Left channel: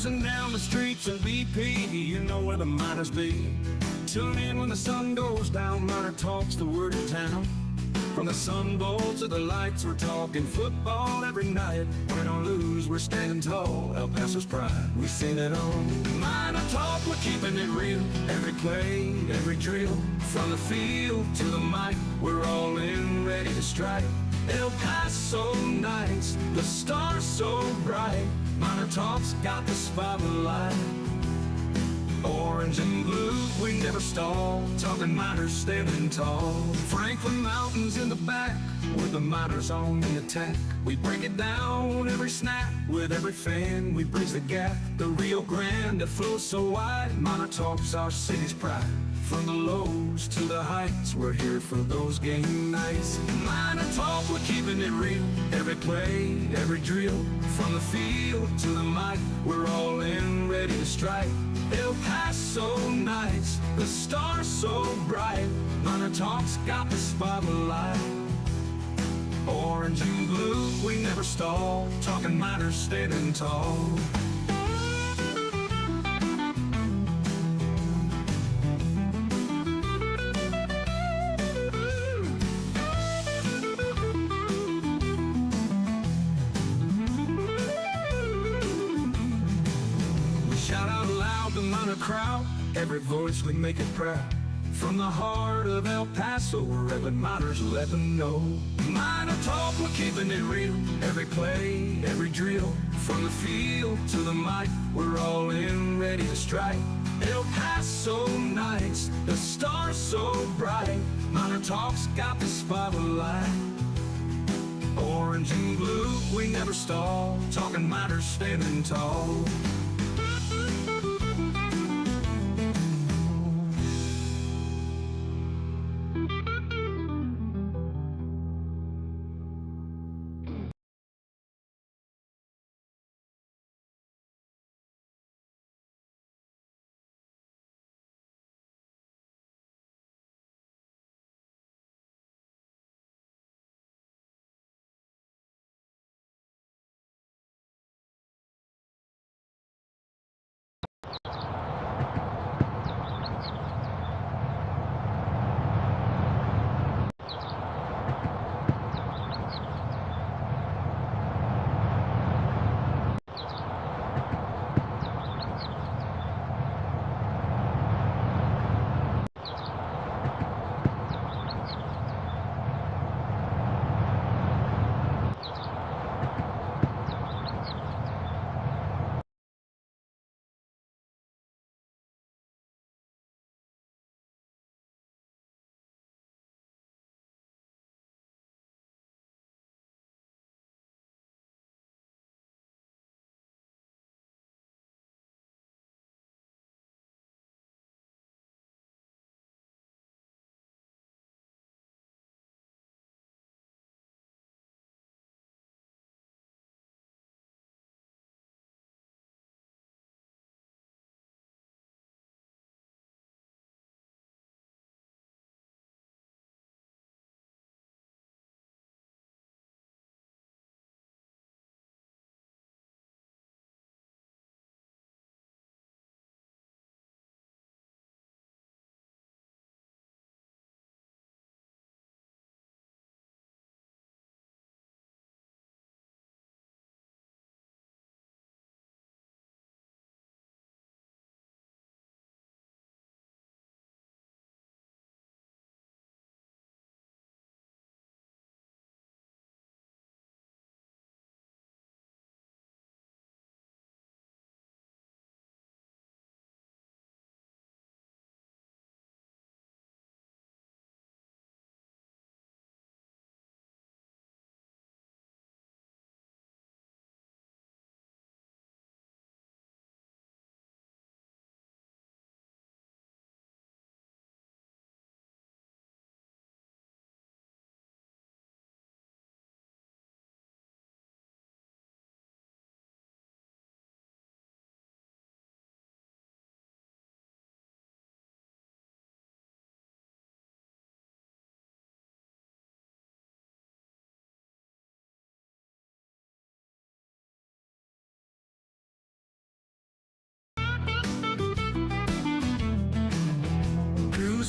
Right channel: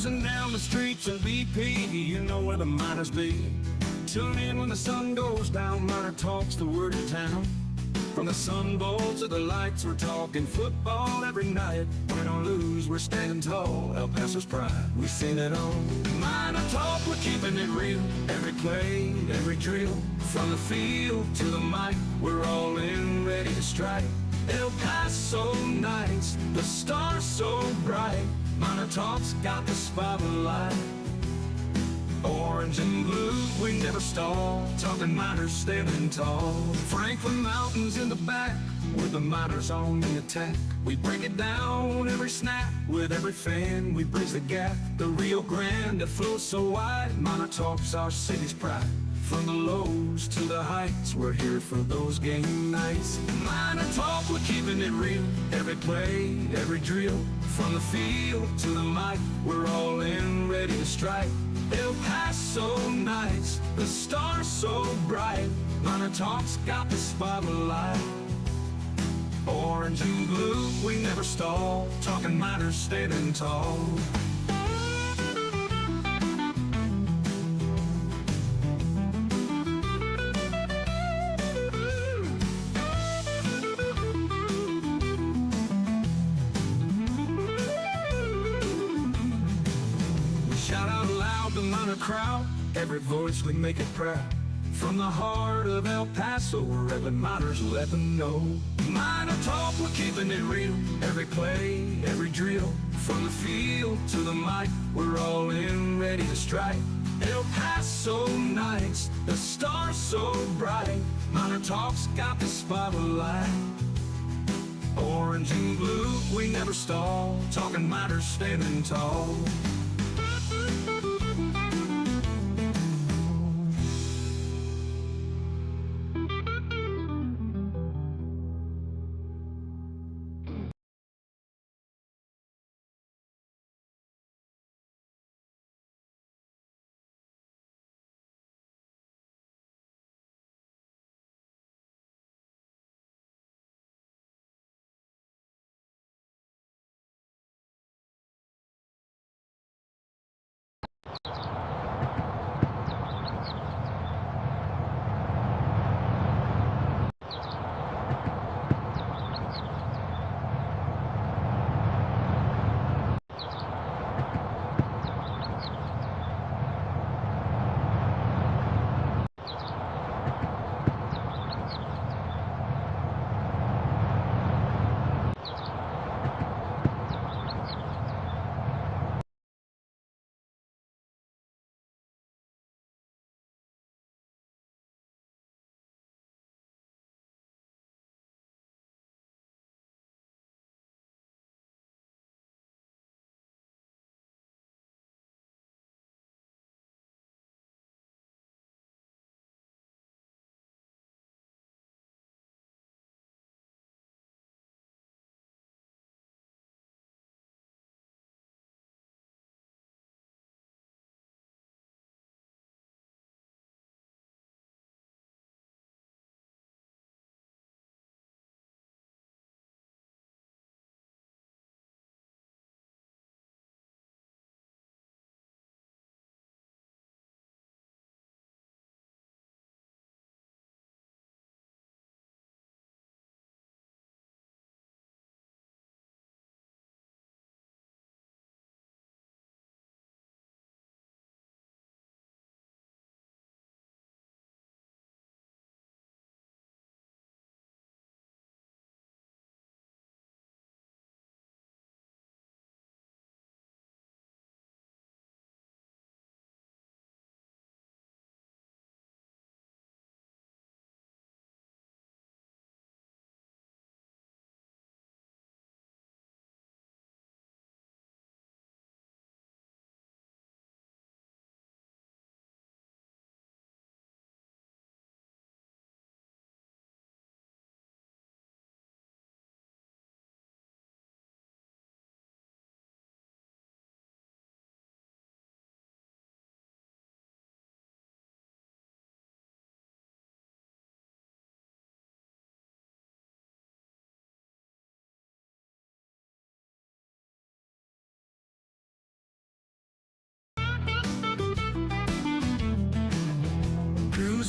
Cruising down the streets in BP, you know where the miners be. Tune in when the sun goes down, Miner Talk's the word in town. From the Sun Bowl to the lights, we're talking football every night. Win or lose, we're standing tall, El Paso's pride, we sing it on. Miner Talk, we're keeping it real. Every play, every drill, from the field to the mic, we're all in, ready to strike. El Paso nights, the stars so bright. Miner Talk's got the spotlight. Orange and blue, we never stall, talking miners standing tall. Franklin Mountains in the back, with the miners on the attack. We break it down every snap, with every fan we bridge the gap. The Rio Grande that flows so wide, Miner Talk's our city's pride. From the lows to the heights, we're here for those game nights. Miner Talk, we're keeping it real. Every play, every drill, from the field to the mic, we're all in, ready to strike. El Paso nights, the stars so bright. Miner Talk's got the spotlight. Orange and blue, we never stall, talking miners standing tall. The Miner crowd, every voice we make it proud. From the heart of El Paso, we're every miners let them know. Miner Talk, we're keeping it real. Every play, every drill, from the field to the mic, we're all in, ready to strike. El Paso nights, the stars so bright. Miner Talk's got the spotlight. Orange and blue, we never stall, talking miners standing tall.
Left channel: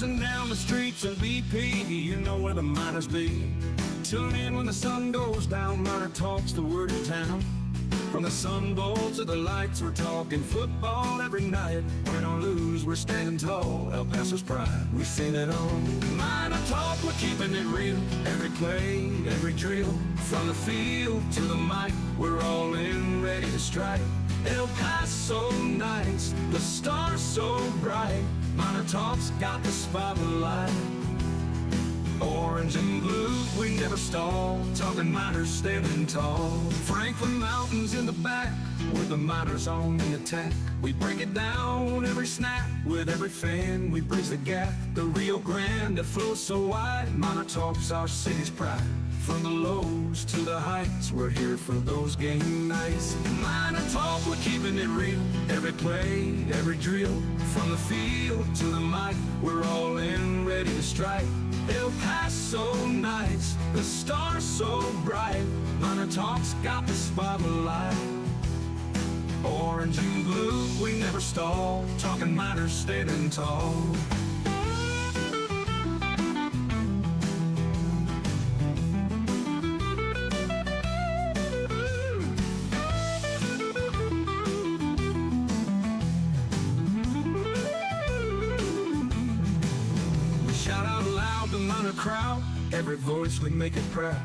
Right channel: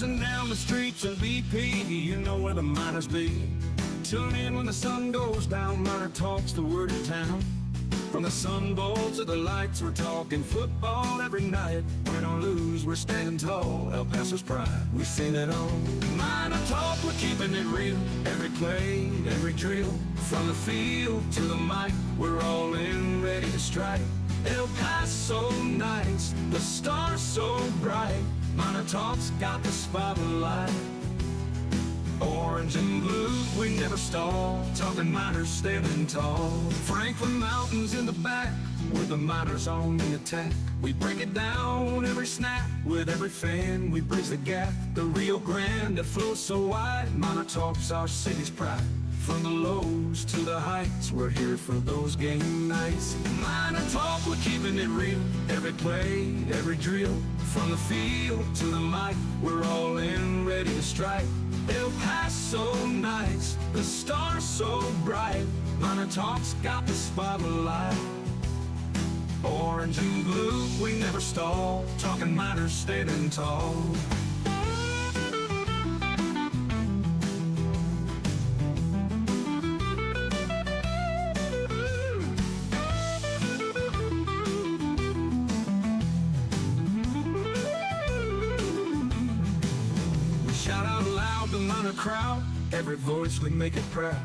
cruising down the streets in BP, you know where the miners be. Tune in when the sun goes down, MinerTalk's the word in town. From the Sun Bowl to the lights, we're talking football every night. Win or lose, we're standing tall, El Paso's pride, we've seen it all. MinerTalk, we're keeping it real. Every play, every drill, from the field to the mic, we're all in, ready to strike. El Paso nights, the stars so bright. MinerTalk's got the spotlight. Orange and blue, we never stall. Talking miners standing tall. Franklin Mountains in the back, with the miners on the attack. We break it down every snap. With every fan, we bridge the gap. The Rio Grande that flows so wide. MinerTalk's our city's pride. From the lows to the heights, we're here for those game nights. MinerTalk, we're keeping it real. Every play, every drill, from the field to the mic, we're all in, ready to strike. El Paso nights, the stars so bright. MinerTalk's got the spotlight. Orange and blue, we never stall. Talking miners standing tall. Crowd, every voice we make it proud.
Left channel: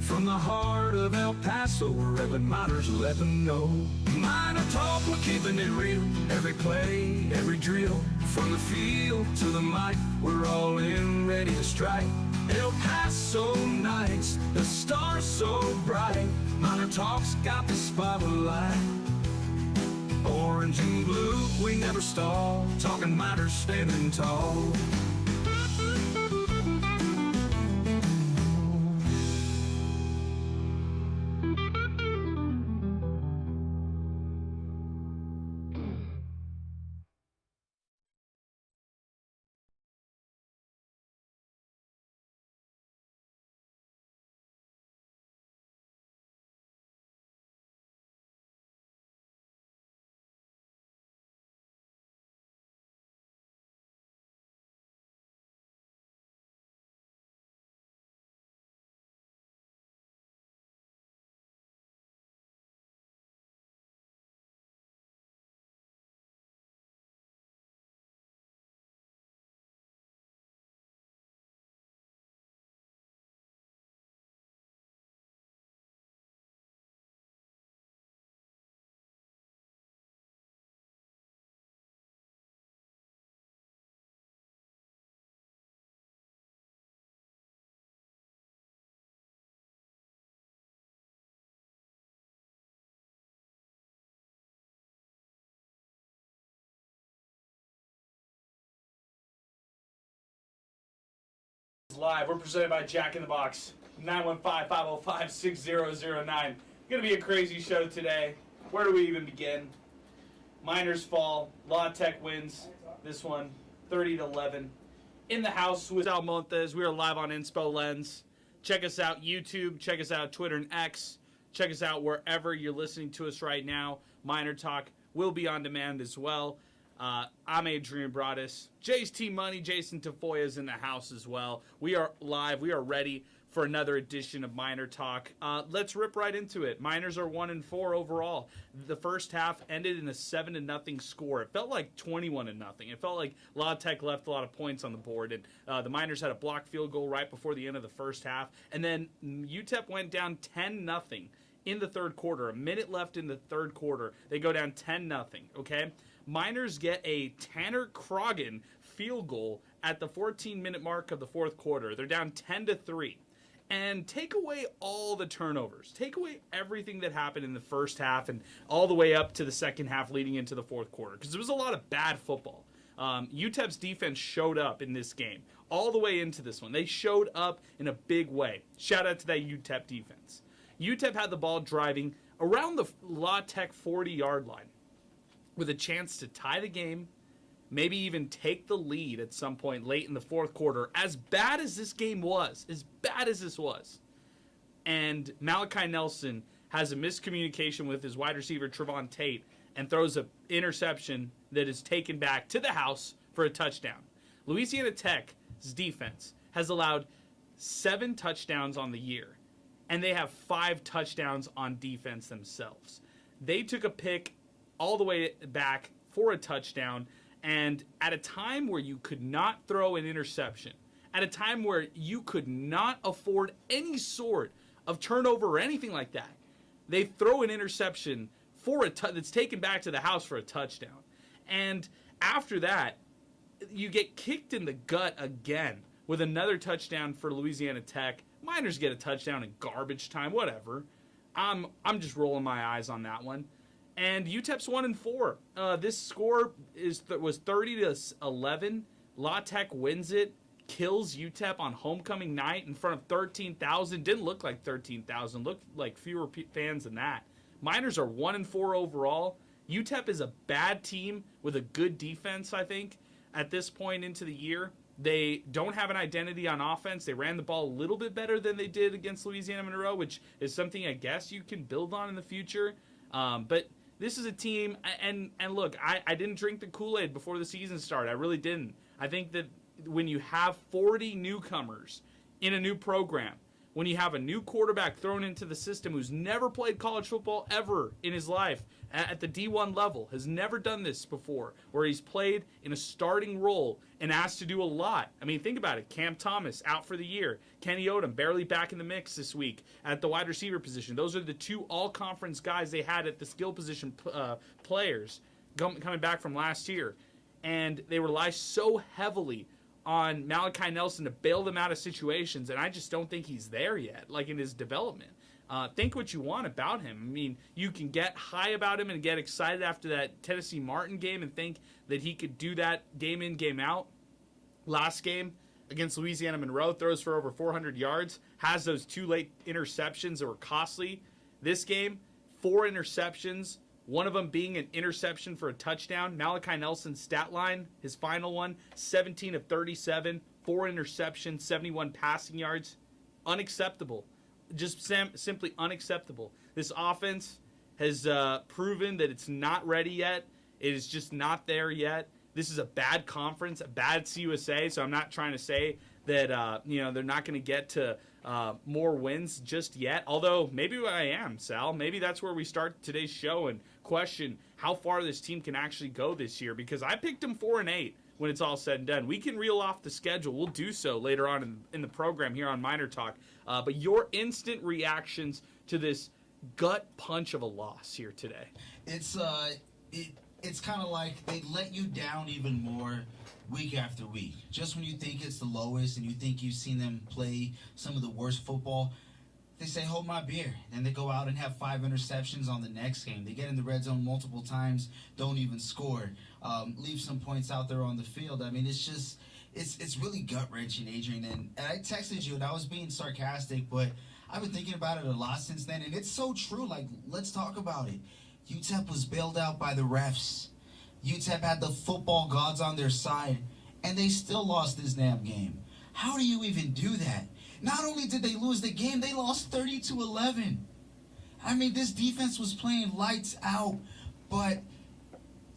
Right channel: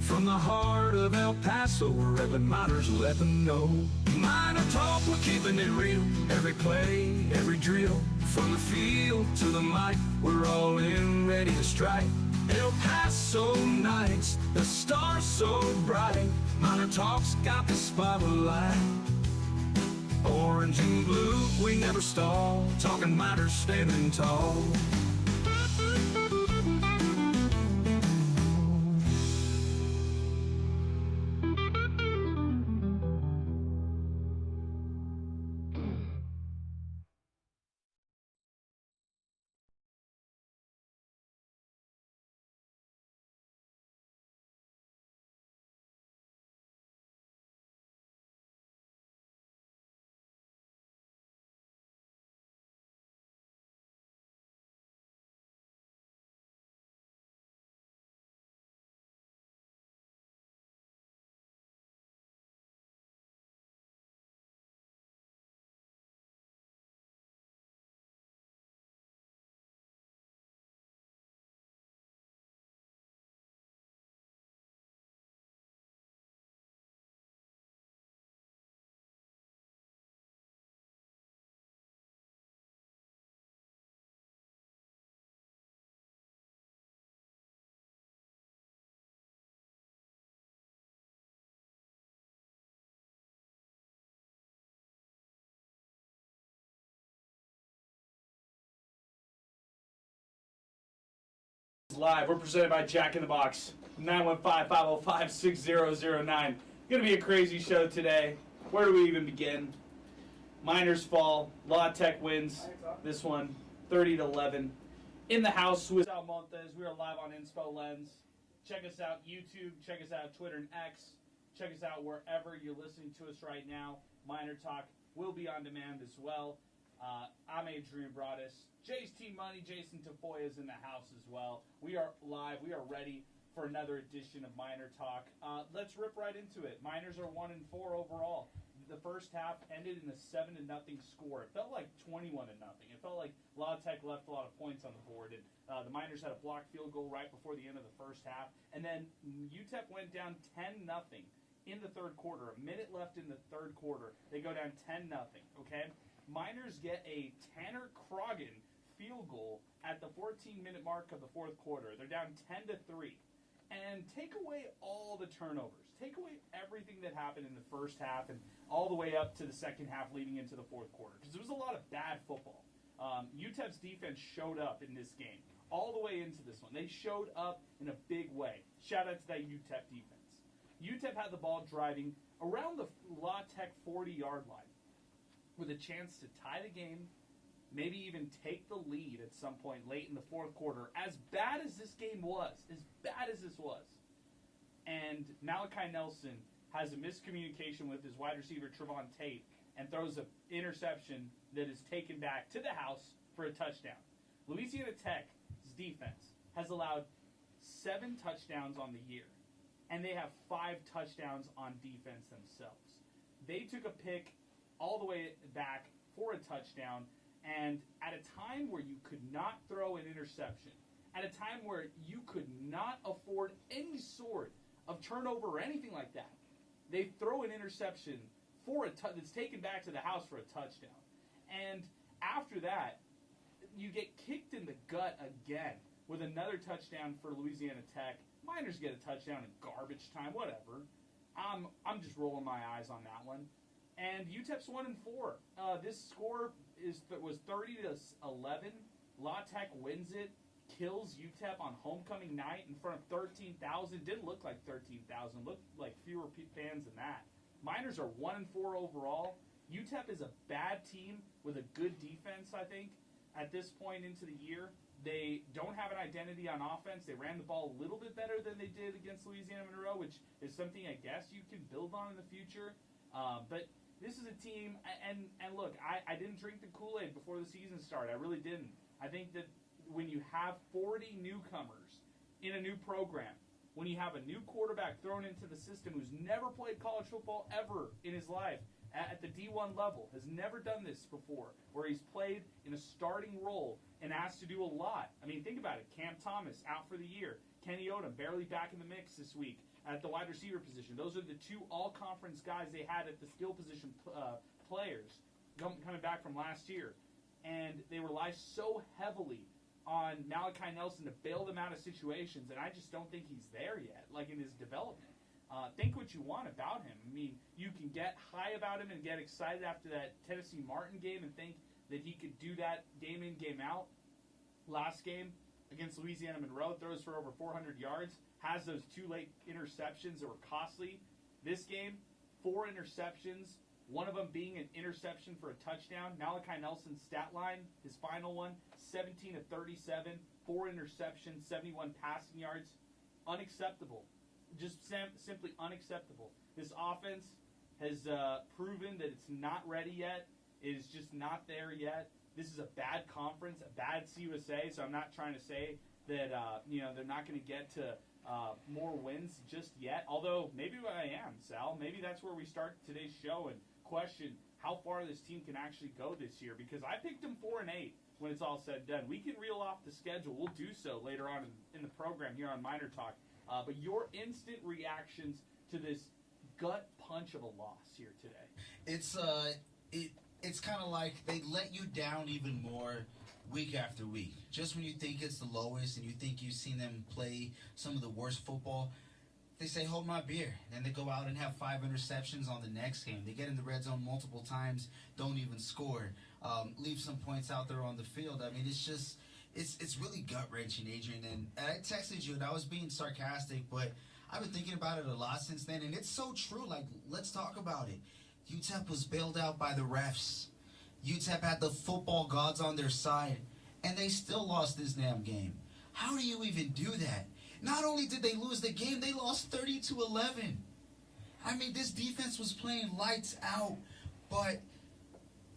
From the heart of El Paso, wherever miners let them know. MinerTalk, we're keeping it real. Every play, every drill, from the field to the mic, we're all in, ready to strike. El Paso nights, the stars so bright. MinerTalk's got the spotlight. Orange and blue, we never stall. Talking miners standing tall. Live. We're presented by Jack in the Box. 915-505-6009. Gonna be a crazy show today. Where do we even begin? Miners fall. La Tech wins this one, 30-11. In the house with Sal Montes. We are live on Inspo Lens. Check us out YouTube. Check us out Twitter and X. Check us out wherever you're listening to us right now. MinerTalk will be on demand as well. I'm Adrian Broaddus. Jay's Team Money, Jason Tafoya is in the house as well. We are live. We are ready for another edition of MinerTalk. Let's rip right into it. Miners are 1-4 overall. The first half ended in a 7-0 score. It felt like 21-0. It felt like La Tech left a lot of points on the board, and the Miners had a blocked field goal right before the end of the first half, and then UTEP went down 10-0 in the third quarter. A minute left in the third quarter. They go down 10-0. Okay. Miners get a Tanner Croggan field goal at the 14-minute mark of the fourth quarter. They're down 10-3. And take away all the turnovers. Take away everything that happened in the first half and all the way up to the second half leading into the fourth quarter. Because there was a lot of bad football. UTEP's defense showed up in this game. All the way into this one. They showed up in a big way. Shout out to that UTEP defense. UTEP had the ball driving around the La Tech 40-yard line, with a chance to tie the game, maybe even take the lead at some point late in the fourth quarter. As bad as this game was, and Malachi Nelson has a miscommunication with his wide receiver Trevon Tate and throws an interception that is taken back to the house for a touchdown. Louisiana Tech's defense has allowed 7 touchdowns on the year, and they have 5 touchdowns on defense themselves. They took a pick all the way back for a touchdown, and at a time where you could not throw an interception, at a time where you could not afford any sort of turnover or anything like that, they throw an interception for that's taken back to the house for a touchdown. And after that, you get kicked in the gut again with another touchdown for Louisiana Tech. Miners get a touchdown in garbage time, whatever. I'm just rolling my eyes on that one. And UTEP's 1-4. This score was 30-11. La Tech wins it, kills UTEP on homecoming night in front of 13,000. Didn't look like 13,000. Looked like fewer fans than that. Miners are 1-4 overall. UTEP is a bad team with a good defense, I think, at this point into the year. They don't have an identity on offense. They ran the ball a little bit better than they did against Louisiana Monroe, which is something I guess you can build on in the future. But this is a team, and look, I didn't drink the Kool-Aid before the season started. I really didn't. I think that when you have 40 newcomers in a new program, when you have a new quarterback thrown into the system who's never played college football ever in his life at the D1 level, has never done this before, where he's played in a starting role and asked to do a lot. I mean, think about it. Cam Thomas out for the year. Kenny Odom barely back in the mix this week at the wide receiver position. Those are the 2 all-conference guys they had at the skill position players coming back from last year. And they rely so heavily on Malachi Nelson to bail them out of situations, and I just don't think he's there yet, like in his development. Think what you want about him. I mean, you can get high about him and get excited after that Tennessee Martin game and think that he could do that game in, game out. Last game against Louisiana Monroe, throws for over 400 yards, has those 2 late interceptions that were costly. This game, 4 interceptions, one of them being an interception for a touchdown. Malachi Nelson's stat line, his final one, 17 of 37, 4 interceptions, 71 passing yards. Unacceptable. Just simply unacceptable. This offense has proven that it's not ready yet. It is just not there yet. This is a bad conference, a bad CUSA, so I'm not trying to say that they're not going to get to more wins just yet. Although maybe I am, Sal. Maybe that's where we start today's show and question how far this team can actually go this year, because I picked them 4-8 when it's all said and done. We can reel off the schedule. We'll do so later on in the program here on MinerTalk. But your instant reactions to this gut punch of a loss here today? It's kind of like they let you down even more week after week. Just when you think it's the lowest and you think you've seen them play some of the worst football, they say, hold my beer. And they go out and have 5 interceptions on the next game. They get in the red zone multiple times, don't even score, leave some points out there on the field. I mean, it's just, it's really gut-wrenching, Adrian. And I texted you, and I was being sarcastic, but I've been thinking about it a lot since then. And it's so true. Like, let's talk about it. UTEP was bailed out by the refs. UTEP had the football gods on their side, and they still lost this damn game. How do you even do that? Not only did they lose the game, they lost 30-11. I mean, this defense was playing lights out, but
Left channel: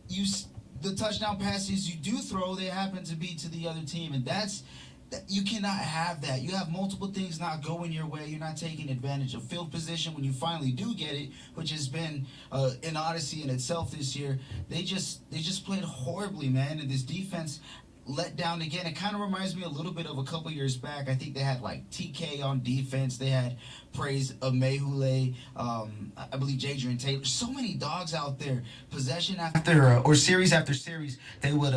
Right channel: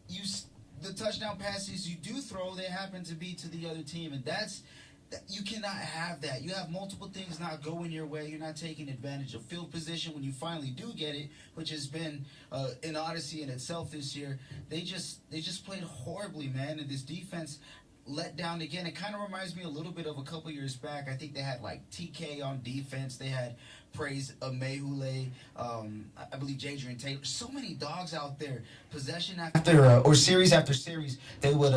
the touchdown passes you do throw, they happen to be to the other team, and you cannot have that. You have multiple things not going your way. You're not taking advantage of field position when you finally do get it, which has been an odyssey in itself this year. They just played horribly, man, and this defense let down again. It kind of reminds me a little bit of a couple years back. I think they had like TK on defense. They had Praise Mehule, I believe Adrian Taylor. So many dogs out there. Possession after or series after series, they would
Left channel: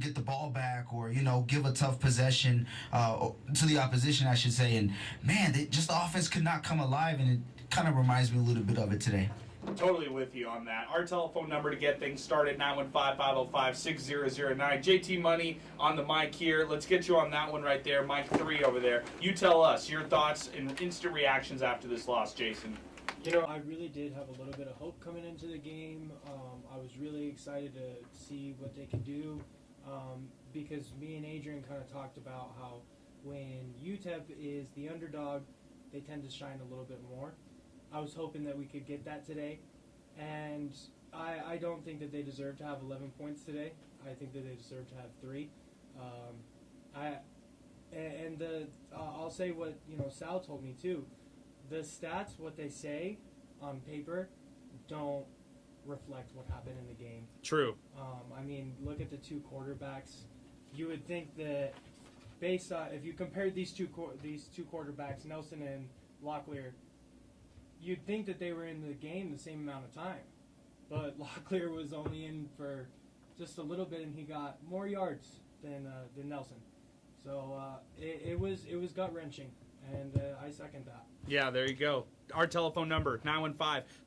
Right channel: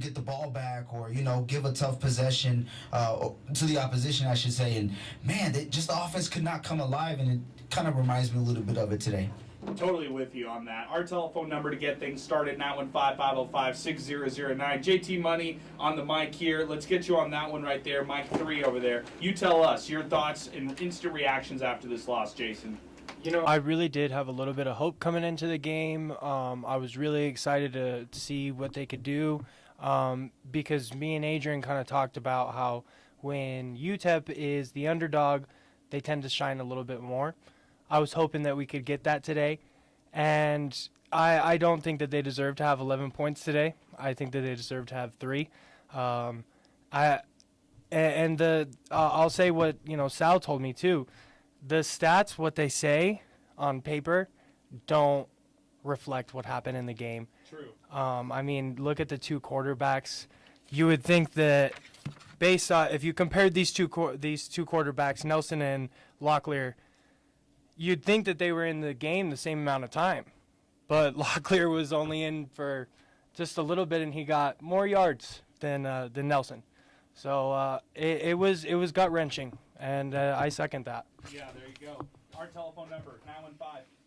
get the ball back or give a tough possession to the opposition, I should say. And man, the offense could not come alive, and it kind of reminds me a little bit of it today. Totally with you on that. Our telephone number to get things started, 915-505-6009. JT Money on the mic here. Let's get you on that one right there. Mic 3 over there. You tell us your thoughts and instant reactions after this loss, Jason. I really did have a little bit of hope coming into the game. I was really excited to see what they could do because me and Adrian kind of talked about how when UTEP is the underdog, they tend to shine a little bit more. I was hoping that we could get that today, and I don't think that they deserve to have 11 points today. I think that they deserve to have 3. I and the I'll say what Sal told me too. The stats, what they say on paper, don't reflect what happened in the game. True. I mean, look at the two quarterbacks. You would think that based on if you compared these two quarterbacks, Nelson and Locklear, you'd think that they were in the game the same amount of time. But Locklear was only in for just a little bit, and he got more yards than Nelson. So it was gut wrenching, and I second that. Yeah, there you go. Our telephone number,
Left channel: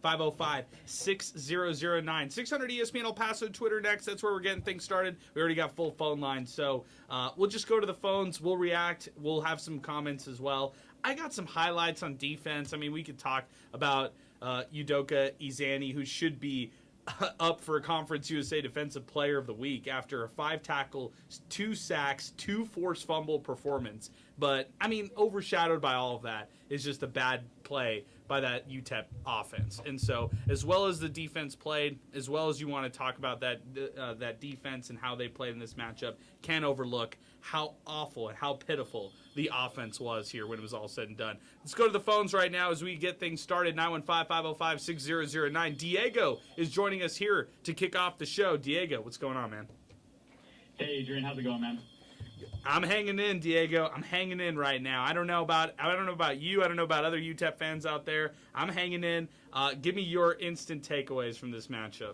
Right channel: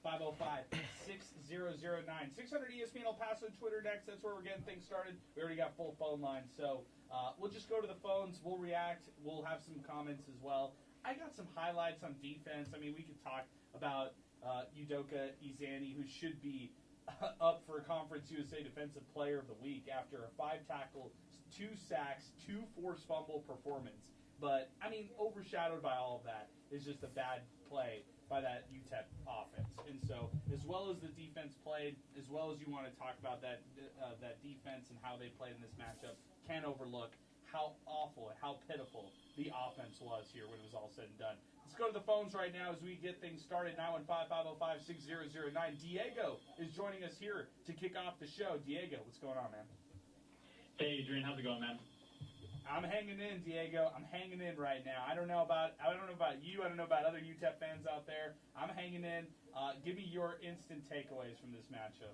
915-505-6009. 600 ESPN El Paso, Twitter next. That's where we're getting things started. We already got full phone lines, so we'll just go to the phones. We'll react. We'll have some comments as well. I got some highlights on defense. I mean, we could talk about Udoka Izani, who should be up for a Conference USA Defensive Player of the Week after a 5-tackle, 2 sacks, 2 forced fumble performance. But, I mean, overshadowed by all of that is just a bad play by that UTEP offense. And so, as well as the defense played, as well as you want to talk about that defense and how they played in this matchup, can't overlook how awful and how pitiful the offense was here when it was all said and done. Let's go to the phones right now as we get things started. 915-505-6009. Diego is joining us here to kick off the show. Diego, what's going on, man? Hey, Adrian, how's it going, man? I'm hanging in, Diego. I'm hanging in right now. I don't know about you. I don't know about other UTEP fans out there. I'm hanging in. Give me your instant takeaways from this matchup.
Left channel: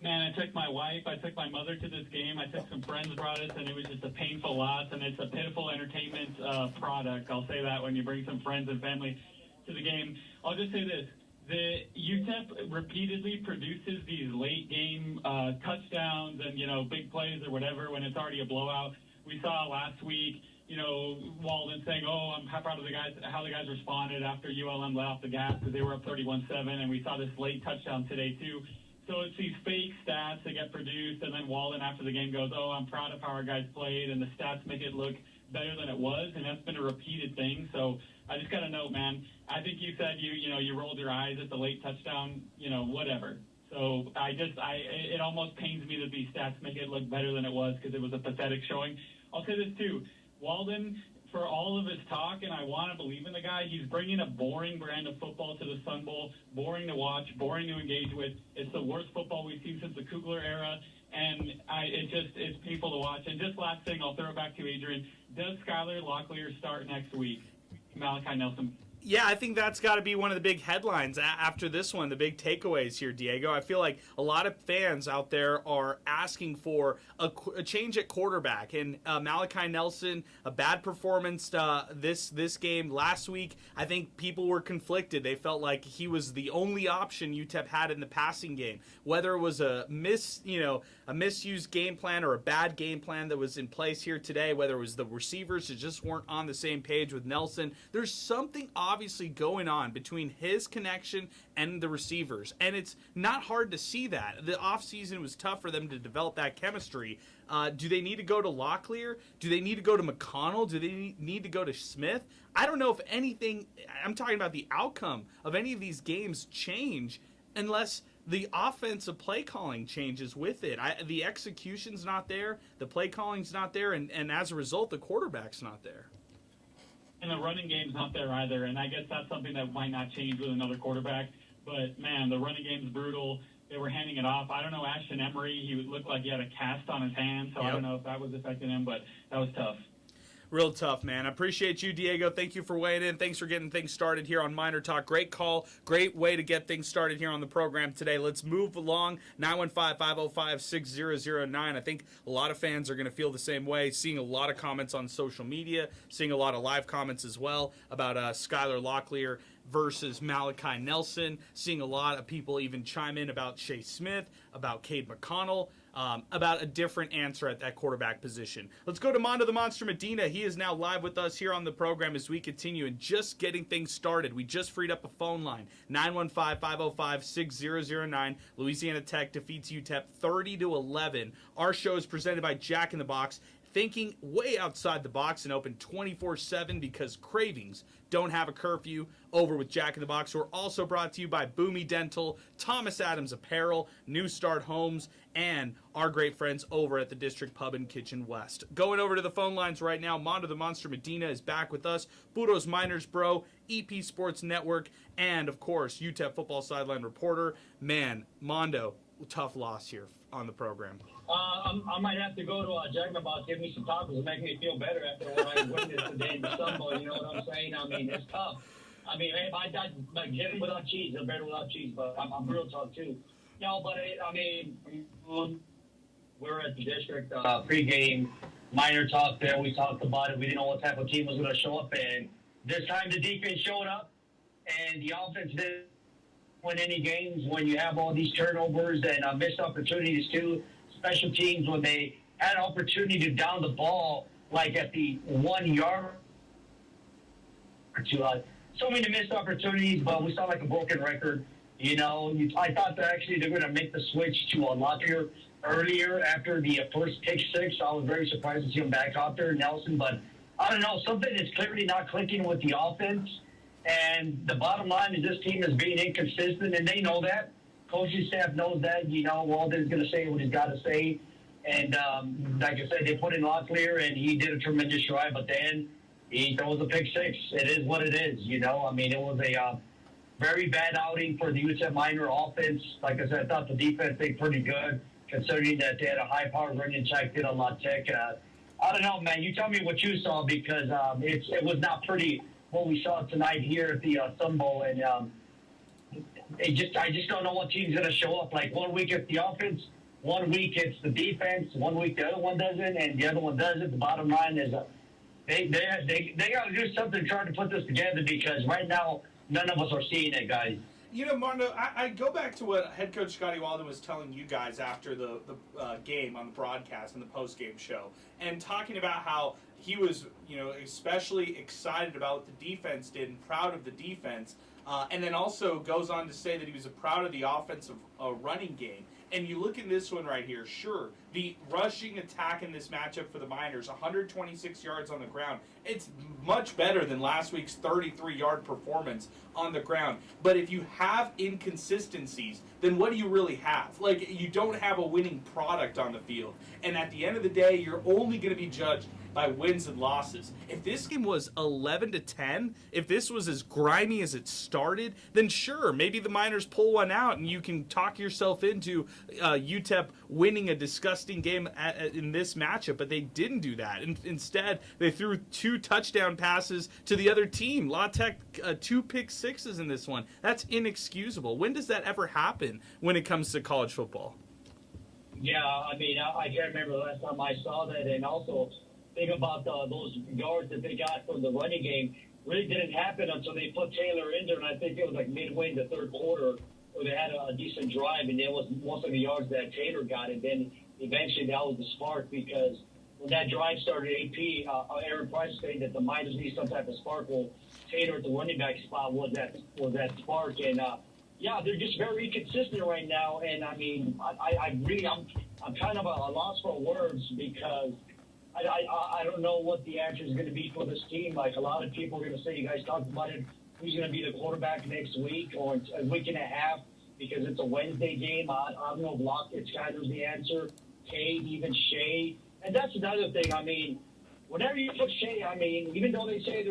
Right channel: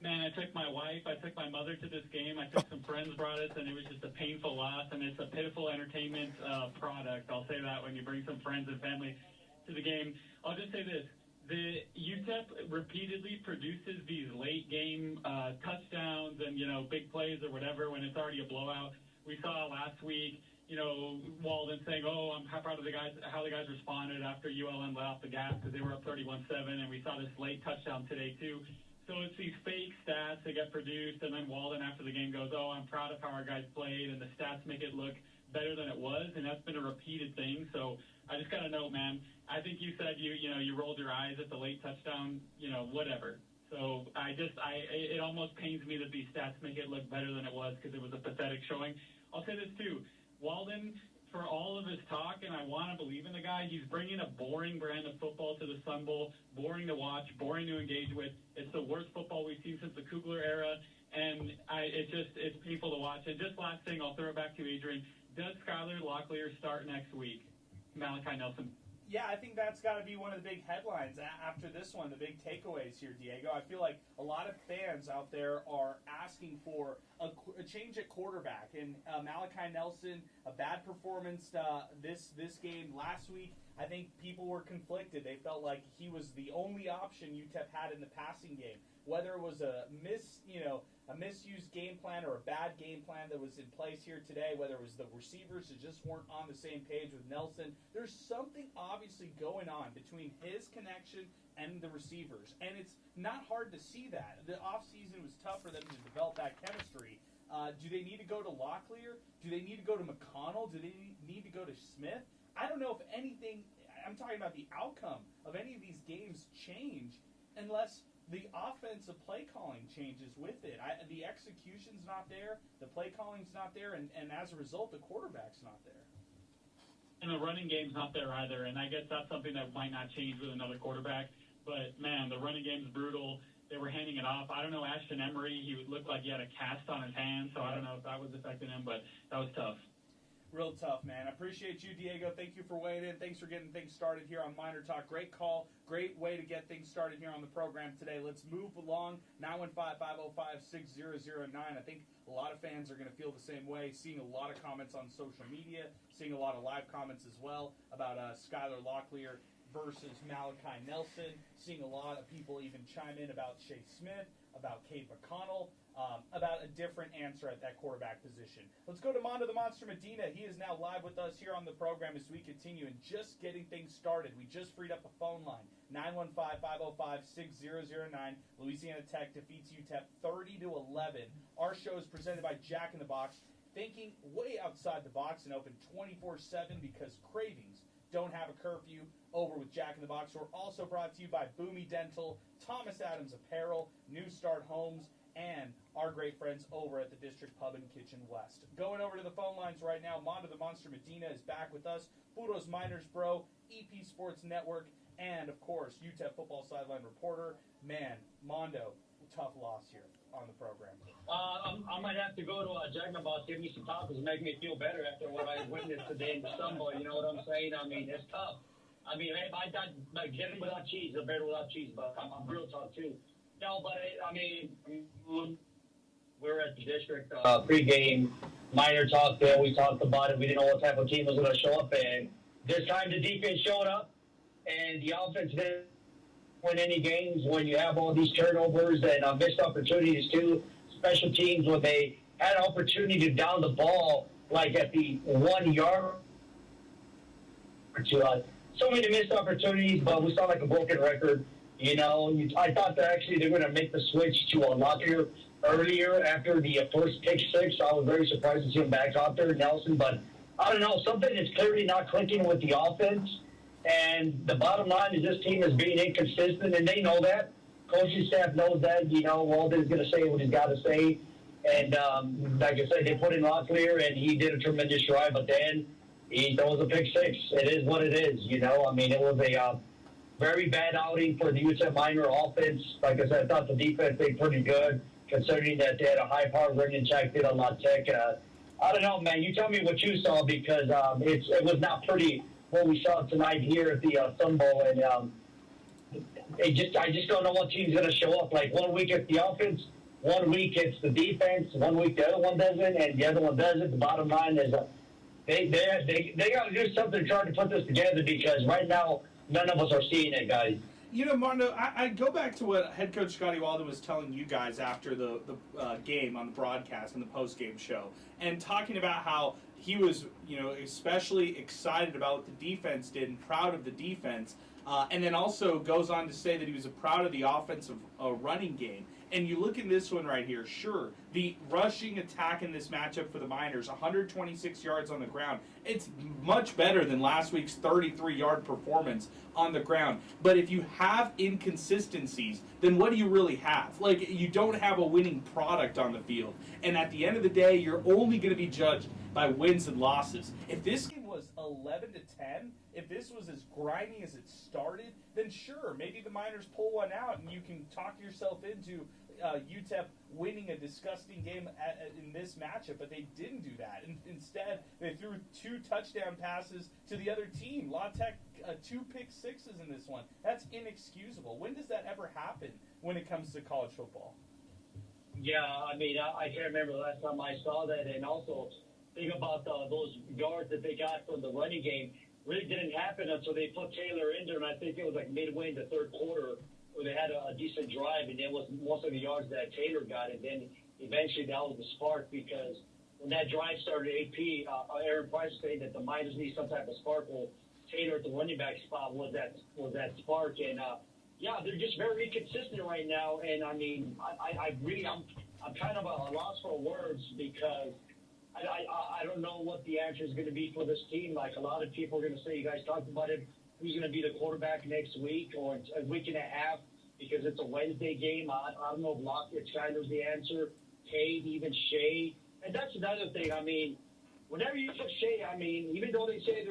Man, I took my wife, I took my mother to this game, I took some friends brought us, and it was just a painful loss, and it's a pitiful entertainment product. I'll say that when you bring some friends and family to the game. I'll just say this. The UTEP repeatedly produces these late game touchdowns and, big plays or whatever when it's already a blowout. We saw last week, Walden saying, I'm proud of how the guys responded after ULM let off the gas because they were up 31-7, and we saw this late touchdown today too. So it's these fake stats that get produced, and then Walden after the game goes, I'm proud of how our guys played, and the stats make it look better than it was, and that's been a repeated thing. So I just got to note, man, I think you said you rolled your eyes at the late touchdown, whatever. So it almost pains me that these stats make it look better than it was because it was a pathetic showing. I'll say this too, Walden, for all of his talk, and I want to believe in the guy, he's bringing a boring brand of football to the Sun Bowl, boring to watch, boring to engage with. It's the worst football we've seen since the Kugler era, and it's painful to watch. And just last thing, I'll throw it back to you, Adrian. Does Skylar Locklear start next week? Malachi Nelson. Yeah, I think that's got to be one of the big headlines after this one, the big takeaways here, Diego. I feel like a lot of fans out there are asking for a change at quarterback. And Malachi Nelson, a bad performance this game. Last week, I think people were conflicted. They felt like he was the only option UTEP had in the passing game. Whether it was a misused game plan or a bad game plan that was in place here today, whether it was the receivers that just weren't on the same page with Nelson, there's something obviously going on between his connection and the receivers, and it's not hard to see that. The offseason was tough for them to develop that chemistry. Do they need to go to Locklear? Do they need to go to McConnell? Do they need to go to Smith? I don't know if anything, I'm talking about the outcome of any of these games change unless the offensive play calling changes with it. The execution's not there, the play calling's not there, and as a result, the quarterback's not there. And the running game's not there either, and I guess that's something that might not change with another quarterback. But, man, the running game's brutal. They were handing it off. I don't know, Ashton Emery, he looked like he had a cast on his hand, so I don't know if that was affecting him, but that was tough. Real tough, man. I appreciate you, Diego. Thank you for weighing in. Thanks for getting things started here on MinerTalk. Great call. Great way to get things started here on the program today. Let's move along. 915-505-6009. I think a lot of fans are going to feel the same way. Seeing a lot of comments on social media, seeing a lot of live comments as well about Skylar Locklear versus Malachi Nelson. Seeing a lot of people even chime in about Shea Smith, about Cade McConnell, about a different answer at that quarterback position. Let's go to Mondo the Monster Medina. He is now live with us here on the program as we continue and just getting things started. We just freed up a phone line, 915-505-6009. Louisiana Tech defeats UTEP 30-11. Our show is presented by Jack in the Box, thinking way outside the box and open 24/7 because cravings don't have a curfew. Over with Jack in the Box. We're also brought to you by Boomy Dental, Thomas Adams Apparel, New Start Homes, and our great friends over at the District Pub and Kitchen West. Going over to the phone lines right now, Mondo the Monster Medina is back with us, Budos Miners Bro, EP Sports Network, and, of course, UTEP Football Sideline Reporter. Man, Mondo, tough loss here on the program. I might have to go to Jacknabout, give me some tacos and make me feel better after what I witnessed today in the Sun Bowl. You know what I'm saying? I mean, it's tough. I mean, if I died, like, get it without cheese, a better without cheese, but I'm real tough, too. No, but, I mean, we're at the district pregame MinerTalk there. We talked about it. We didn't know what type of team was going to show up, and this time the defense showed up, and the offense didn't win any games when you have all these turnovers and missed opportunities, too. Special teams, when they had an opportunity to down the ball, like at the 1 yard or two. So many missed opportunities, but we saw like a broken record. You know, I thought that actually they're going to make the switch to a Lockyer earlier after the first pick six. I was very surprised to see him back out there, Nelson. But I don't know, something is clearly not clicking with the offense. And the bottom line is this team is being inconsistent, and they know that. Coaching staff knows that. You know, Walden's going to say what he's got to say. And like I said, they put in Locklear, and he did a tremendous drive. But then he throws a pick six. It is what it is, you know. I mean, it was a very bad outing for the UTEP Miner offense. Like I said, I thought the defense played pretty good, considering that they had a high-powered running check did on La Tech. I don't know, man. You tell me what you saw, because it was not pretty what we saw tonight here at the Sun Bowl. And I just don't know what team's going to show up. Like, 1 week it's the offense, 1 week it's the defense, 1 week the other one doesn't, and the other one doesn't. The bottom line is they got to do something trying to put this together, because right now none of us are seeing it, guys. You know, Mondo, I go back to what head coach Scotty Walden was telling you guys after the game on the broadcast and the post-game show, and talking about how he was, you know, especially excited about what the defense did and proud of the defense, and then also goes on to say that he was proud of the offensive running game. And you look at this one right here, sure, the rushing attack in this matchup for the Miners, 126 yards on the ground. It's much better than last week's 33-yard performance on the ground. But if you have inconsistencies, then what do you really have? Like, you don't have a winning product on the field. And at the end of the day, you're only going to be judged by wins and losses. If this game was 11-10, if this was as grimy as it started, then sure, maybe the Miners pull one out and you can talk yourself into UTEP winning a disgusting game in this matchup, but they didn't do that. Instead, they threw 2 touchdown passes to the other team. La Tech, 2 pick sixes in this one. That's inexcusable. When does that ever happen when it comes to college football? Yeah, I mean, I can't remember the last time I saw that. And also, think about those yards that they got from the running game. Really didn't happen until they put Taylor in there, and I think it was like midway in the third quarter where they had a decent drive, and it was most of the yards that Taylor got. And then eventually that was the spark, because when that drive started, AP, Aaron Price saying that the Miners need some type of spark. Well, Taylor at the running back spot was that spark. And yeah, they're just very inconsistent right now. And I mean, I'm kind of at a loss for words, because I don't know what the answer is going to be for this team. Like, a lot of people are going to say, you guys talked about it, who's going to be the quarterback next week or a week and a half, because it's a Wednesday game. I don't know if Lockett's kind of the answer. Cade, even Shea. And that's another thing. I mean, whenever you put Shea, I mean, even though they say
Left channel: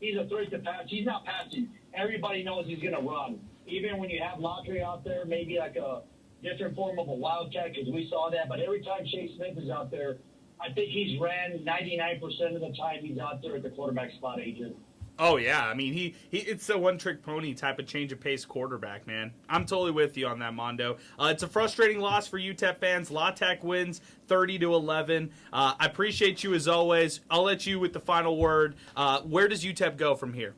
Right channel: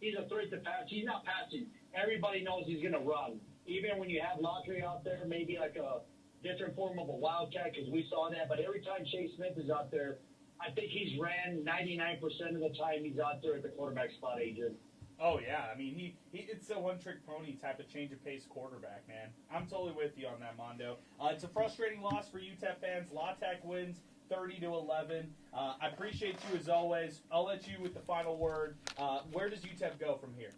he's a threat to pass, he's not passing. Everybody knows he's going to run. Even when you have Locklear out there, maybe like a different form of a wildcat, because we saw that. But every time Shea Smith is out there, I think he's ran 99% of the time he's out there at the quarterback spot, Adrian. Oh, yeah. I mean, he it's a one-trick pony type of change-of-pace quarterback, man. I'm totally with you on that, Mondo. It's a frustrating loss for UTEP fans. La Tech wins 30-11. I appreciate you as always. I'll let you with the final word. Where does UTEP go from here?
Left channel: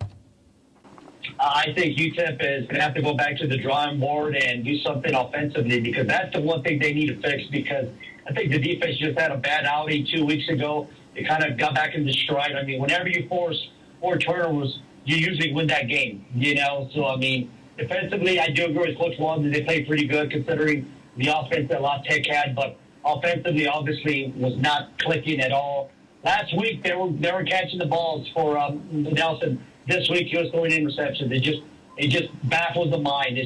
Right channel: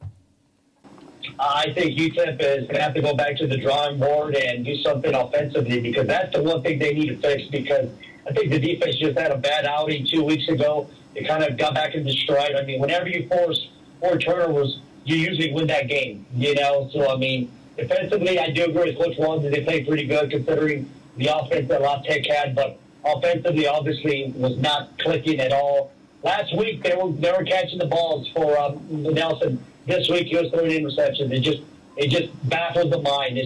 I think UTEP is going to have to go back to the drawing board and do something offensively, because that's the one thing they need to fix, because I think the defense just had a bad outing 2 weeks ago. They kind of got back into stride. I mean, whenever you force 4 turnovers, you usually win that game, you know? So, I mean, defensively, I do agree with Coach Walden. They played pretty good considering the offense that La Tech had, but offensively, obviously, was not clicking at all. Last week, they were catching the balls for Nelson. This week, he was throwing interceptions. It just baffles the mind.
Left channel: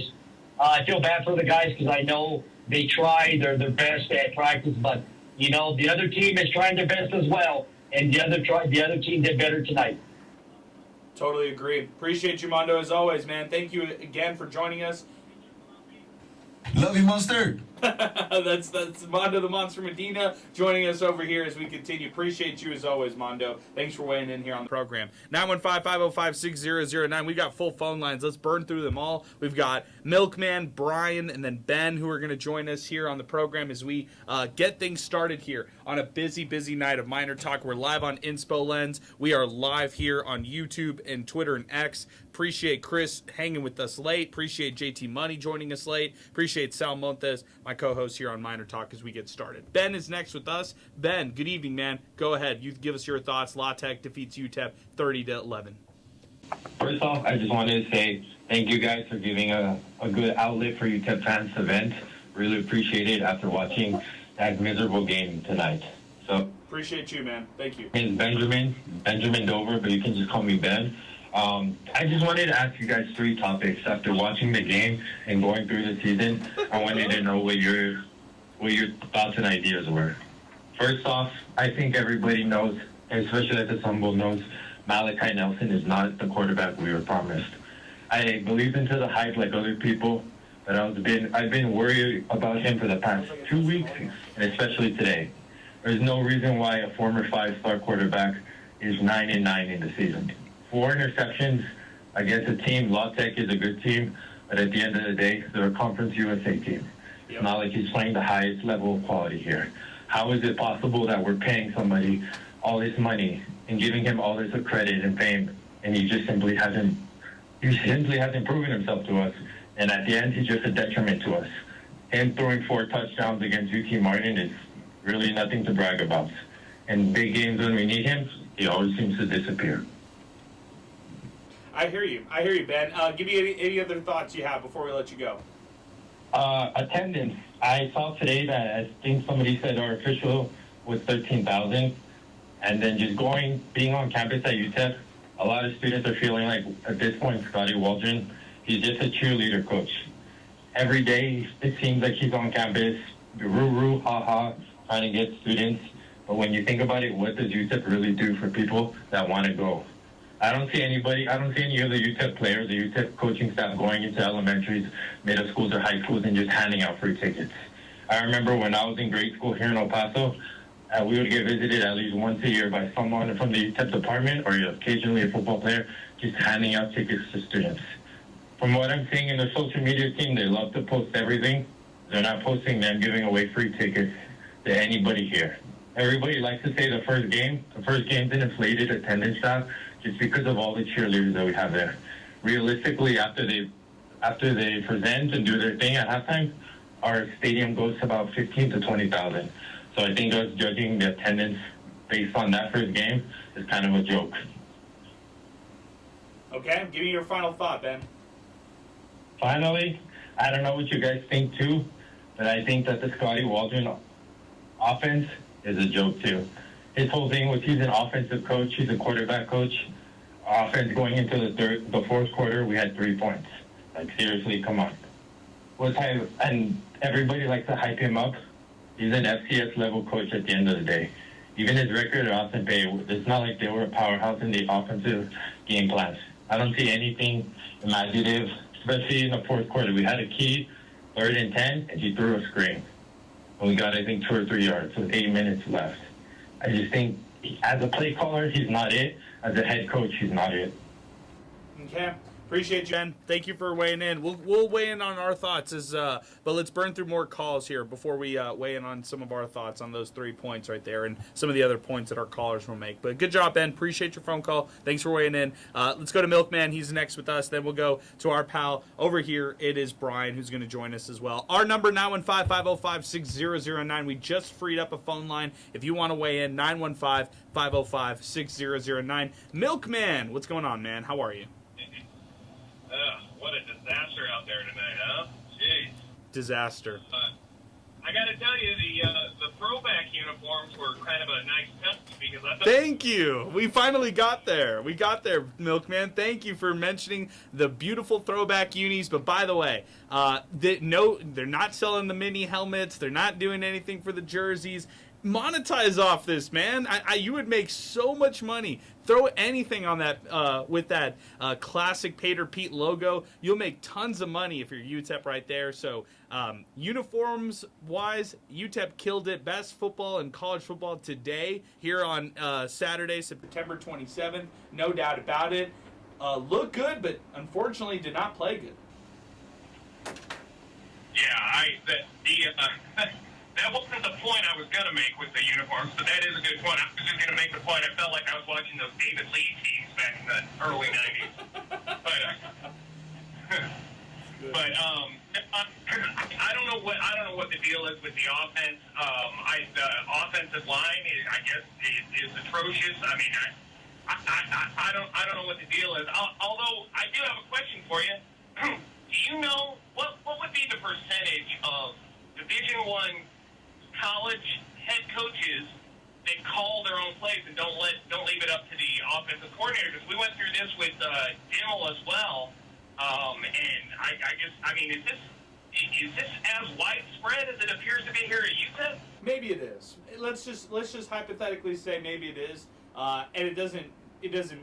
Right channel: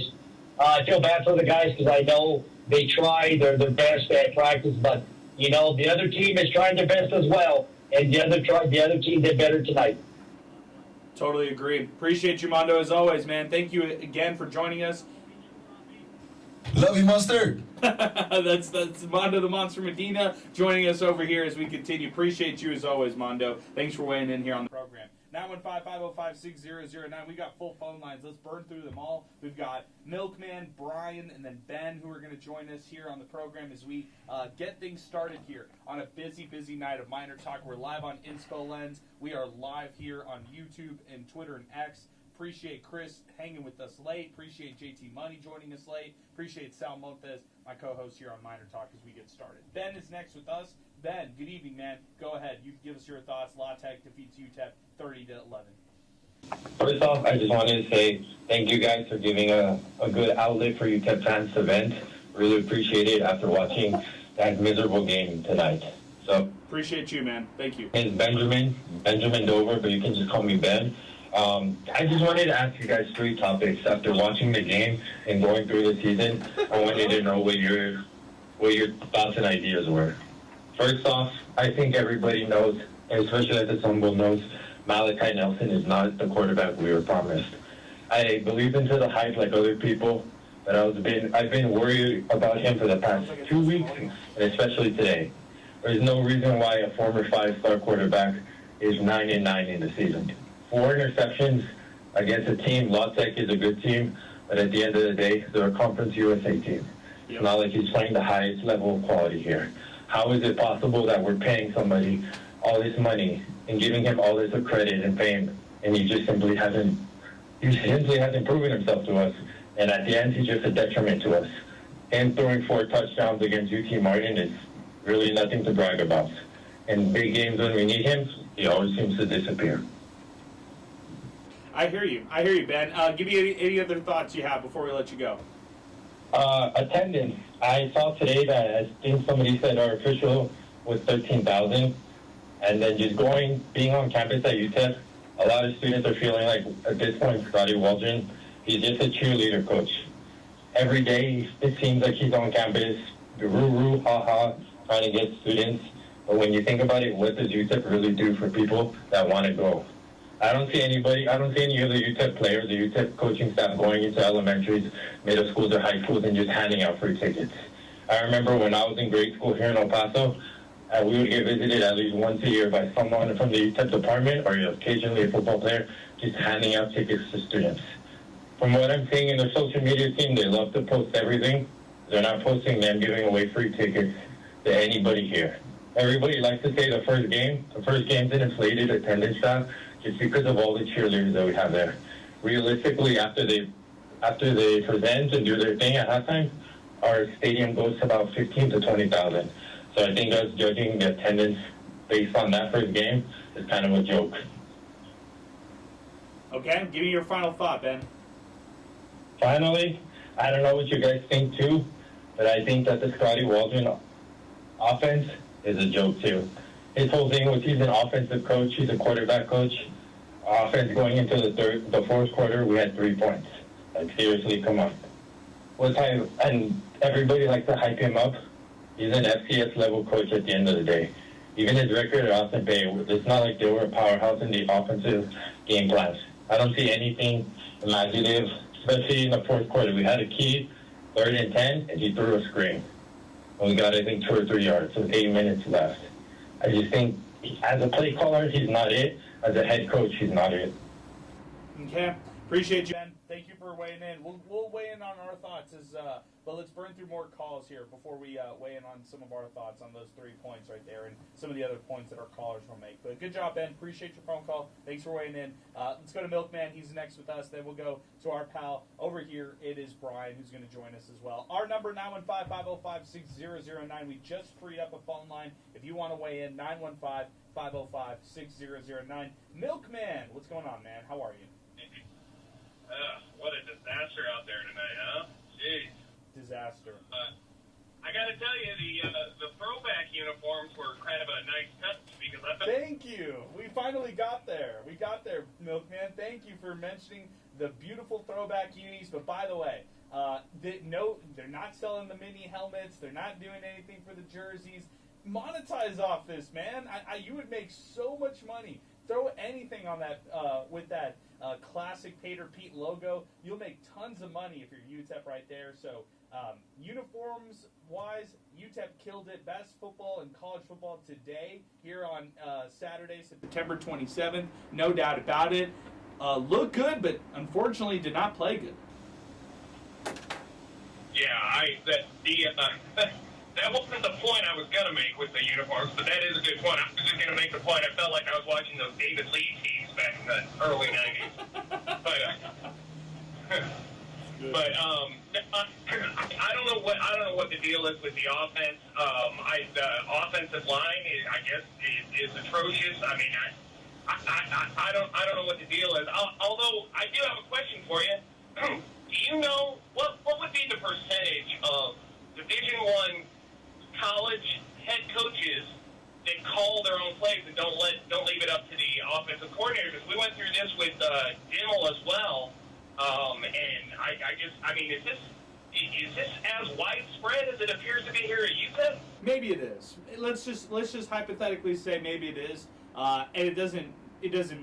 I feel bad for the guys, because I know they try their best at practice, but you know the other team is trying their best as well, and the other team did better tonight. Totally agree. Appreciate you, Mondo, as always, man. Thank you again for joining us. Love you, Mustard. that's Mondo the Monster Medina joining us over here as we continue. Appreciate you as always, Mondo. Thanks for weighing in here on the program. 915-505-6009. We've got full phone lines. Let's burn through them all. We've got Milkman, Brian, and then Ben who are going to join us here on the program as we get things started here on a busy night of MinerTalk. We're live on Inspo Lens. We are live here on YouTube and Twitter and X. Appreciate Chris hanging with us late. Appreciate JT Money joining us late. Appreciate Sal Montes, my co-host here on MinerTalk as we get started. Ben is next with us. Ben, good evening, man. Go ahead. You give us your thoughts. La Tech defeats UTEP 30-11. First off, I just wanted to say thank you guys for giving a good outlet for UTEP fans event. Really appreciate it after watching that miserable game tonight. So appreciate you, man. Thank you. It's Benjamin Dover, but you can just call me Ben. I just wanted to ask you guys 3 topics. After watching the game and going through the season, I wanted to know what your thoughts and ideas were. First off, I think everybody knows, and especially at the Sun Bowl knows, Malachi Nelson is not the quarterback we were promised. I believe into the hype like other people, but I've been worried about him for the past 2 weeks, and especially today. There's no reason why a former 5-star quarterback is 9-9 in the season. 4 interceptions against a team. La Tech is a good team, but at the end of the day, they're a Conference USA team. It's not like he's playing the highest level of quality here. How is it possible that we're paying somebody all this money and giving him all this credit and fame, and he simply hasn't proven himself to us, and at the end, he's just a detriment to us. Him throwing 4 touchdowns against UT Martin is really nothing to brag about. In big games when we need him, he always seems to disappear. I hear you, Ben. Give me any other thoughts you have before we let you go. Attendance. I saw today that I think somebody said our official was 13,000. And then just being on campus at UTEP, a lot of students are feeling like at this point, Scotty Waldron, he's just a cheerleader coach. Every day, it seems like he's on campus, roo-roo, ha-ha, trying to get students. But when you think about it, what does UTEP really do for people that want to go? I don't see any of the UTEP players, the UTEP coaching staff going into elementaries, middle schools, or high schools and just handing out free tickets. I remember when I was in grade school here in El Paso, we would get visited at least once a year by someone from the UTEP department or occasionally a football player just handing out tickets to students. From what I'm seeing in their social media team, they love to post everything. They're not posting them giving away free tickets to anybody here. Everybody likes to say the first game's an inflated attendance staff just because of all the cheerleaders that we have there. Realistically, after they present and do their thing at halftime, our stadium goes to about 15 to 20,000. So I think us judging the attendance based on that first game is kind of a joke. Okay, give me your final thought, Ben. Finally, I don't know what you guys think too, but I think that the Scotty Waldron offense is a joke too. His whole thing was he's an offensive coach, he's a quarterback coach. Offense going into the fourth quarter, we had 3 points. Like seriously, come on. And everybody likes to hype him up. He's an FCS level coach at the end of the day. Even his record at Austin Bay, it's not like they were a powerhouse in the offensive game plans. I don't see anything imaginative, especially in the fourth quarter. We had a key, 3rd and 10, and he threw a screen. And we got, I think, 2 or 3 yards with 8 minutes left. I just think as a play caller, he's not it. As a head coach, he's not it. Okay. Appreciate you, Ben. Thank you for weighing in. We'll weigh in on our thoughts, but let's burn through more calls here before we weigh in on some of our thoughts on those 3 points right there and some of the other points that our callers will make. But good job, Ben. Appreciate your phone call. Thanks for weighing in. Let's go to Milkman. He's next with us. Then we'll go to our pal over here. It is Brian who's going to join us as well. Our number, 915-505-6009. We just freed up a phone line. If you want to weigh in, 915-505-6009. Milkman, what's going on, man? How are you? What a disaster out there tonight, huh? Jeez. Disaster. I got to tell you, the throwback uniforms were kind of a nice touch because I thought... Thank you. We finally got there. We got there, Milkman. Thank you for mentioning the beautiful throwback unis. But by the way, They're not selling the mini helmets. They're not doing anything for the jerseys. Monetize off this, man. You would make so much money. Throw anything on that with that classic Pater Pete logo. You'll make tons of money if you're UTEP right there. So uniforms wise, UTEP killed it. Best football in college football today here on Saturday, September 27th. No doubt about it. Looked good, but unfortunately did not play good. Yeah, that wasn't the point I was going to make with the uniforms, but that is a good point. I was just going to make the point. I felt like I was watching those David Lee teams back in the early 90s. But I don't know what the deal is with the offense. The offensive line is atrocious. I mean, I don't know what the deal is. Although I do have a question for you. Do you know what would be the percentage of Division I college head coaches that call their own plays and don't leave it up to the offensive coordinator? Because we went through this with Dimmel as well, and is this as widespread as it appears to be here at UTEP? Maybe it is. Let's just hypothetically say maybe it is, and it doesn't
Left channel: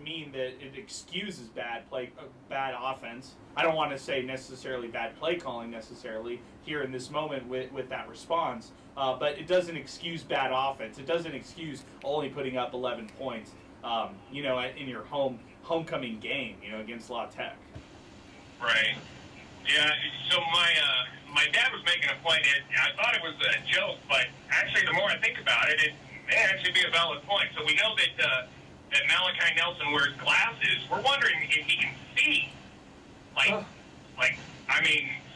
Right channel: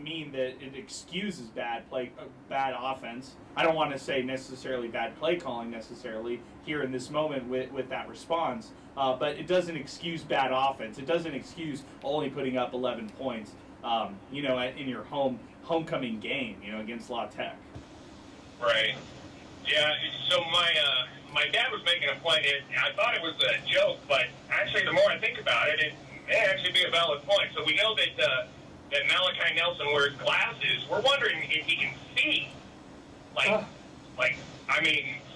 mean that it excuses bad offense. I don't want to say necessarily bad play calling necessarily here in this moment with that response, but it doesn't excuse bad offense. It doesn't excuse only putting up 11 points, in your homecoming game, against La Tech. Right. Yeah. So my dad was making a point. I thought it was a joke, but actually, the more I think about it, it may actually be a valid point. So we know that Malachi Nelson wears glasses. We're wondering if he can see.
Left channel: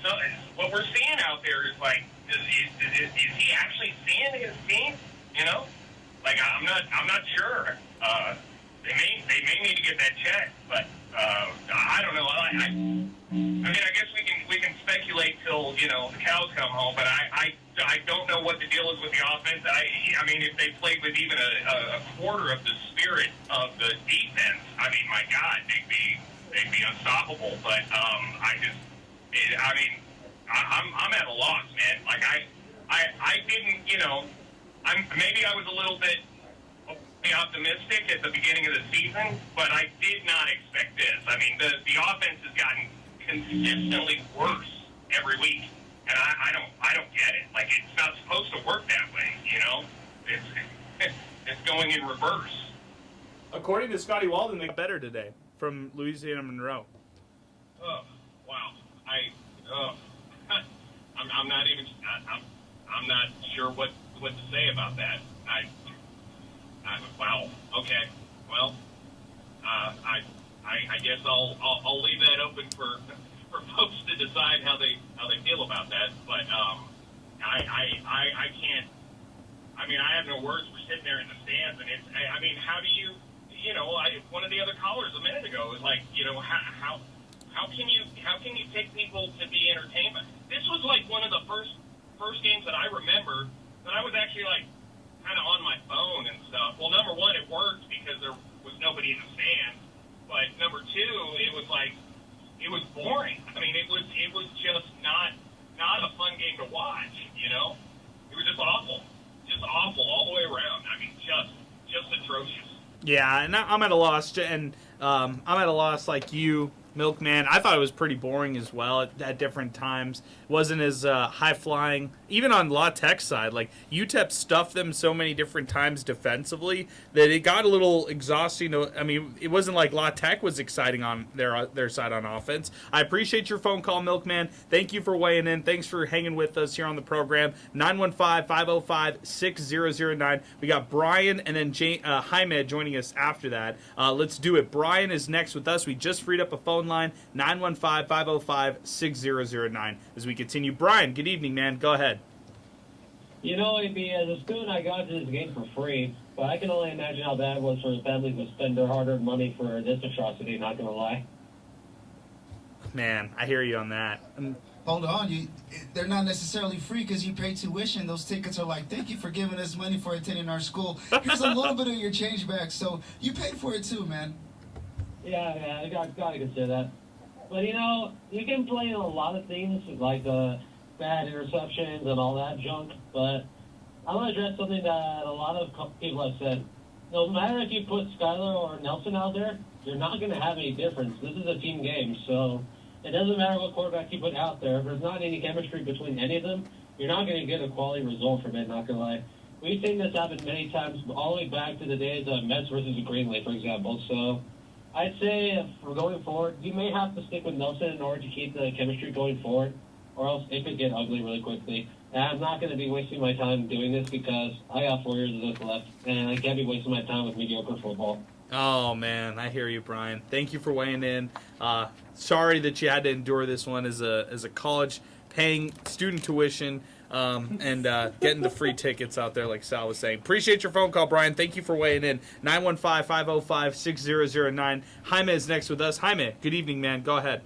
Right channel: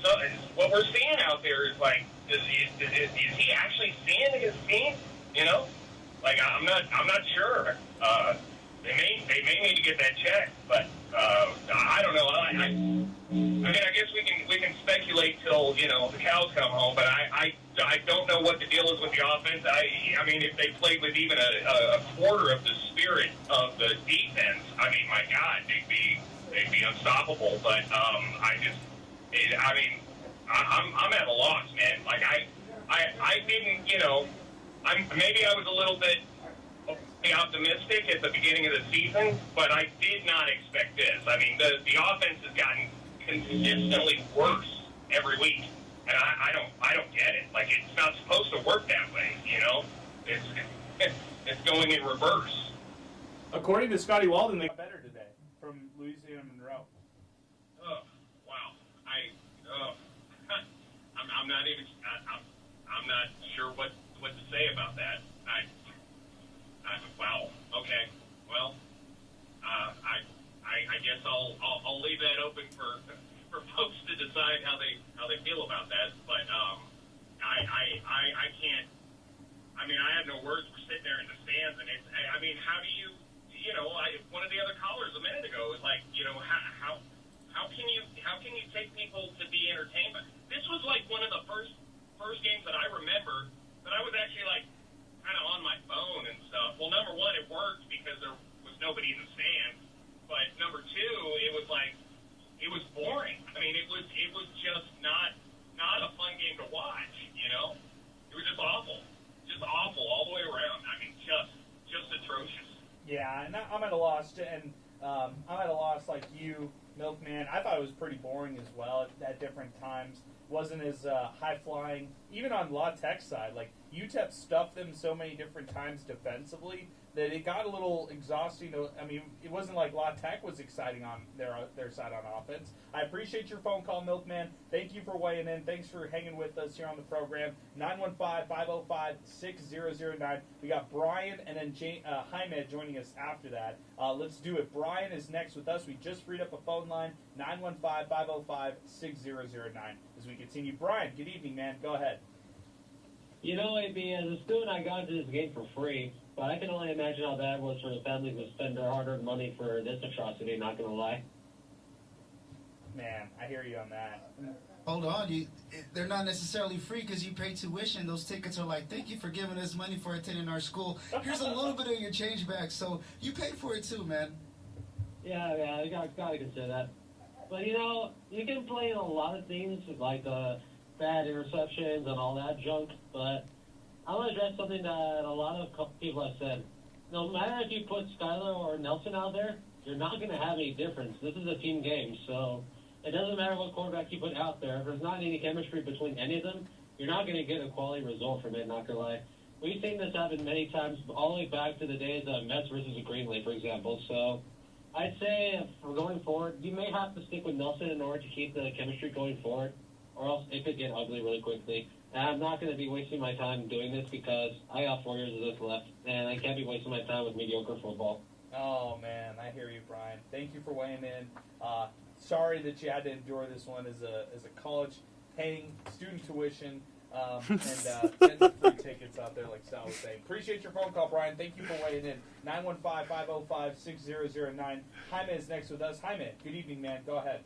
So what we're seeing out there is is he actually seeing his team? I'm not sure. They may need to get that checked, but I don't know. I guess we can speculate till the cows come home, but I don't know what the deal is with the offense. I mean, if they played with even a quarter of the spirit of the defense, my God, they'd be unstoppable. But I'm at a loss, man. I didn't, maybe I was a little bit optimistic at the beginning of the season, but I did not expect this. The offense has gotten consistently worse every week, and I don't get it. It's not supposed to work that way, It's going in reverse. According to Scotty Walden, they got better today from Louisiana Monroe. Oh, wow. I'm not sure what to say about that. Wow. Okay. Well, I guess I'll leave that open for folks to decide how they feel about that. But I can't. I have no words for sitting there in the stands, and it's. How do you? One of the other callers a minute ago was how can you take people to be entertained? This was one of the first games that I remember that I was actually kind of on my phone and stuff. Well, number one, it worked because there was nobody in the stands. But number two, it was boring. It was just not a fun game to watch. It was just awful all the way around. Just atrocious. Yeah, and I'm at a loss, and I'm at a loss like you, Milkman. I thought it was pretty boring as well at different times. Wasn't as high-flying. Even on La Tech's side, UTEP stuffed them so many different times defensively that it got a little exhausting. It wasn't like La Tech was exciting on their side on offense. I appreciate your phone call, Milkman. Thank you for weighing in. Thanks for hanging with us here on the program. 915-505-6009. We got Brian and then Jaime joining us after that. Let's do it. Brian is next with us. We just freed up a phone line, 915-505-6009. As we continue. Brian, good evening, man. Go ahead. AB, as a student, I got into this game for free, but I can only imagine how bad it was for the families to spend their hard-earned money for this atrocity, not going to lie. Man, I hear you on that. Hold on, they're not necessarily free because you pay tuition. Those tickets are thank you for giving us money for attending our school. Here's a little bit of your change back, so you paid for it too, man. Yeah, I got to consider that. But, you can blame a lot of things, like bad interceptions and all that junk. But I want to address something that a lot of people have said. No matter if you put Skylar or Nelson out there, you're not going to have any difference. This is a team game, so it doesn't matter what quarterback you put out there. If there's not any chemistry between any of them, you're not going to get a quality result from it, not going to lie. We've seen this happen many times, all the way back to the days of Mets versus Greenlee, for example. So I'd say if we're going forward, you may have to stick with Nelson in order to keep the chemistry going forward, or else it could get ugly really quickly. And I'm not going to be wasting my time doing this because I got 4 years of this left, and I can't be wasting my time with mediocre football. Oh, man, I hear you, Brian. Thank you for weighing in. Sorry that you had to endure this one as a college paying student tuition and getting the free tickets out there like Sal was saying. Appreciate your phone call, Brian. Thank you for weighing in. 915-505-6009. Jaime is next with us. Jaime, good evening, man. Go ahead.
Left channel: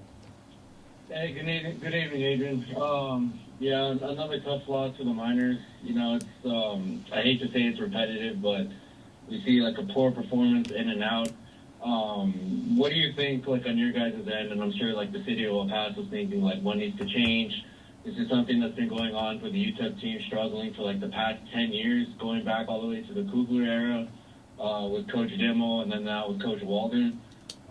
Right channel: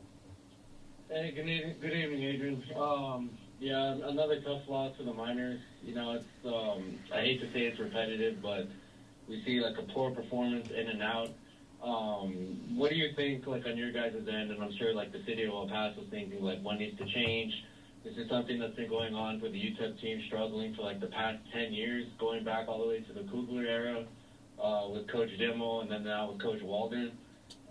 Hey, good evening, Adrian. Yeah, another tough loss for the Miners. It's I hate to say it's repetitive, but we see like a poor performance in and out. What do you think, like on your guys' end? And I'm sure like the city of El Paso is thinking like what needs to change. This is something that's been going on for the UTEP team, struggling for like the past 10 years, going back all the way to the Kugler era with Coach Demo, and then now with Coach Walden.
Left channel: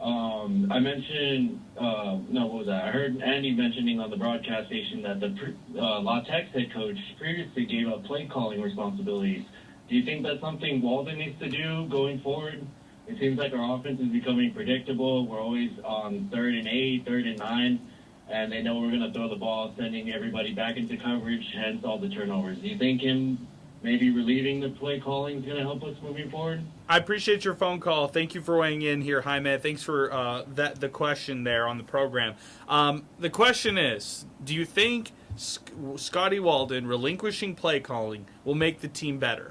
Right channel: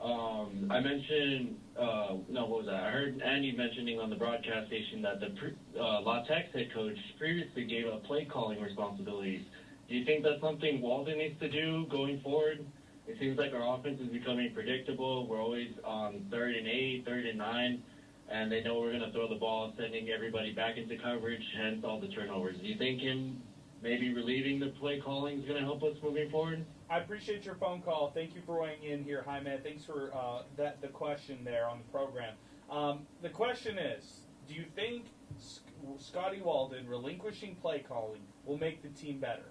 I mentioned, what was that? I heard Andy mentioning on the broadcast station that the La Tech's head coach previously gave up play calling responsibilities. Do you think that's something Walden needs to do going forward? It seems like our offense is becoming predictable. We're always on 3rd and 8, 3rd and 9, and they know we're going to throw the ball, sending everybody back into coverage, hence all the turnovers. Do you think him maybe relieving the play calling is going to help us moving forward? I appreciate your phone call. Thank you for weighing in here, Jaime. Thanks for the question there on the program. The question is, do you think Scotty Walden relinquishing play calling will make the team better?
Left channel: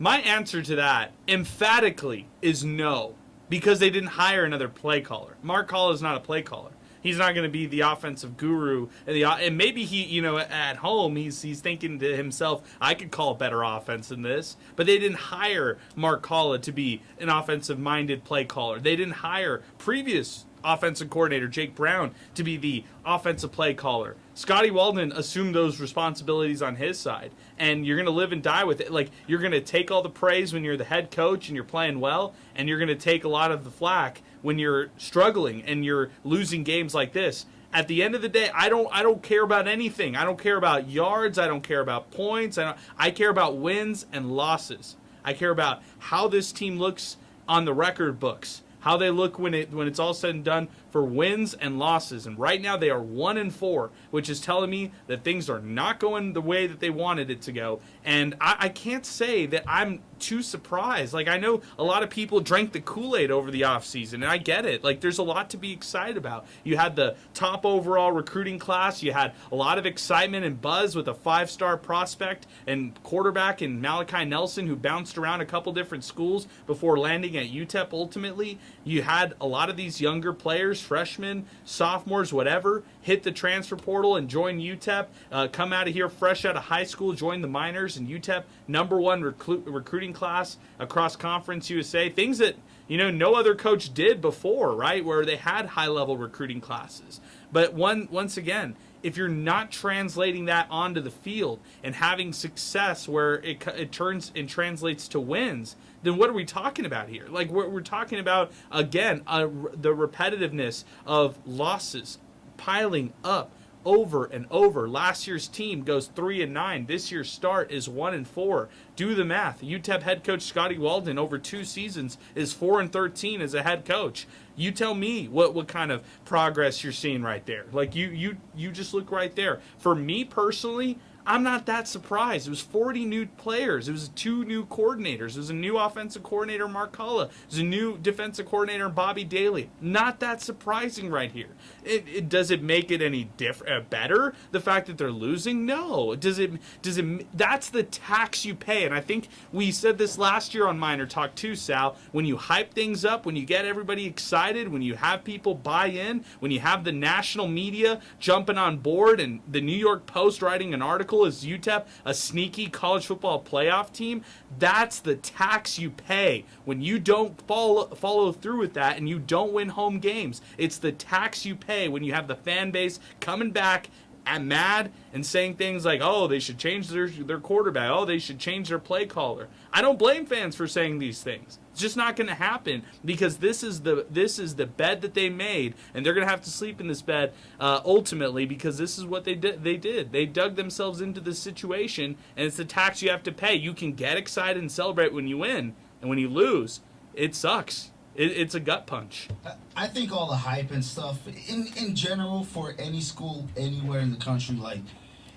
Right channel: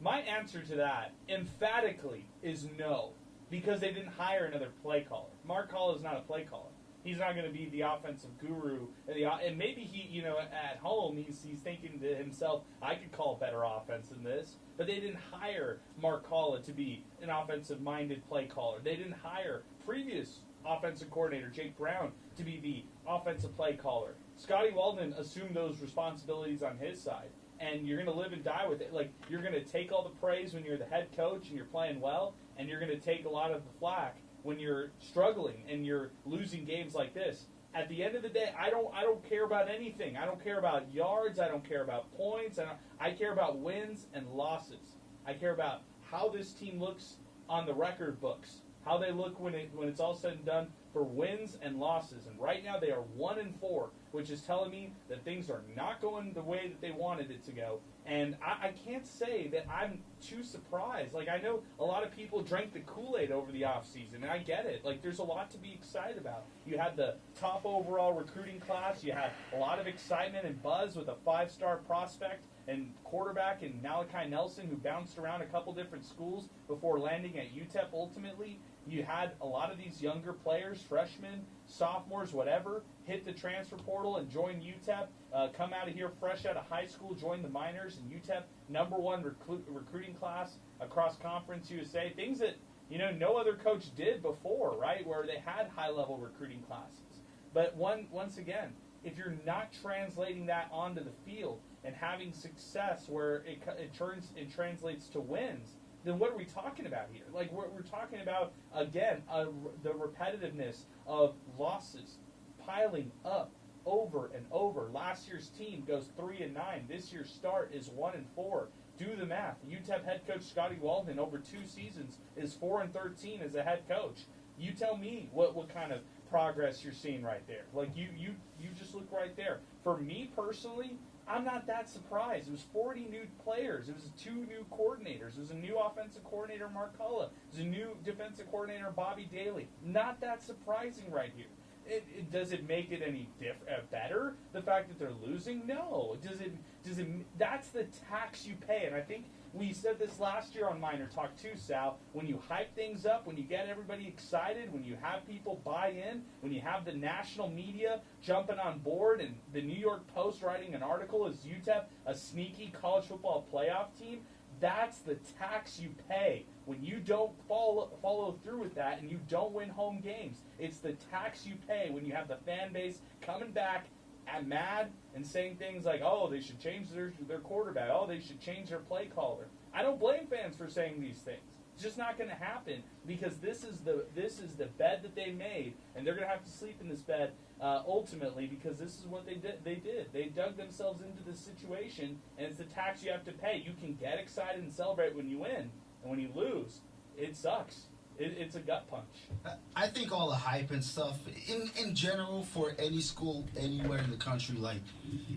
My answer to that, emphatically, is no, because they didn't hire another play caller. Mark Hall is not a play caller. He's not going to be the offensive guru, and maybe he, at home he's thinking to himself, I could call a better offense than this. But they didn't hire Mark Hall to be an offensive-minded play caller. They didn't hire previous offensive coordinator Jake Brown to be the offensive play caller. Scotty Walden assumed those responsibilities on his side, and you're going to live and die with it. Like, you're going to take all the praise when you're the head coach and you're playing well, and you're going to take a lot of the flack when you're struggling and you're losing games like this. At the end of the day, I don't care about anything. I don't care about yards. I don't care about points. I care about wins and losses. I care about how this team looks on the record books, how they look when it's all said and done for wins and losses. And right now they are 1-4, which is telling me that things are not going the way that they wanted it to go. And I can't say that I'm too surprised. Like, I know a lot of people drank the Kool-Aid over the offseason, and I get it. Like, there's a lot to be excited about. You had the top overall recruiting class. You had a lot of excitement and buzz with a 5-star prospect and quarterback in Malachi Nelson, who bounced around a couple different schools before landing at UTEP ultimately. You had a lot of these younger players, freshmen, sophomores, whatever, hit the transfer portal and join UTEP, come out of here fresh out of high school, join the Miners, and UTEP #1 recruiting class across Conference USA. Things that, no other coach did before, right, where they had high-level recruiting classes. But once again, if you're not translating that onto the field and having success where it turns and translates to wins, then what are we talking about here? Like, we're talking about, again, the repetitiveness of losses piling up over and over. Last year's team goes 3-9. This year's start is 1-4. Do the math. UTEP head coach Scotty Walden over 2 seasons is 4-13 as a head coach. You tell me what kind of progress you're seeing right there. Like, you just look right there. For me personally, I'm not that surprised. It was 40 new players. It was 2 new coordinators. It was a new offensive coordinator, Mark Culla. It was a new defensive coordinator, Bobby Daly. Not that surprising right here. Does it make it any better, the fact that they're losing? No. Does it? That's the tax you pay. And I think we said this last year on MinerTalk too, Sal. When you hype things up, when you get everybody excited, when you have people buy in, when you have the national media jumping on board and the New York Post writing an article local as UTEP, a sneaky college football playoff team, that's the tax you pay when you don't follow through with that and you don't win home games. It's the tax you pay when you have the fan base coming back and mad and saying things like, oh, they should change their quarterback. Oh, they should change their play caller. I don't blame fans for saying these things. It's just not going to happen because this is the bed that they made, and they're going to have to sleep in this bed ultimately because this is what they did. They dug themselves into this situation, and it's the tax you have to pay. You can get excited and celebrate when you win, and when you lose, it sucks. It's a gut punch. I think all the hype and stuff, in general, for any school anywhere in the country, like,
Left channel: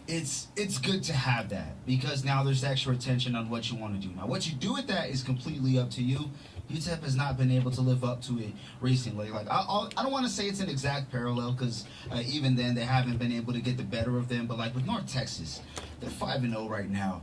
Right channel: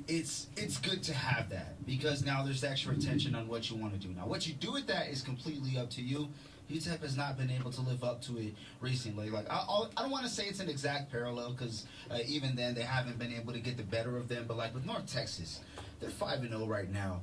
it's good to have that because now there's extra attention on what you want to do. Now, what you do with that is completely up to you. UTEP has not been able to live up to it recently. Like, I don't want to say it's an exact parallel because even then they haven't been able to get the better of them. But like with North Texas, they're 5-0 right now,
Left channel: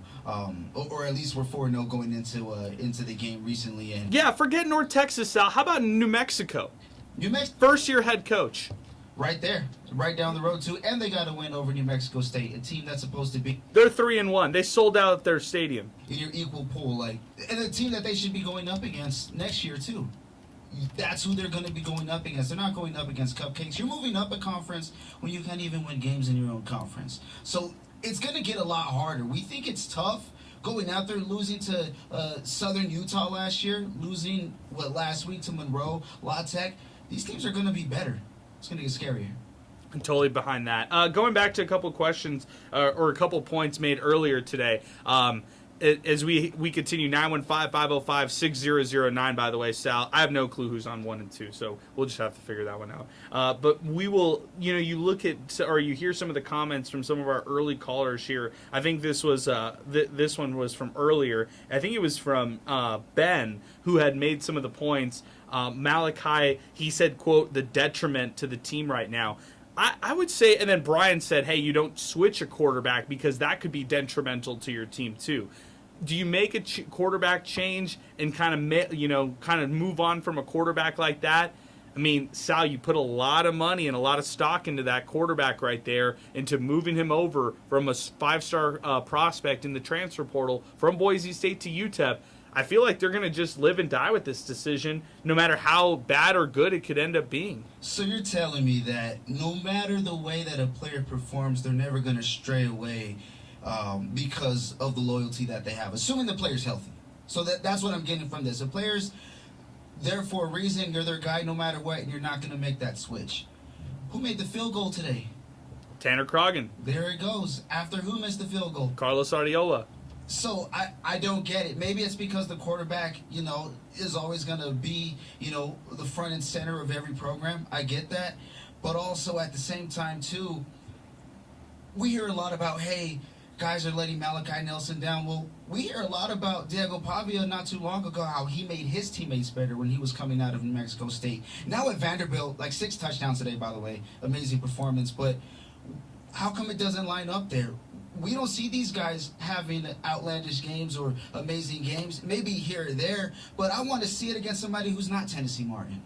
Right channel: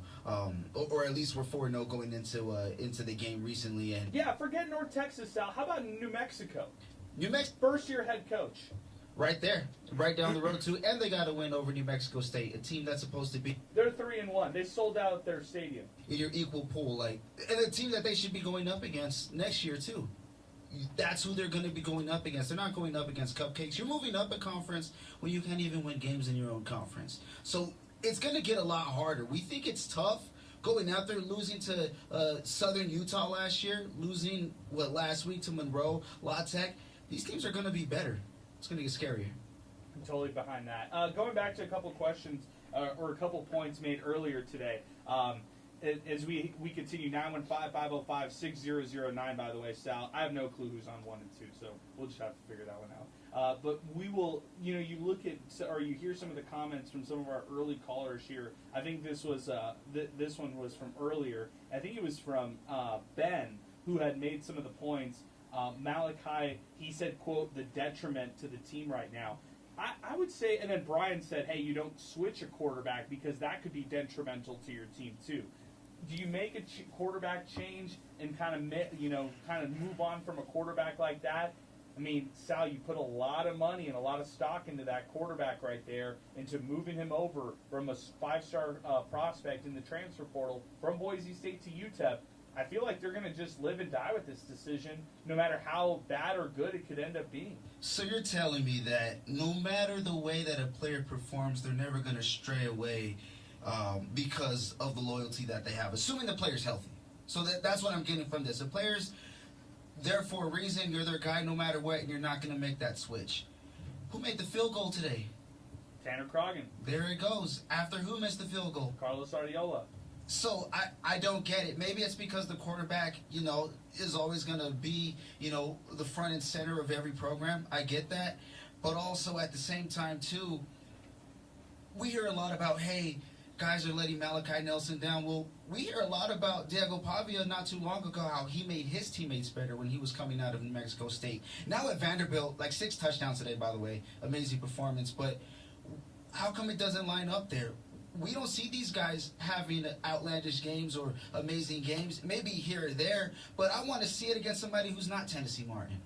or at least we're 4-0 going into the game recently. And yeah, forget North Texas, Sal. How about New Mexico? New Mexico, first-year head coach. Right there, right down the road too, and they got to win over New Mexico State, a team that's supposed to be. They're 3-1. They sold out their stadium. In your equal pool, like, and a team that they should be going up against next year too. That's who they're going to be going up against. They're not going up against cupcakes. You're moving up a conference when you can't even win games in your own conference. So it's going to get a lot harder. We think it's tough going out there, losing to Southern Utah last year, losing last week to Monroe, La Tech. These teams are going to be better. It's going to get scarier. I'm totally behind that. Going back to a couple questions or a couple points made earlier today. As we continue, 915-505-6009, by the way, Sal. I have no clue who's on 1 and 2, so we'll just have to figure that one out. But we will, you look at, or you hear some of the comments from some of our early callers here. I think this was, this one was from earlier. I think it was from Ben, who had made some of the points. Malachi, he said, quote, the detriment to the team right now. I would say, and then Brian said, hey, you don't switch a quarterback because that could be detrimental to your team too. Do you make a quarterback change and kind of move on from a quarterback like that? I mean, Sal, you put a lot of money and a lot of stock into that quarterback right there, into moving him over from a 5-star prospect in the transfer portal from Boise State to UTEP. I feel like they're going to just live and die with this decision, no matter how bad or good it could end up being. So you're telling me that no matter the way that a player performs, they're never going to stray away because of the loyalty that they have, assuming the player's healthy. So that's what I'm getting from this. The player's there for a reason. You're their guy no matter what, and you're not going to make that switch. Who made the field goal today? Tanner Croghan. There it goes. After who missed the field goal? Carlos Ardiola. So I don't get it. Maybe it's because the quarterback, is always going to be, the front and center of every program. I get that. But also at the same time, too, we hear a lot about, hey, guys are letting Malachi Nelson down. Well, we hear a lot about Diego Pavia not too long ago, how he made his teammates better when he was coming out of New Mexico State. Now at Vanderbilt, 6 touchdowns today, by the way. Amazing performance. But how come it doesn't line up there? We don't see these guys having outlandish games or amazing games, maybe here or there, but I want to see it against somebody who's not Tennessee Martin.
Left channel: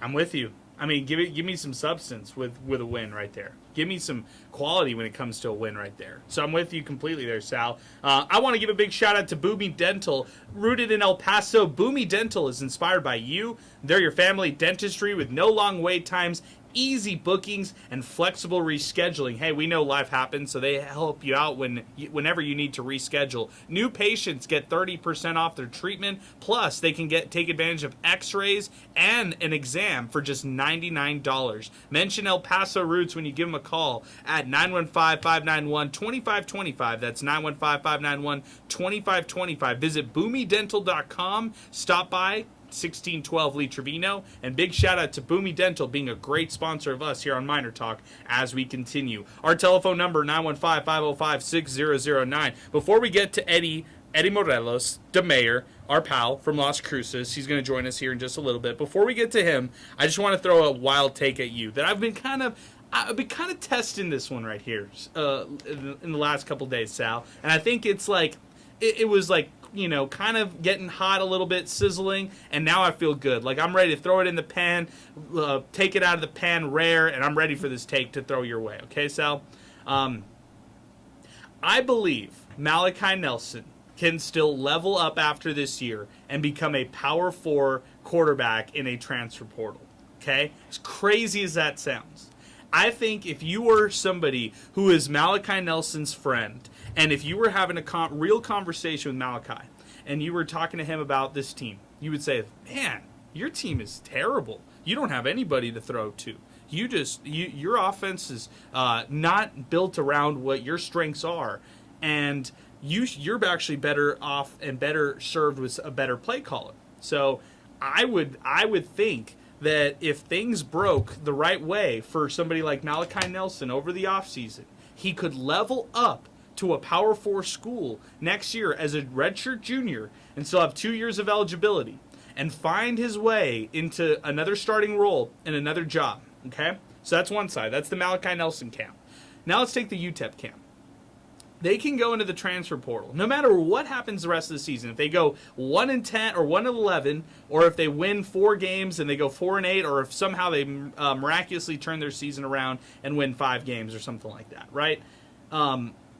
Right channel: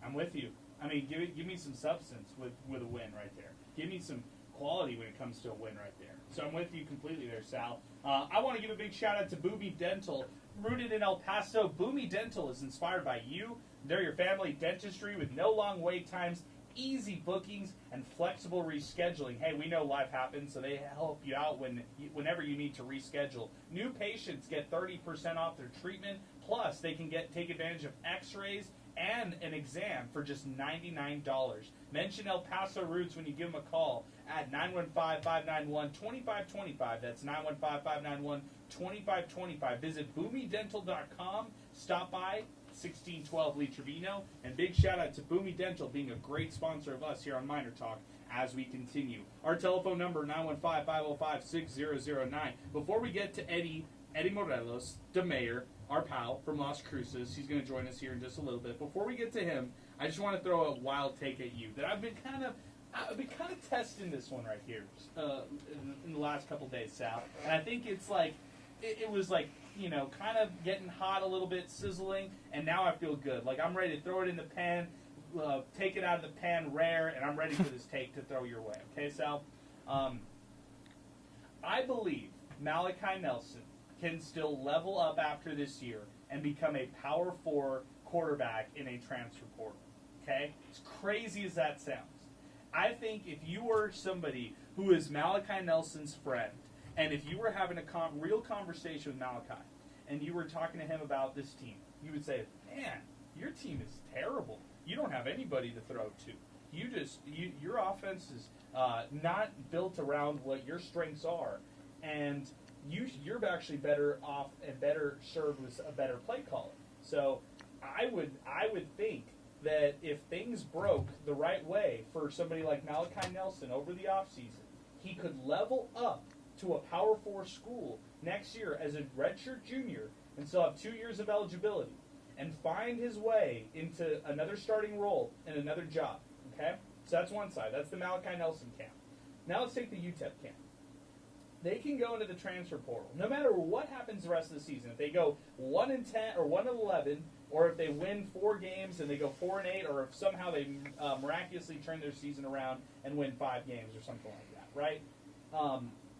I'm with you. I mean, give me some substance with a win right there. Give me some quality when it comes to a win right there. So I'm with you completely there, Sal. I want to give a big shout out to Boomy Dental. Rooted in El Paso, Boomy Dental is inspired by you. They're your family dentistry with no long wait times, easy bookings, and flexible rescheduling. Hey, we know life happens, so they help you out whenever you need to reschedule. New patients get 30% off their treatment, plus they can take advantage of x-rays and an exam for just $99. Mention El Paso Roots when you give them a call at 915-591-2525. That's 915-591-2525. Visit boomydental.com. Stop by 1612 Lee Trevino, and big shout out to Boomy Dental being a great sponsor of us here on MinerTalk as we continue. Our telephone number 915-505-6009. Before we get to Eddie Morelos, the mayor, our pal from Las Cruces, he's going to join us here in just a little bit. Before we get to him, I just want to throw a wild take at you that I've been kind of testing this one right here in the last couple days, Sal, and I think it's like it was like, kind of getting hot a little bit, sizzling, and now I feel good. Like I'm ready to throw it in the pan, take it out of the pan rare, and I'm ready for this take to throw your way. Okay, Sal? I believe Malachi Nelson can still level up after this year and become a Power 4 quarterback in a transfer portal. Okay? As crazy as that sounds. I think if you were somebody who is Malachi Nelson's friend, and if you were having a real conversation with Malachi, and you were talking to him about this team, you would say, man, your team is terrible. You don't have anybody to throw to. Your offense is not built around what your strengths are, and you're actually better off and better served with a better play caller. So I would think that if things broke the right way for somebody like Malachi Nelson over the offseason, he could level up to a Power 4 school next year as a redshirt junior and still have 2 years of eligibility and find his way into another starting role in another job. Okay? So that's one side. That's the Malachi Nelson camp. Now let's take the UTEP camp. They can go into the transfer portal no matter what happens the rest of the season. If they go 1-10 or 1-11, or if they win 4 games and they go 4-8, or if somehow they miraculously turn their season around and win 5 games or something like that, right?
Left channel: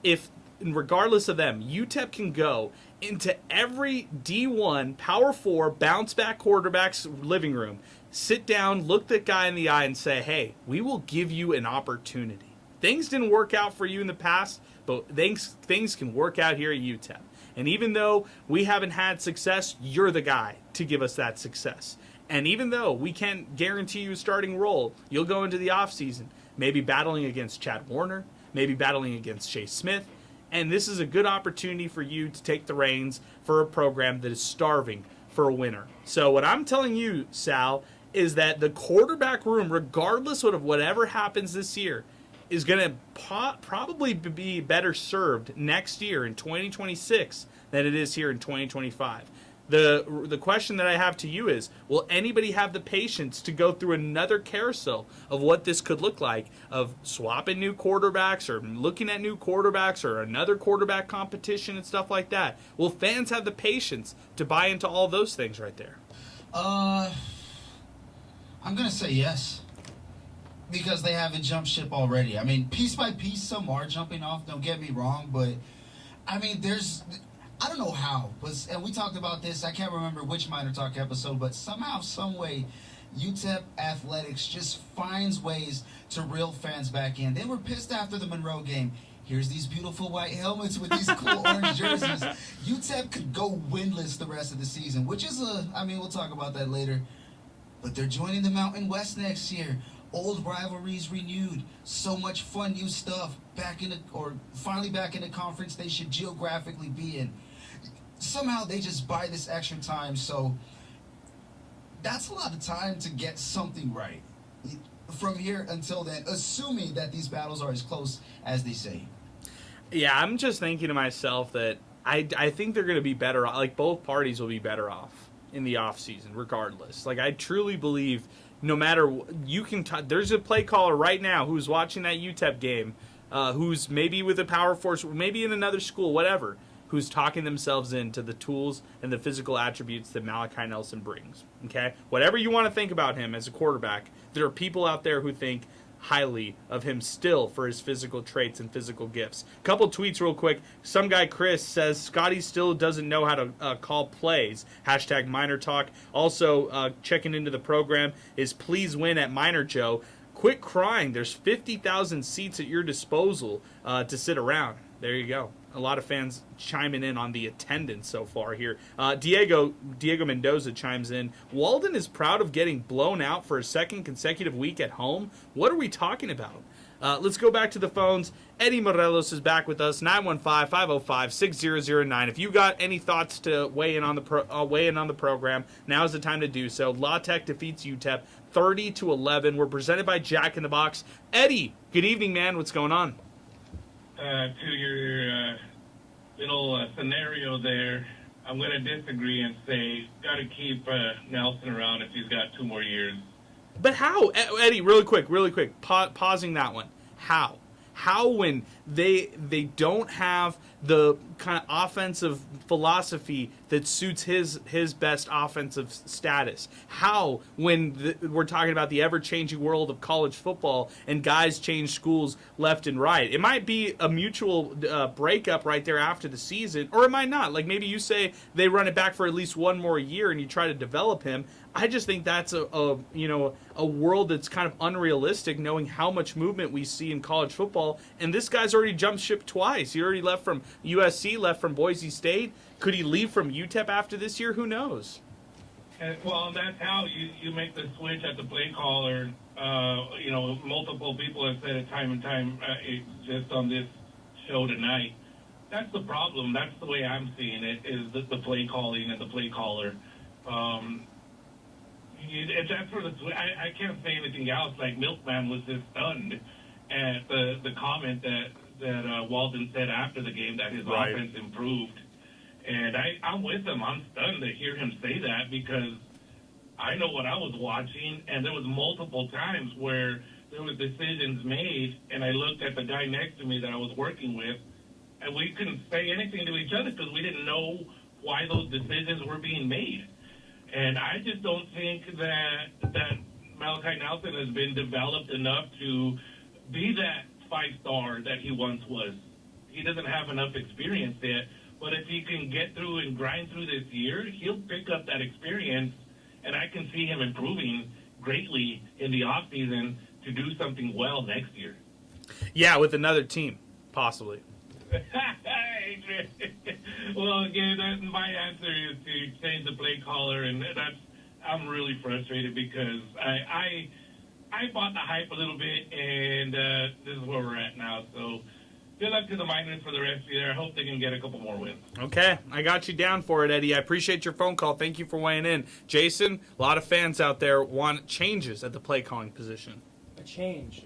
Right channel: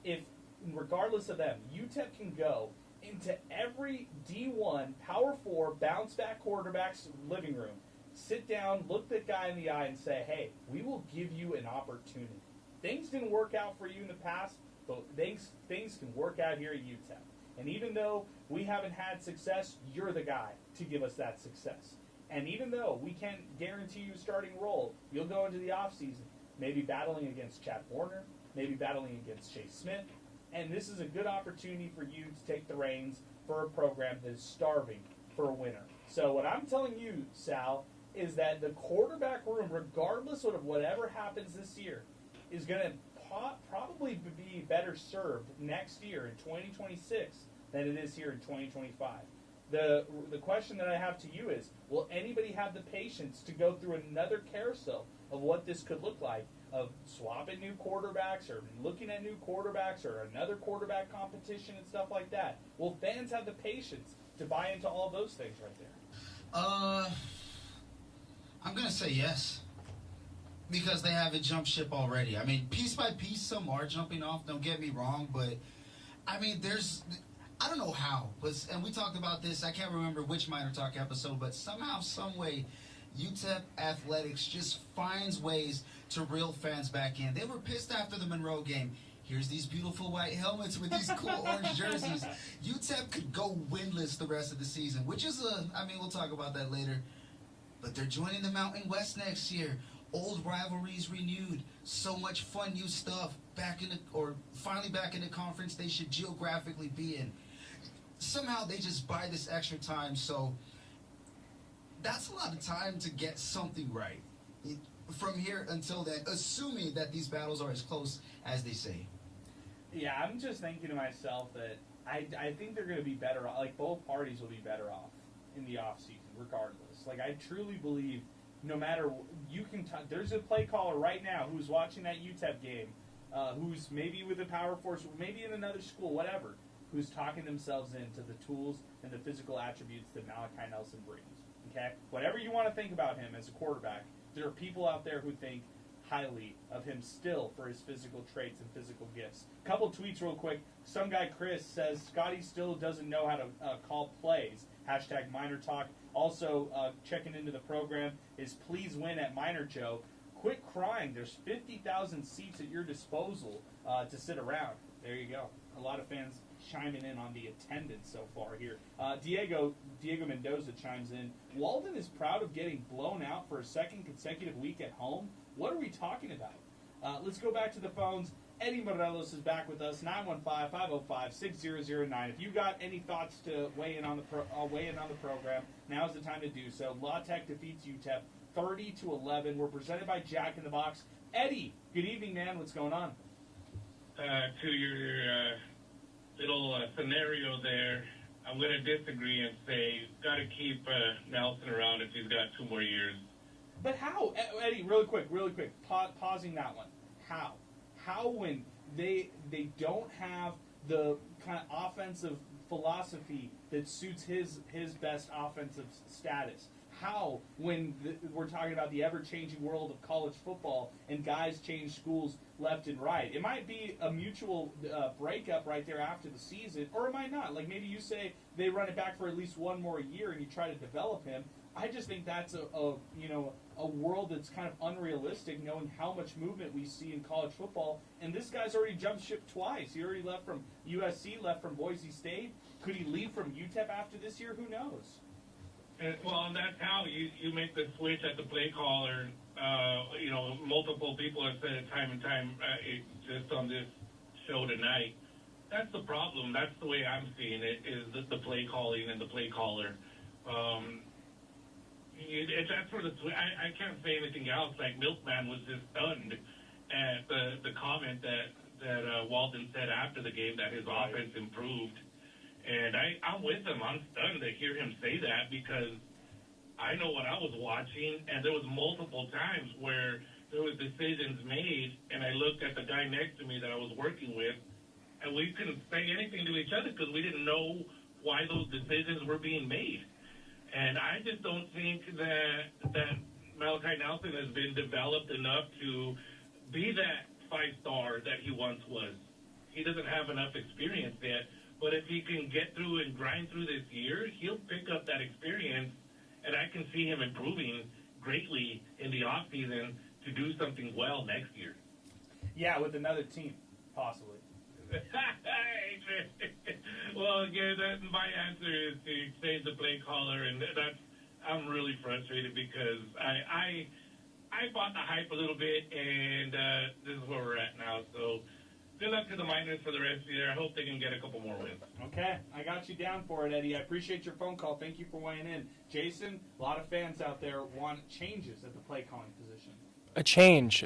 If regardless of them, UTEP can go into every D1 Power 4 bounce back quarterback's living room, sit down, look that guy in the eye, and say, "Hey, we will give you an opportunity. Things didn't work out for you in the past, but things can work out here at UTEP. And even though we haven't had success, you're the guy to give us that success. And even though we can't guarantee you a starting role, you'll go into the offseason maybe battling against Chad Warner, maybe battling against Chase Smith, and this is a good opportunity for you to take the reins for a program that is starving for a winner." So what I'm telling you, Sal, is that the quarterback room, regardless of whatever happens this year, is going to probably be better served next year in 2026 than it is here in 2025. The question that I have to you is, will anybody have the patience to go through another carousel of what this could look like, of swapping new quarterbacks or looking at new quarterbacks or another quarterback competition and stuff like that? Will fans have the patience to buy into all those things right there? I'm going to say yes. Because they haven't jumped ship already. I mean, piece by piece, some are jumping off, don't get me wrong, but, I mean, I don't know how, and we talked about this, I can't remember which MinerTalk episode, but somehow, some way, UTEP Athletics just finds ways to reel fans back in. They were pissed after the Monroe game. Here's these beautiful white helmets with these cool orange jerseys. UTEP could go winless the rest of the season, which is we'll talk about that later. But they're joining the Mountain West next year. Old rivalries renewed. So much fun, new stuff. Finally back in the conference they should geographically be in. Somehow they just buy this extra time, so that's a lot of time to get something right. From here until then, assuming that these battles are as close as they say. Yeah, I'm just thinking to myself that I think they're going to be better off. Like, both parties will be better off in the offseason, regardless. Like, I truly believe no matter there's a play caller right now who's watching that UTEP game, who's maybe with a Power Force, maybe in another school, whatever, who's talking themselves into the tools and the physical attributes that Malachi Nelson brings. Okay? Whatever you want to think about him as a quarterback, there are people out there who think highly of him still for his physical traits and physical gifts. Couple tweets real quick. Some guy, Chris, says Scotty still doesn't know how to call plays. Hashtag MinerTalk. Also, checking into the program is please win at Miner Joe. Quit crying. There's 50,000 seats at your disposal to sit around. There you go. A lot of fans chiming in on the attendance so far here. Diego Mendoza chimes in. Walden is proud of getting blown out for a second consecutive week at home. What are we talking about? Let's go back to the phones. Eddie Morelos is back with us. 915-505-6009. If you got any thoughts to weigh in on the program, now is the time to do so. La Tech defeats UTEP 30-11. We're presented by Jack in the Box. Eddie, good evening, man. What's going on? To your little scenario there, I'm going to disagree and say got to keep Nelson around if he's got 2 more years. But how? Eddie, really quick, pausing that one. How? How when they don't have the kind of offensive philosophy that suits his best offensive status? How, when we're talking about the ever-changing world of college football and guys change schools left and right? It might be a mutual breakup right there after the season, or it might not. Like maybe you say they run it back for at least one more year and you try to develop him. I just think that's a world that's kind of unrealistic, knowing how much movement we see in college football. And this guy's already jumped ship twice. He already left from USC, left from Boise State. Could he leave from UTEP after this year? Who knows? Well, that's how you make the switch at the play caller. Multiple people have said it time and time just on this show tonight. That's the problem. That's the way I'm seeing it, is the play calling and the play caller. That's for I can't say anything else. Like Milkman was just stunned at the comment that Walden said after the game that his offense improved, and I'm with him. I'm stunned to hear him say that, because I know what I was watching, and there was multiple times where there was decisions made, and I looked at the guy next to me that I was working with, and we couldn't say anything to each other because we didn't know why those decisions were being made. And I just don't think that Malachi Nelson has been developed enough to be that 5-star that he once was. He doesn't have enough experience yet. But if he can get through and grind through this year, he'll pick up that experience, and I can see him improving greatly in the offseason to do something well next year. Yeah, with another team, possibly. Well, again, my answer is to change the play caller, and I'm really frustrated because I bought the hype a little bit, and this is where we're at now. So good luck to the Miners for the rest of the year. I hope they can get a couple more wins. Okay, I got you down for it, Eddie. I appreciate your phone call. Thank you for weighing in. Jason, a lot of fans out there want changes at the play calling position. A change.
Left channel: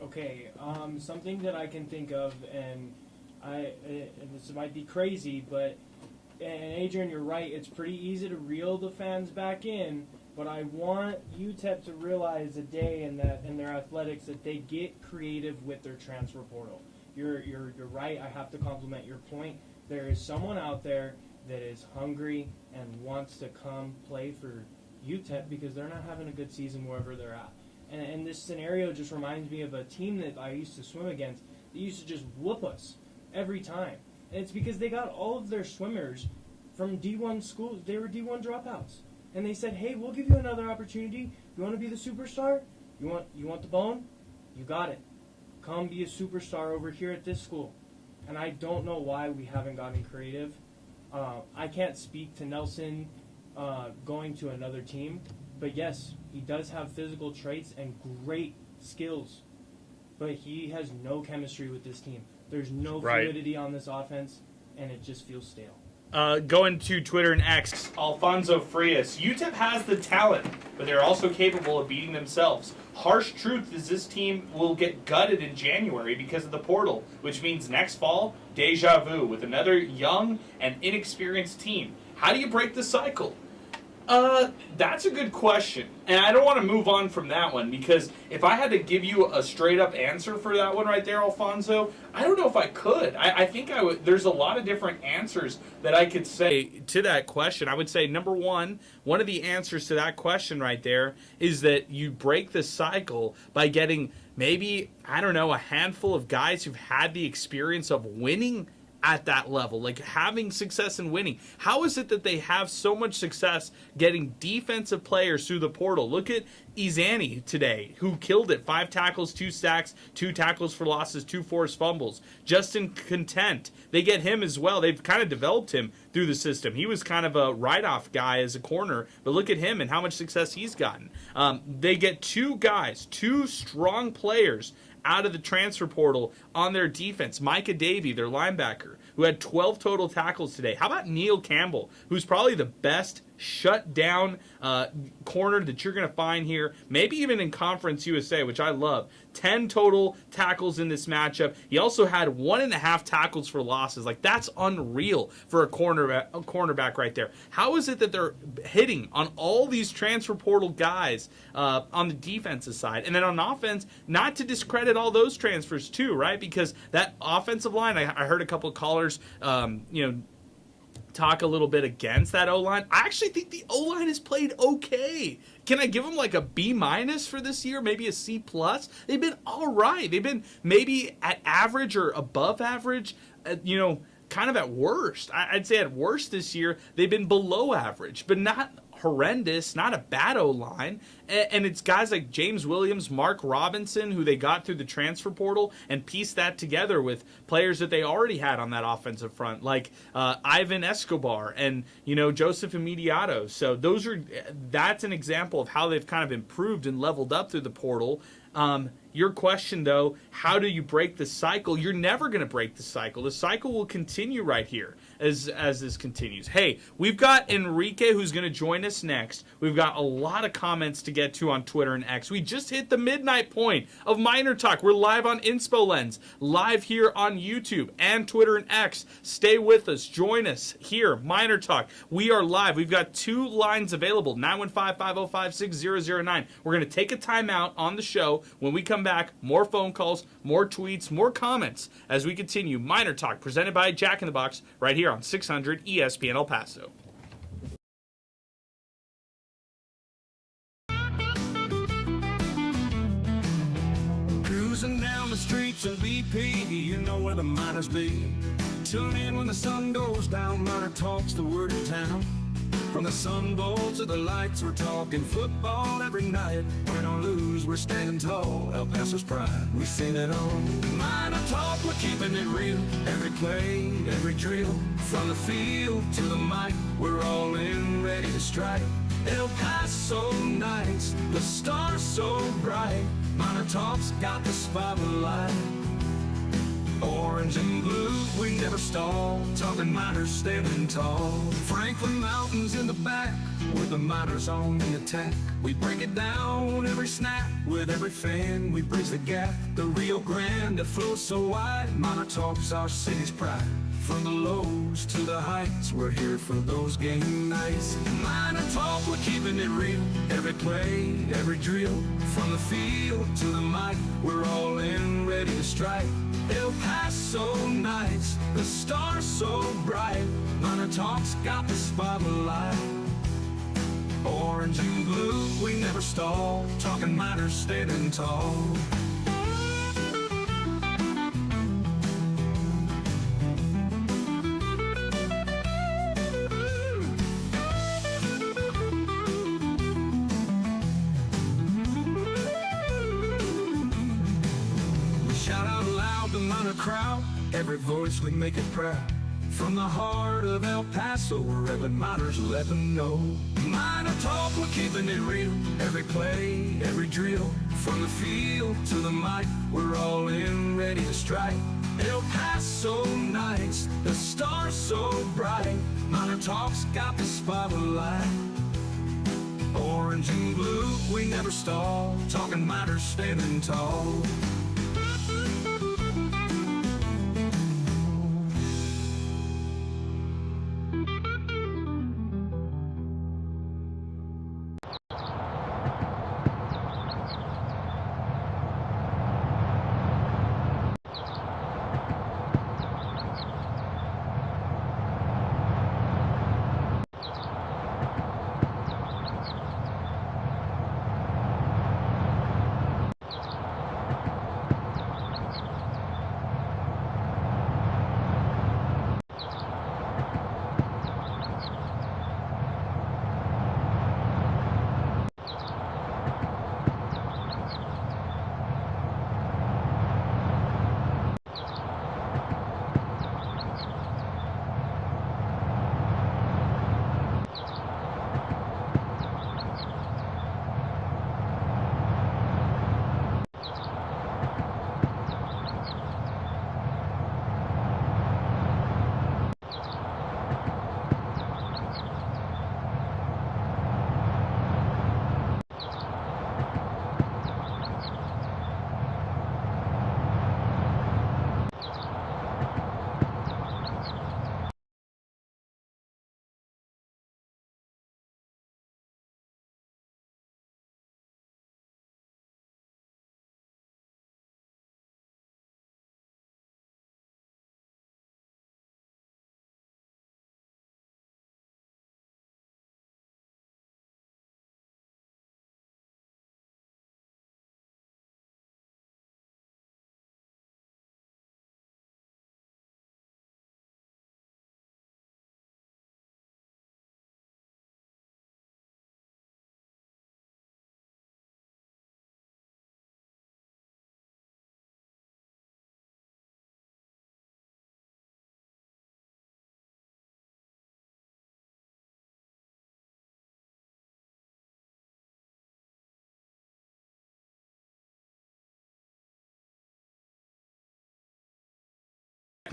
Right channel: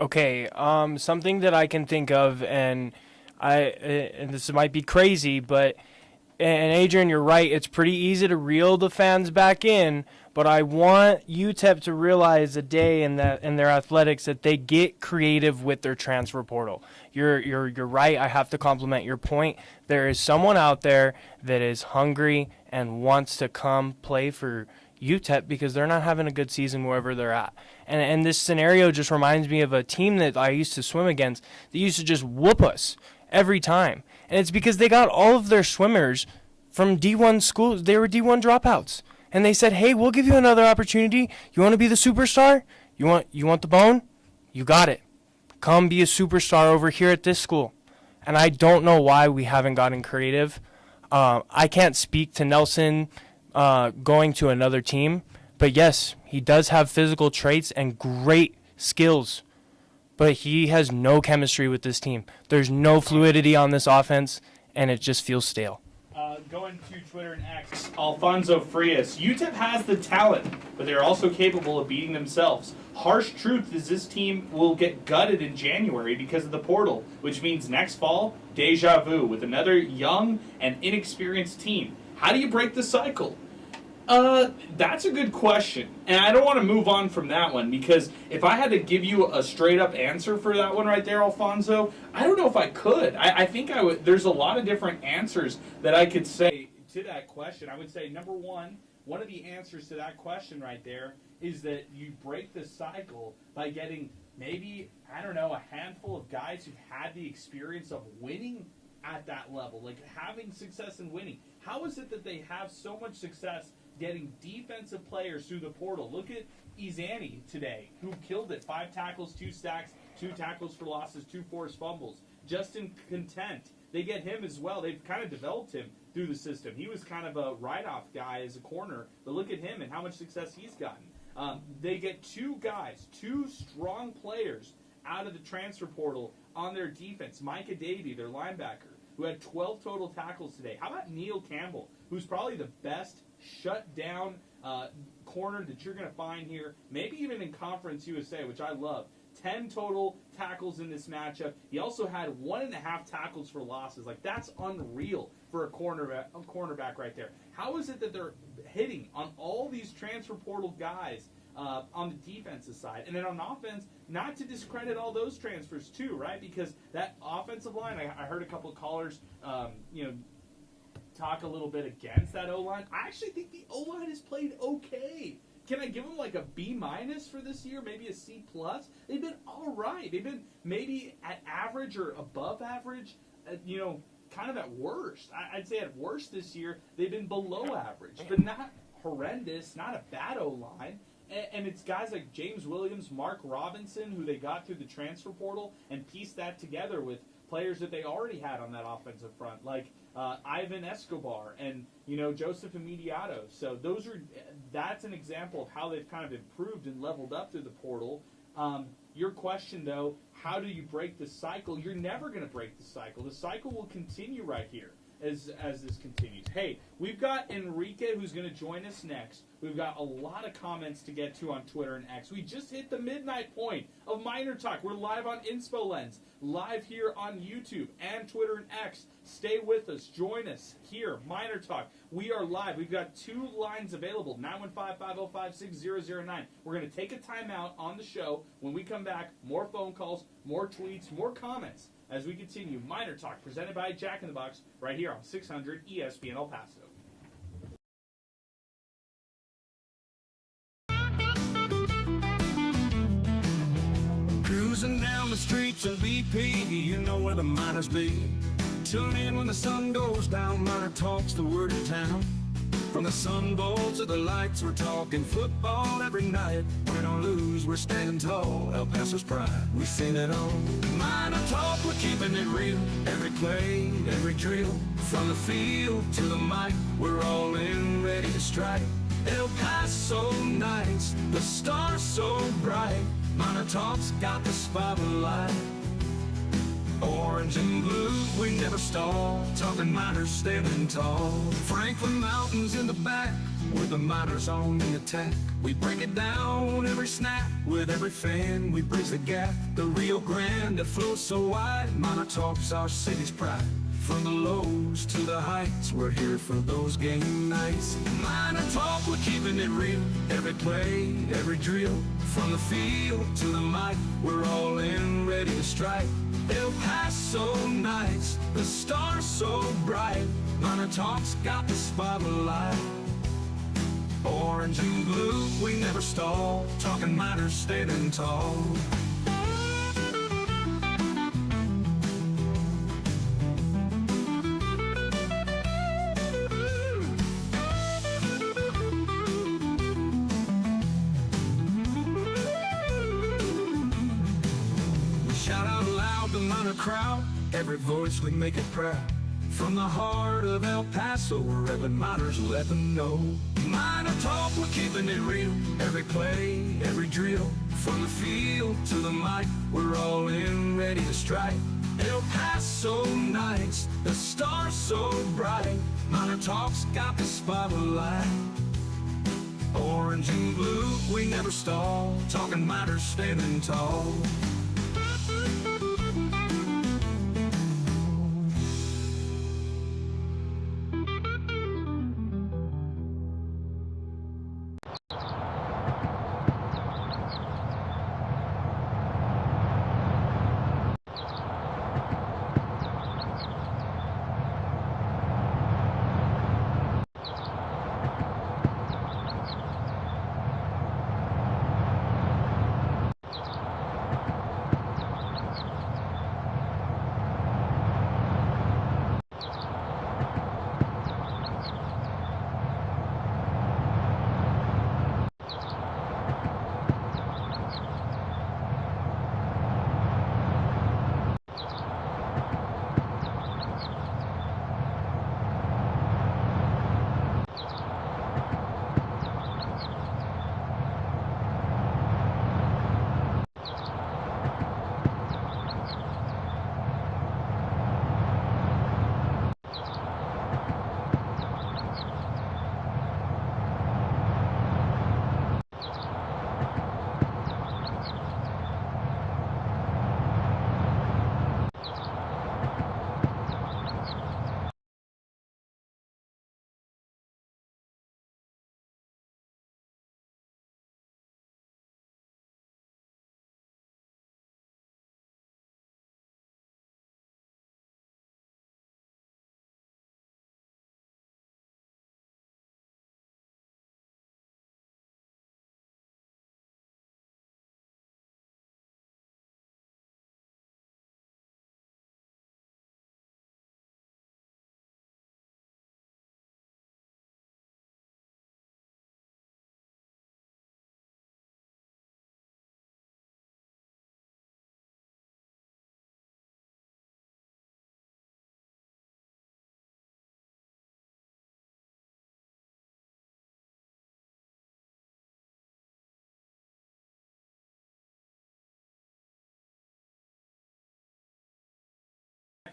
Okay, something that I can think of, and this might be crazy, but, and Adrian, you're right, it's pretty easy to reel the fans back in, but I want UTEP to realize a day in their athletics that they get creative with their transfer portal. You're right, I have to compliment your point. There is someone out there that is hungry and wants to come play for UTEP because they're not having a good season wherever they're at. And this scenario just reminds me of a team that I used to swim against that used to just whoop us every time. And it's because they got all of their swimmers from D1 schools. They were D1 dropouts. And they said, hey, we'll give you another opportunity. You want to be the superstar? You want the bone? You got it. Come be a superstar over here at this school. And I don't know why we haven't gotten creative. I can't speak to Nelson going to another team. But yes, he does have physical traits and great skills. But he has no chemistry with this team. There's no fluidity on this offense, and it just feels stale. Going to Twitter and X, Alfonso Frias. UTEP has the talent, but they're also capable of beating themselves. Harsh truth is this team will get gutted in January because of the portal, which means next fall, deja vu with another young and inexperienced team. How do you break the cycle? That's a good question. And I don't want to move on from that one, because if I had to give you a straight up answer for that one right there, Alfonso, I don't know if I could. I think I would. There's a lot of different answers that I could say to that question. I would say, number one of the answers to that question right there is that you break the cycle by getting maybe, I don't know, a handful of guys who've had the experience of winning at that level, like having success in winning. How is it that they have so much success getting defensive players through the portal? Look at Izani today, who killed it. 5 tackles, 2 sacks, 2 tackles for losses, 2 forced fumbles. Justin Content, they get him as well. They've kind of developed him through the system. He was kind of a write-off guy as a corner, but look at him and how much success he's gotten. They get 2 guys, 2 strong players out of the transfer portal on their defense. Micah Davey, their linebacker, who had 12 total tackles today. How about Neil Campbell, who's probably the best shut-down corner that you're going to find here, maybe even in Conference USA, which I love. 10 total tackles in this matchup. He also had 1.5 tackles for losses. Like, that's unreal for a cornerback right there. How is it that they're hitting on all these transfer portal guys on the defensive side? And then on offense, not to discredit all those transfers too, right? Because that offensive line, I heard a couple of callers, talk a little bit against that O-line. I actually think the O-line has played okay. Can I give them like a B- for this year? Maybe a C+? They've been all right. They've been maybe at average or above average, kind of at worst. I'd say at worst this year, they've been below average, but not horrendous, not a bad O-line. And it's guys like James Williams, Mark Robinson, who they got through the transfer portal and pieced that together with players that they already had on that offensive front, like Ivan Escobar and, Joseph Immediato. So that's an example of how they've kind of improved and leveled up through the portal. Your question, though, how do you break the cycle? You're never going to break the cycle. The cycle will continue right here as this continues. Hey, we've got Enrique who's going to join us next. We've got a lot of comments to get to on Twitter and X. We just hit the midnight point of Miner Talk. We're live on InspoLens, live here on YouTube and Twitter and X. Stay with us. Join us here, Miner Talk. We are live. We've got 2 lines available, 915-505-6009. We're going to take a timeout on the show. When we come back, more phone calls, more tweets, more comments as we continue Miner Talk, presented by Jack in the Box, right here on 600 ESPN El Paso. Cruising down the streets of BP, you know where the miners be. Tune in when the sun goes down, Miner Talk's the word in town. From the Sun Bowl to the lights, we're talking football every night. Win or lose, we're standing tall. El Paso's pride, we've seen it all. Miner Talk, we're keeping it real. Every play, every drill. From the field to the mic, we're all in, ready to strike. El Paso nights, the stars so bright. Miner Talk's got the spotlight. Orange and blue, we never stall. Talking miners standing tall. Franklin Mountains in the back, with the miners on the attack. We break it down every snap. With every fan, we bridge the gap. The Rio Grande that flows so wide. Miner Talk's our city's pride. From the lows to the heights, we're here for those game nights. Miner Talk, we're keeping it real. Every play, every drill. From the field to the mic, we're all in, ready to strike. El Paso nights, the stars so bright. Miner Talk's got the spotlight. Orange and blue, we never stall. Talking miners standing tall. Crowd, every voice we make it proud. From the heart of El Paso, wherever miners let them know. Miner Talk, we're keeping it real. Every play, every drill. From the field to the mic, we're all in, ready to strike. El Paso nights, the stars so bright. Miner Talk's got the spotlight. Orange and blue, we never stall. Talking miners standing tall.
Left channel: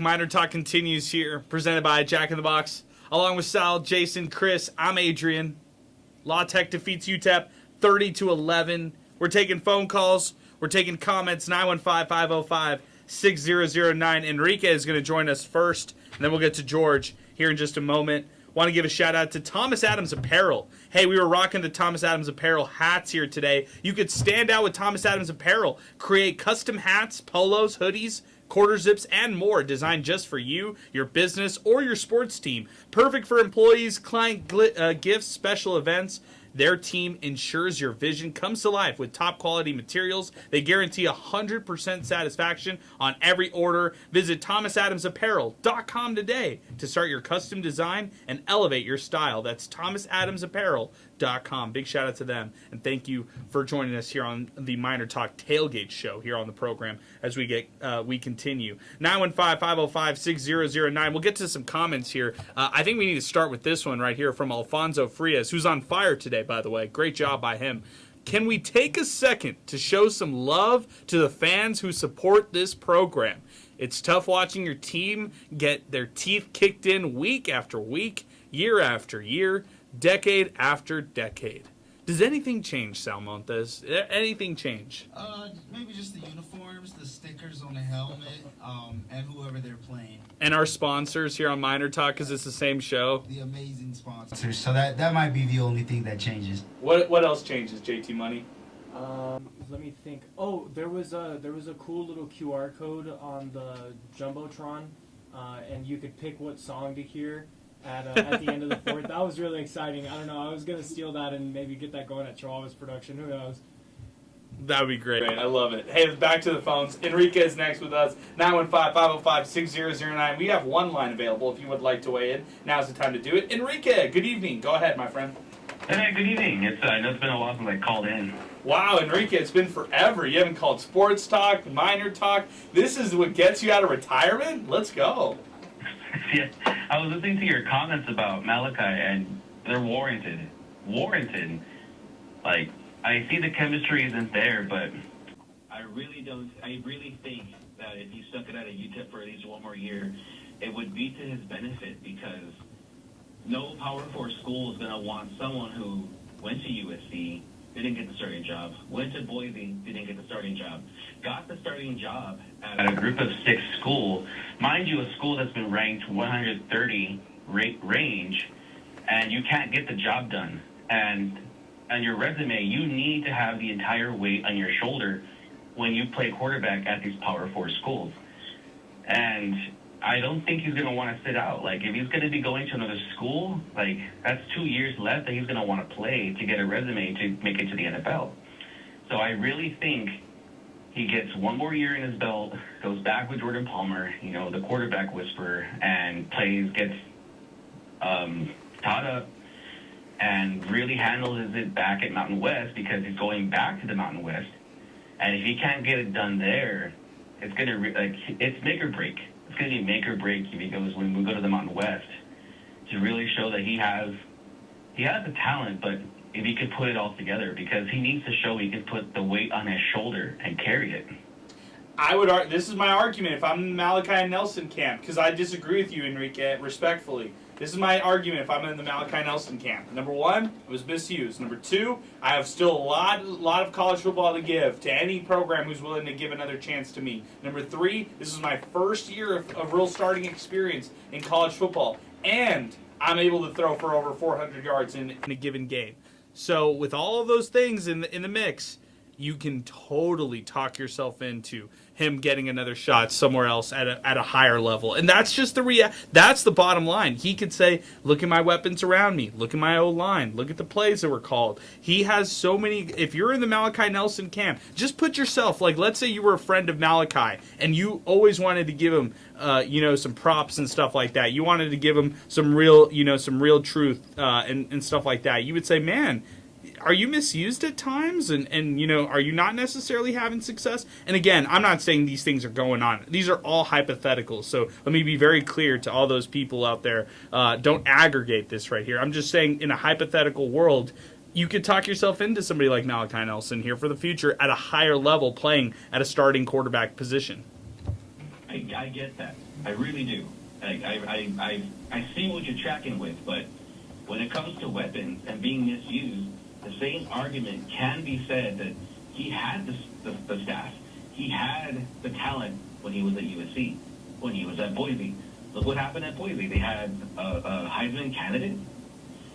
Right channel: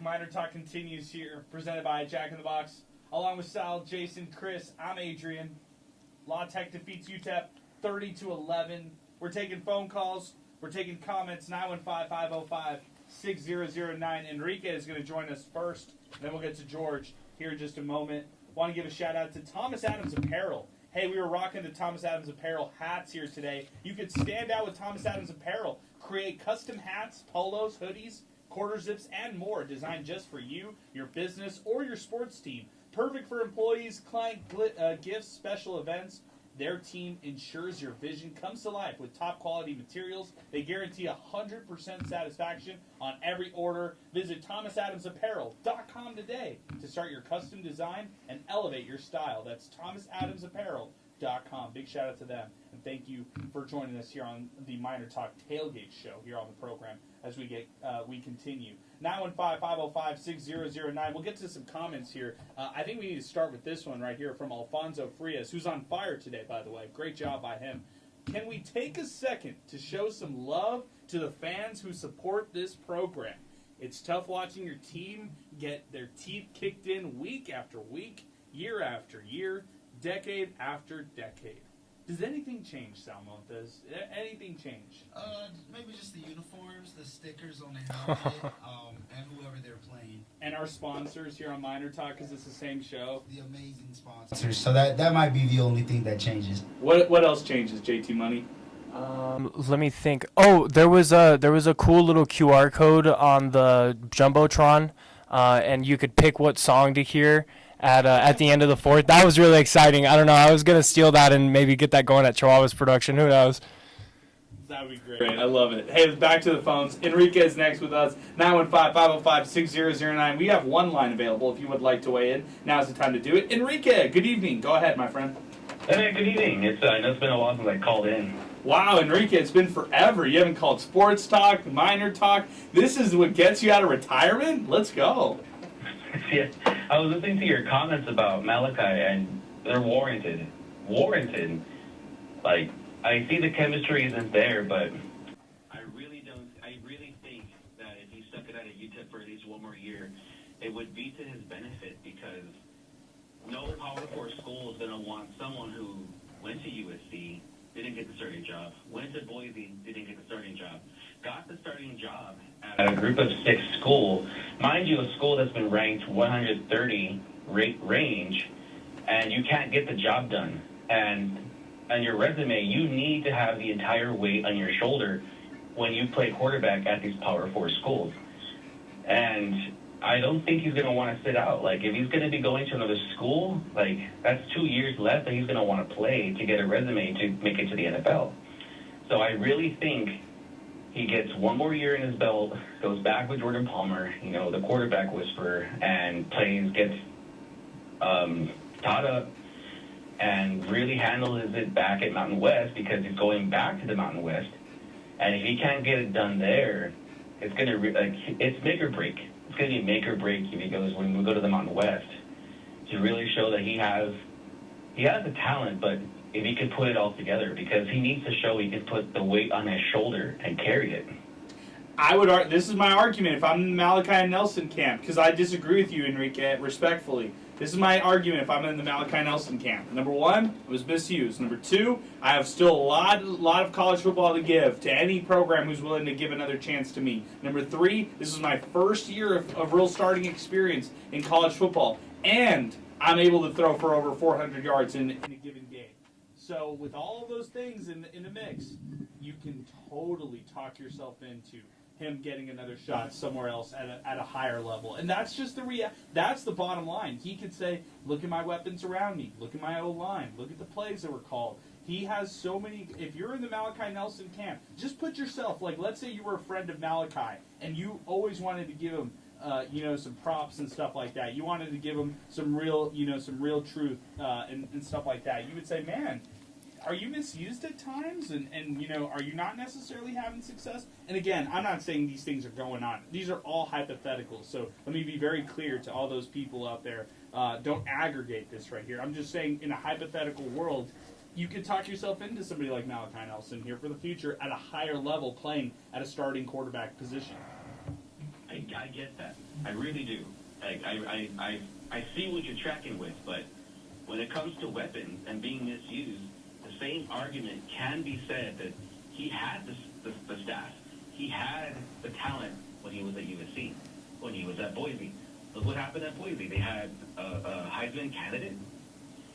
Miner Talk continues here, presented by Jack in the Box. Along with Sal, Jason, Chris, I'm Adrian. La Tech defeats UTEP 30-11. We're taking phone calls. We're taking comments. 915-505-6009. Enrique is going to join us first, and then we'll get to George here in just a moment. Want to give a shout out to Thomas Adams Apparel. Hey, we were rocking the Thomas Adams Apparel hats here today. You could stand out with Thomas Adams Apparel. Create custom hats, polos, hoodies, quarter zips, and more designed just for you, your business, or your sports team. Perfect for employees, client gifts, special events. Their team ensures your vision comes to life with top quality materials. They guarantee 100% satisfaction on every order. Visit thomasadamsapparel.com today to start your custom design and elevate your style. That's thomasadamsapparel.com. Big shout out to them, and thank you for joining us here on the Miner Talk Tailgate Show here on the program as we continue. 915-505-6009. We'll get to some comments here. I think we need to start with this one right here from Alfonso Frias, who's on fire today, by the way. Great job by him. Can we take a second to show some love to the fans who support this program? It's tough watching your team get their teeth kicked in week after week, year after year, decade after decade. Does anything change, Sal Montes? Anything change? Maybe just the uniforms, the stickers on the helmet, and whoever they're playing. And our sponsors here on Miner Talk, because it's the same show. The amazing sponsors. So that might be the only thing that changes. What else changes, JT Money? Let me think. Oh, there was a cool little QR code on the Jumbotron, and you could pick what song to hear at the end of the fourth. That was really exciting. I don't know. I was gonna steal that and maybe get that going at Chihuahua's production. Who knows? That would be great. I love it. Hey, back to the phones. Enrique is next with us. 915-505-6009. We have one line available if you would like to weigh in. Now's the time to do it. Enrique, good evening. Go ahead, my friend. Hey, good evening. I know it's been a while since I called in. Wow, Enrique, it's been forever. You haven't called Sports Talk, Miner Talk. This is what gets you out of retirement? Let's go. Yeah, I was listening to your comments about Malachi, and they're warranted. Like, I see the chemistry isn't there, but I really think that if he stuck it out at UTEP for at least one more year, it would be to his benefit, because no Power 4 school is going to want someone who went to USC, didn't get the starting job, went to Boise, didn't get the starting job, got the starting job at a group of 6 school, mind you, a school that's been ranked 130 range, and you can't get the job done. And on your resume, you need to have the entire weight on your shoulder when you play quarterback at these Power 4 schools. And I don't think he's going to want to sit out. Like, if he's going to be going to another school, like, that's 2 years left that he's going to want to play to get a resume to make it to the NFL. So I really think he gets one more year in his belt, goes back with Jordan Palmer, the quarterback whisperer, and gets taught up and really handles it back at Mountain West, because he's going back to the Mountain West. And if he can't get it done there, it's going to it's make or break. It's going to be make or break if he goes when we go to the Mountain West, to really show that he has the talent, but if he could put it all together, because he needs to show he can put the weight on his shoulder and carry it. This is my argument if I'm in the Malachi and Nelson camp, because I disagree with you, Enrique, respectfully. This is my argument if I'm in the Malachi Nelson camp. Number one, it was misused. Number two, I have still a lot of college football to give to any program who's willing to give another chance to me. Number three, this is my first year of real starting experience in college football, and I'm able to throw for over 400 yards in a given game. So with all of those things in the mix, you can totally talk yourself into him getting another shot somewhere else at a higher level. And that's just that's the bottom line. He could say, look at my weapons around me. Look at my O-line. Look at the plays that were called. He has so many. If you're in the Malachi Nelson camp, just put yourself, like, let's say you were a friend of Malachi and you always wanted to give him some props and stuff like that. You wanted to give him some real truth and stuff like that. You would say, man, are you misused at times? And are you not necessarily having success? And again, I'm not saying these things are going on. These are all hypotheticals. So let me be very clear to all those people out there. Don't aggregate this right here. I'm just saying, in a hypothetical world, you could talk yourself into somebody like Malachi Nelson here for the future at a higher level, playing at a starting quarterback position. I get that. I really do. I see what you're tracking with, but when it comes to weapons and being misused, the same argument can be said that he had the staff. He had the talent when he was at USC, when he was at Boise. Look what happened at Boise. They had a Heisman candidate.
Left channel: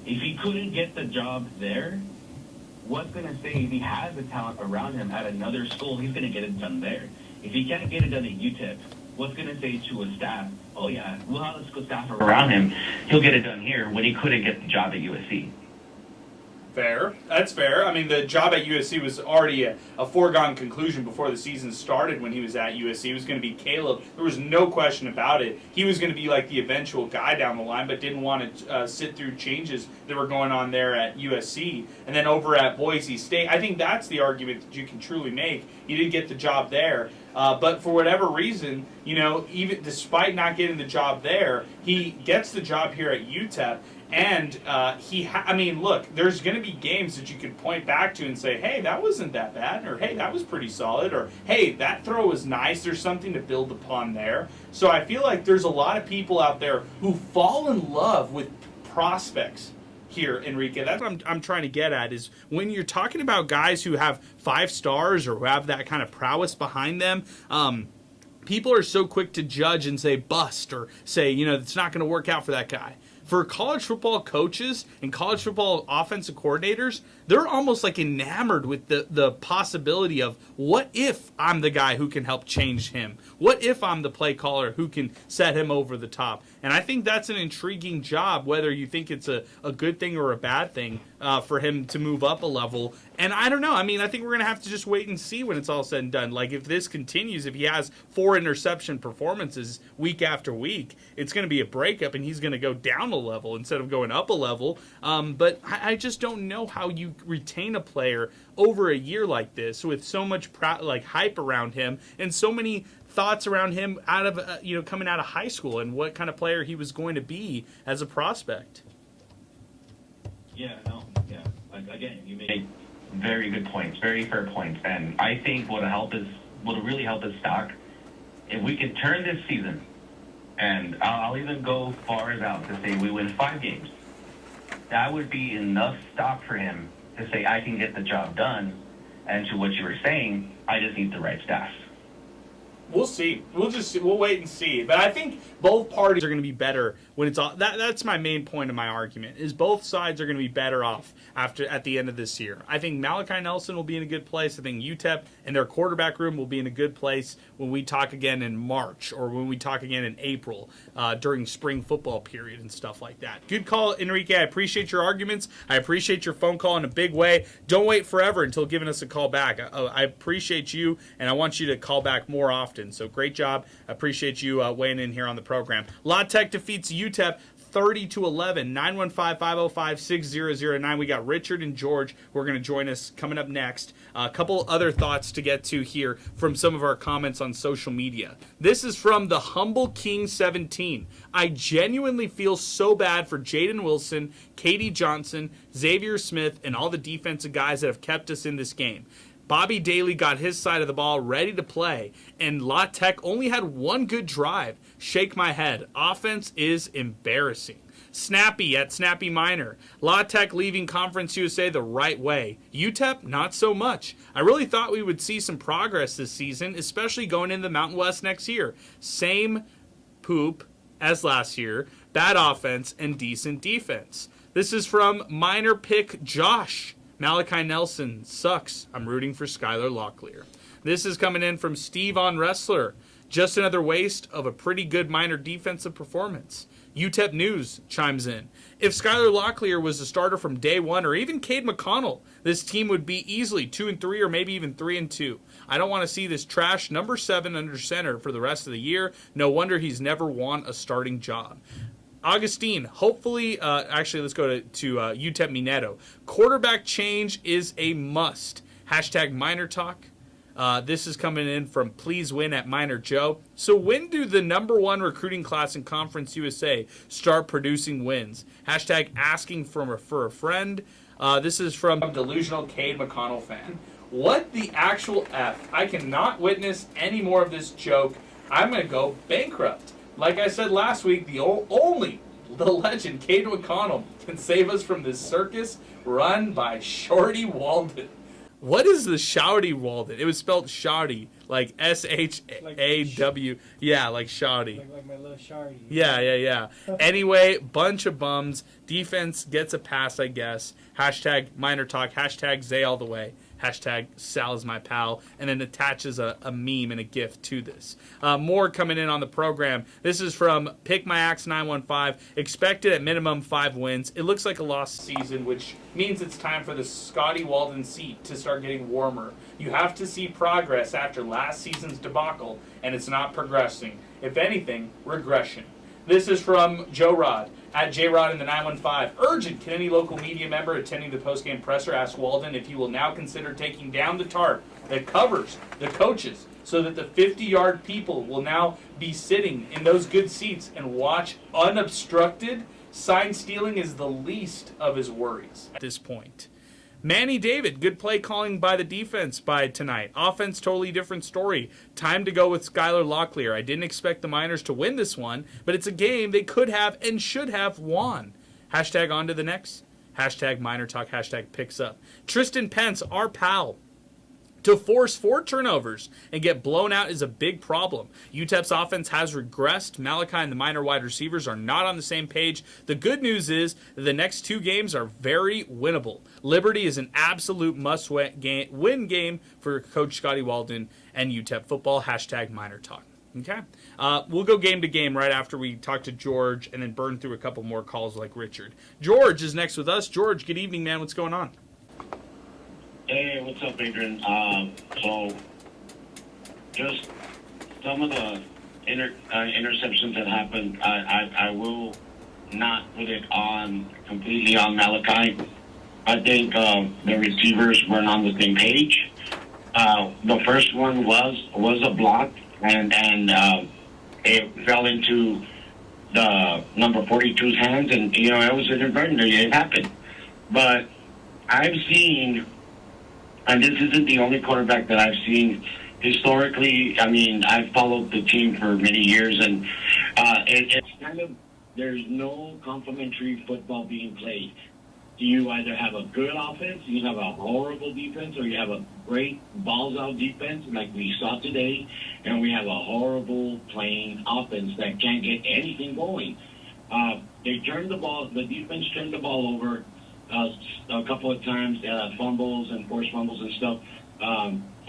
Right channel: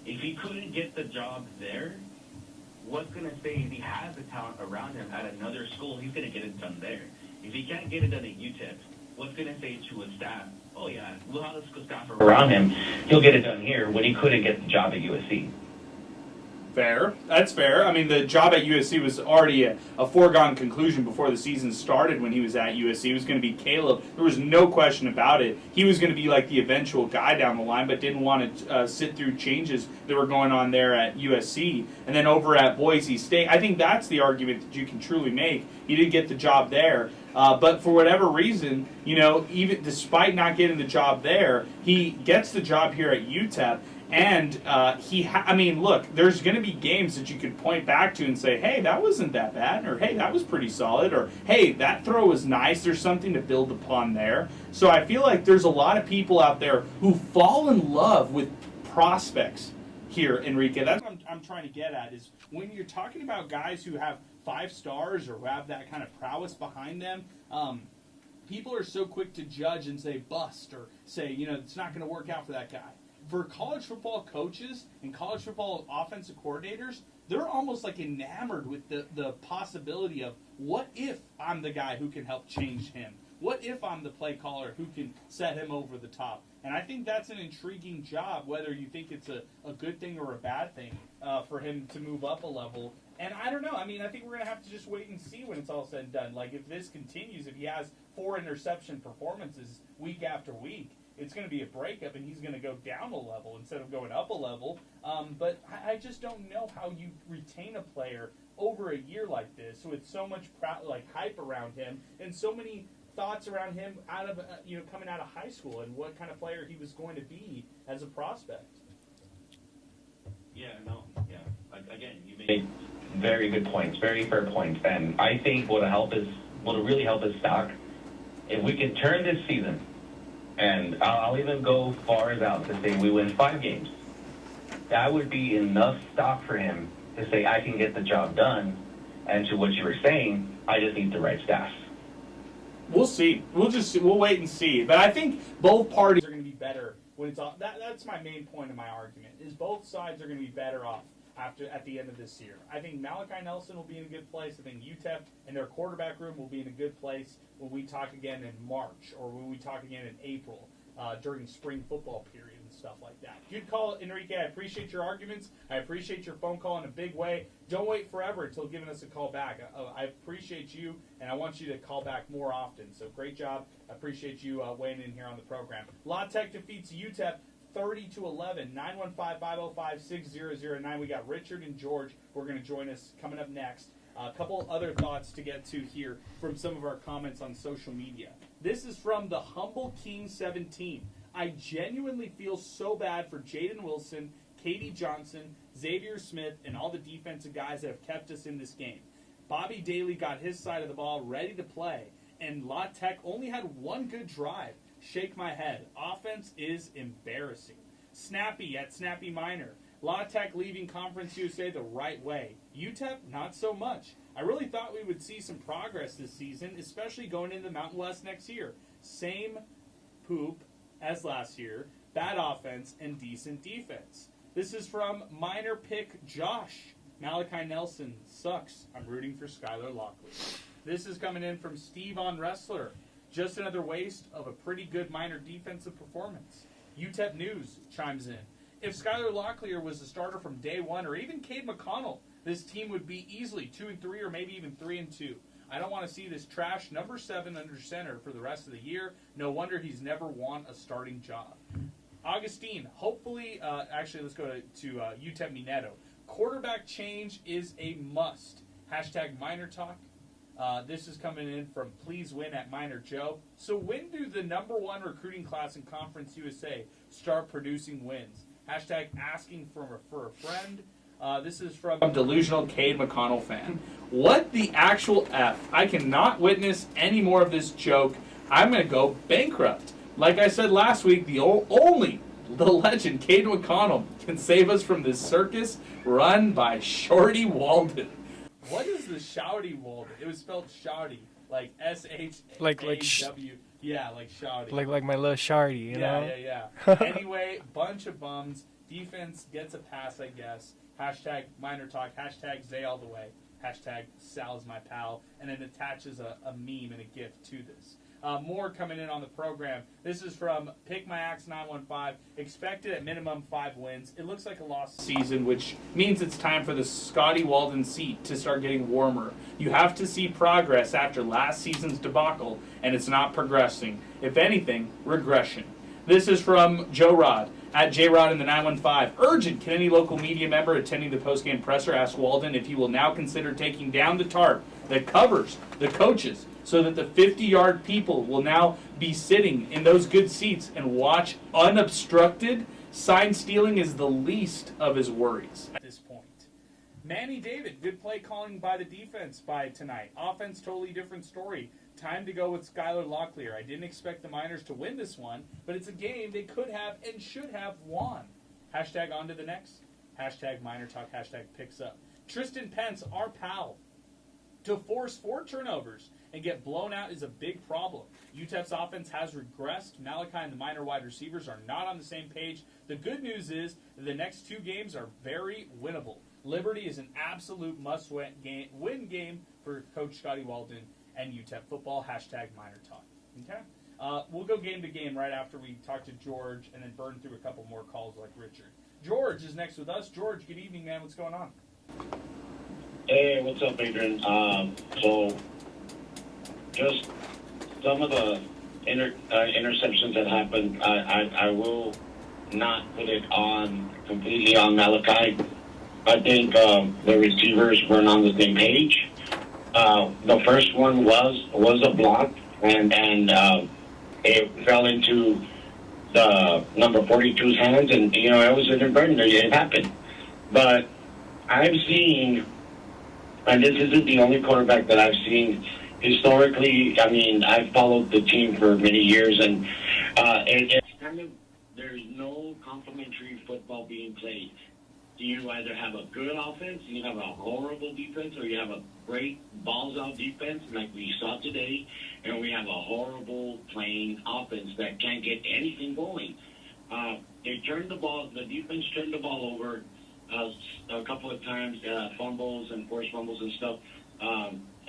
If he couldn't get the job there, what's going to say if he has the talent around him at another school, he's going to get it done there. If he can't get it done at UTEP, what's going to say to a staff, oh yeah, we'll have a staff around him, he'll get it done here when he couldn't get the job at USC. Fair. That's fair. I mean, the job at USC was already a foregone conclusion before the season started when he was at USC. It was going to be Caleb. There was no question about it. He was going to be like the eventual guy down the line, but didn't want to sit through changes that were going on there at USC. And then over at Boise State, I think that's the argument that you can truly make. He didn't get the job there. But for whatever reason, even despite not getting the job there, he gets the job here at UTEP. And look, there's going to be games that you could point back to and say, hey, that wasn't that bad, or hey, that was pretty solid, or hey, that throw was nice. There's something to build upon there. So I feel like there's a lot of people out there who fall in love with prospects here, Enrique. That's what I'm trying to get at, is when you're talking about guys who have 5 stars or who have that kind of prowess behind them, people are so quick to judge and say bust, or say, it's not going to work out for that guy. For college football coaches and college football offensive coordinators, they're almost like enamored with the possibility of, what if I'm the guy who can help change him? What if I'm the play caller who can set him over the top? And I think that's an intriguing job, whether you think it's a good thing or a bad thing for him to move up a level. And I don't know. I mean, I think we're going to have to just wait and see when it's all said and done. Like, if this continues, if he has 4 interception performances week after week, it's going to be a breakup, and he's going to go down a level instead of going up a level. But I just don't know how you retain a player over a year like this with so much hype around him and so many thoughts around him out of coming out of high school and what kind of player he was going to be as a prospect. Yeah, again, you make very good points, very fair points, and I think what'll really help his stock, if we can turn this season, and I'll even go far as out to say we win 5 games, that would be enough stock for him to say, I can get the job done, and to what you were saying, I just need the right staff. We'll see. We'll wait and see. But I think both parties are going to be better when it's all. That's my main point of my argument, is both sides are going to be better off at the end of this year. I think Malachi Nelson will be in a good place. I think UTEP and their quarterback room will be in a good place when we talk again in March, or when we talk again in April during spring football period and stuff like that. Good call, Enrique. I appreciate your arguments. I appreciate your phone call in a big way. Don't wait forever until giving us a call back. I appreciate you, and I want you to call back more often. So great job. I appreciate you weighing in here on the program. La Tech defeats UTEP 30-11, 915-505-6009. We got Richard and George who are going to join us coming up next. A couple other thoughts to get to here from some of our comments on social media. This is from the Humble King 17. I genuinely feel so bad for Jaden Wilson, Katie Johnson, Xavier Smith, and all the defensive guys that have kept us in this game. Bobby Daly got his side of the ball ready to play, and La Tech only had 1 good drive. Shake my head. Offense is embarrassing. Snappy at Snappy Miner. La Tech leaving Conference USA the right way. UTEP, not so much. I really thought we would see some progress this season, especially going into the Mountain West next year. Same poop as last year. Bad offense and decent defense. This is from Miner Pick Josh. Malachi Nelson sucks. I'm rooting for Skylar Locklear. This is coming in from Steve on Wrestler. Just another waste of a pretty good Miner defensive performance. UTEP News chimes in. If Skylar Locklear was the starter from day one, or even Cade McConnell, this team would be easily 2-3 or maybe even 3-2. I don't want to see this trash number 7 under center for the rest of the year. No wonder he's never won a starting job. Augustine, hopefully, actually, let's go to UTEP Mineto. Quarterback change is a must. Hashtag MinerTalk. This is coming in from Please Win at Miner Joe. So when do the number 1 recruiting class in Conference USA start producing wins? Hashtag asking for a friend. This is from Delusional Cade McConnell fan. What the actual F? I cannot witness any more of this joke. I'm going to go bankrupt. like I said last week, the legend, Cade McConnell, can save us from this circus run by Shorty Walden. What is the Shouty Walden? It was spelled Shouty, like S-H-A-W. Yeah, like Shouty. Like my little Shardy. Yeah. Anyway, bunch of bums. Defense gets a pass, I guess. Hashtag MinerTalk. Hashtag Zay all the way. Hashtag Sal is my pal. And then attaches a meme and a GIF to this. More coming in on the program. This is from Pick My Axe 915. Expected at minimum 5 wins. It looks like a lost season, which means it's time for the Scotty Walden seat to start getting warmer. You have to see progress after last season's debacle, and it's not progressing. If anything, regression. This is from Joe Rod. At JRod in the 915. Urgent. Can any local media member attending the postgame presser ask Walden if he will now consider taking down the tarp that covers the coaches so that the 50-yard people will now be sitting in those good seats and watch unobstructed? Sign stealing is the least of his worries at this point. Manny David, good play calling by the defense by tonight. Offense, totally different story. Time to go with Skylar Locklear. I didn't expect the Miners to win this one, but it's a game they could have and should have won. Hashtag on to the next. Hashtag MinerTalk. Hashtag picks up. Tristan Pence, our pal. To force 4 turnovers and get blown out is a big problem. UTEP's offense has regressed. Malachi and the Miner wide receivers are not on the same page. The good news is the next 2 games are very winnable. Liberty is an absolute must-win game for Coach Scotty Walden and UTEP football. Hashtag MinerTalk. Okay? We'll go game to game right after we talk to George and then burn through a couple more calls like Richard. George is next with us. George, good evening, man. What's going on? Hey, what's up, Adrian? So, just some of the interceptions that happened, I will not put it on completely on Malachi. I think the receivers weren't on the same page. The first one was a block, and it fell into the number 42's hands, and, you know, it was inadvertent. It happened. But I've seen, and this isn't the only quarterback that I've seen historically. I mean, I've followed the team for many years, and it's kind of, there's no complementary football being played. You either have a good offense, you have a horrible defense, or you have a great balls-out defense like we saw today, and we have a horrible playing offense that can't get anything going. They turned the ball, the defense turned the ball over a couple of times, fumbles and forced fumbles and stuff,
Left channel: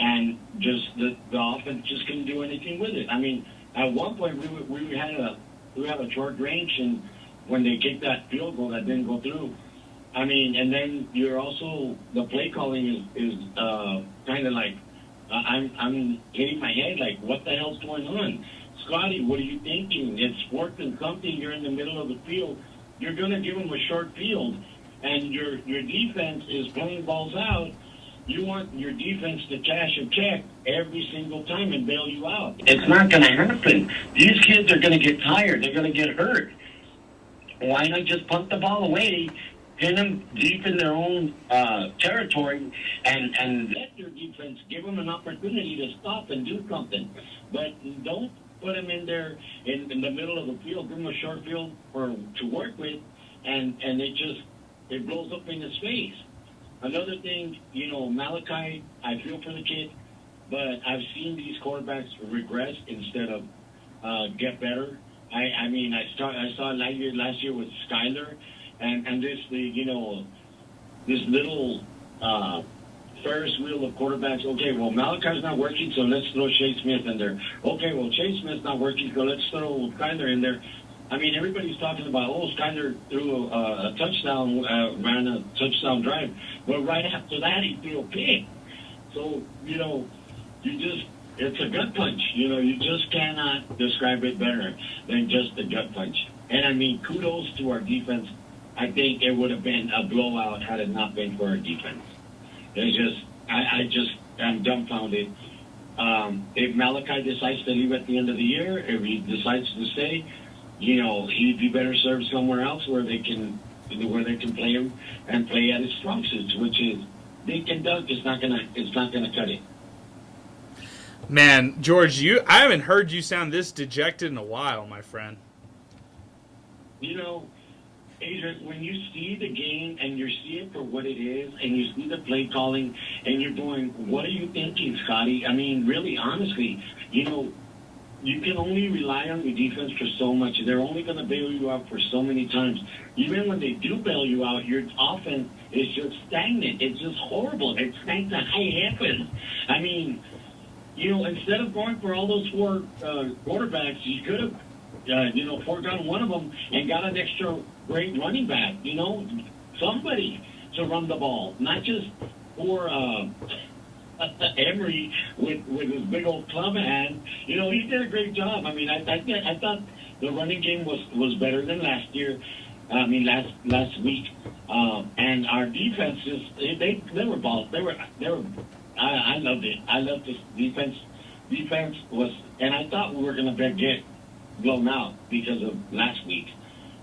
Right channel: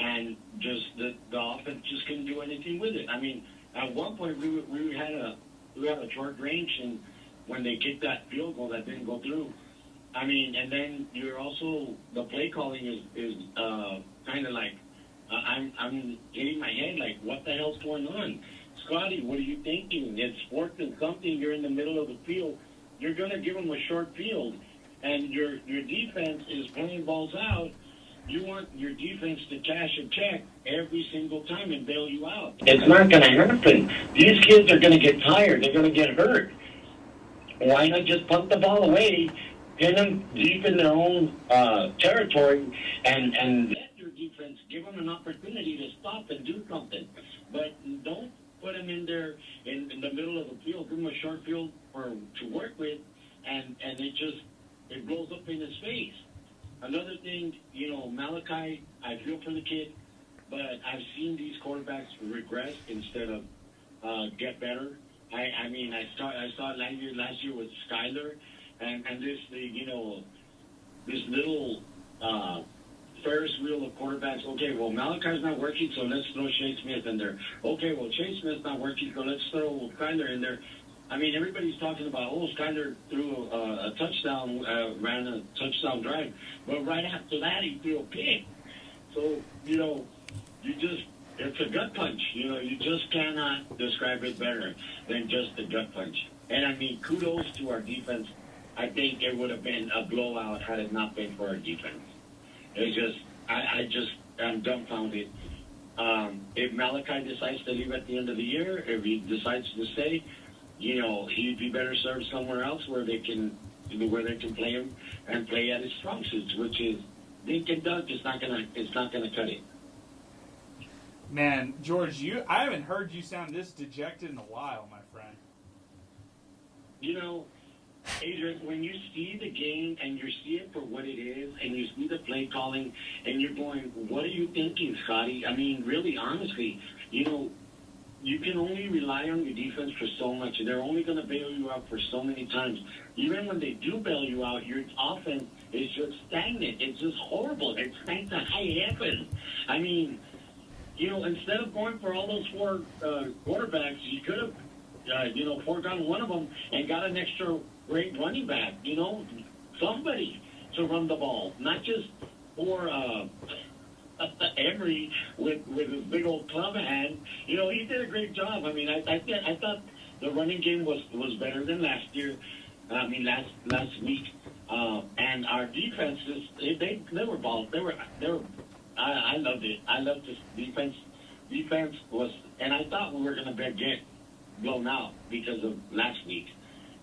and just the offense just couldn't do anything with it. I mean, at one point we had a short range, and when they kicked that field goal that didn't go through, I mean, and then you're also, the play calling is kind of like, I'm hitting my head like, what the hell's going on? Scotty, what are you thinking? It's 4th and something, you're in the middle of the field, you're going to give them a short field, and your defense is playing balls out. You want your defense to cash a check every single time and bail you out. It's not going to happen. These kids are going to get tired. They're going to get hurt. Why not just punt the ball away, pin them deep in their own territory, and let your defense give them an opportunity to stop and do something. But don't put them in there in the middle of the field, give them a short field to work with, and it blows up in his face. Another thing, you know, Malachi, I feel for the kid, but I've seen these quarterbacks regress instead of get better. I mean, I saw it last year with Skyler, and this little Ferris wheel of quarterbacks. Okay, well, Malachi's not working, so let's throw Shea Smith in there. Okay, well, Shea Smith's not working, so let's throw Skyler in there. I mean, everybody's talking about, Skyler threw a touchdown, ran a touchdown drive. But right after that, he threw a pick. So, you know, it's a gut punch. You know, you just cannot describe it better than just a gut punch. And, I mean, kudos to our defense. I think it would have been a blowout had it not been for our defense. It's just, I just am dumbfounded. If Malachi decides to leave at the end of the year, if he decides to stay, you know, he'd be better served somewhere else where they can play him and play at his strong suits, which is dink and dunk. It's not gonna cut it. Man, George, I haven't heard you sound this dejected in a while, my friend. You know, Adrian, when you see the game and you see it for what it is, and you see the play calling, and you're going, what are you thinking, Scotty? I mean, really, honestly, you know, you can only rely on your defense for so much. They're only going to bail you out for so many times. Even when they do bail you out, your offense is just stagnant. It's just horrible. It's like the high heavens. I mean, you know, instead of going for all those four quarterbacks, you could have, foregone one of them and got an extra great running back. You know, somebody to run the ball, not just for Emery with his big old club hand. You know, he did a great job. I mean, I thought the running game was better than last year. I mean, last week, and our defense they were balls. They were. I loved it. I loved this defense. Defense was, and I thought we were going to get blown out because of last week,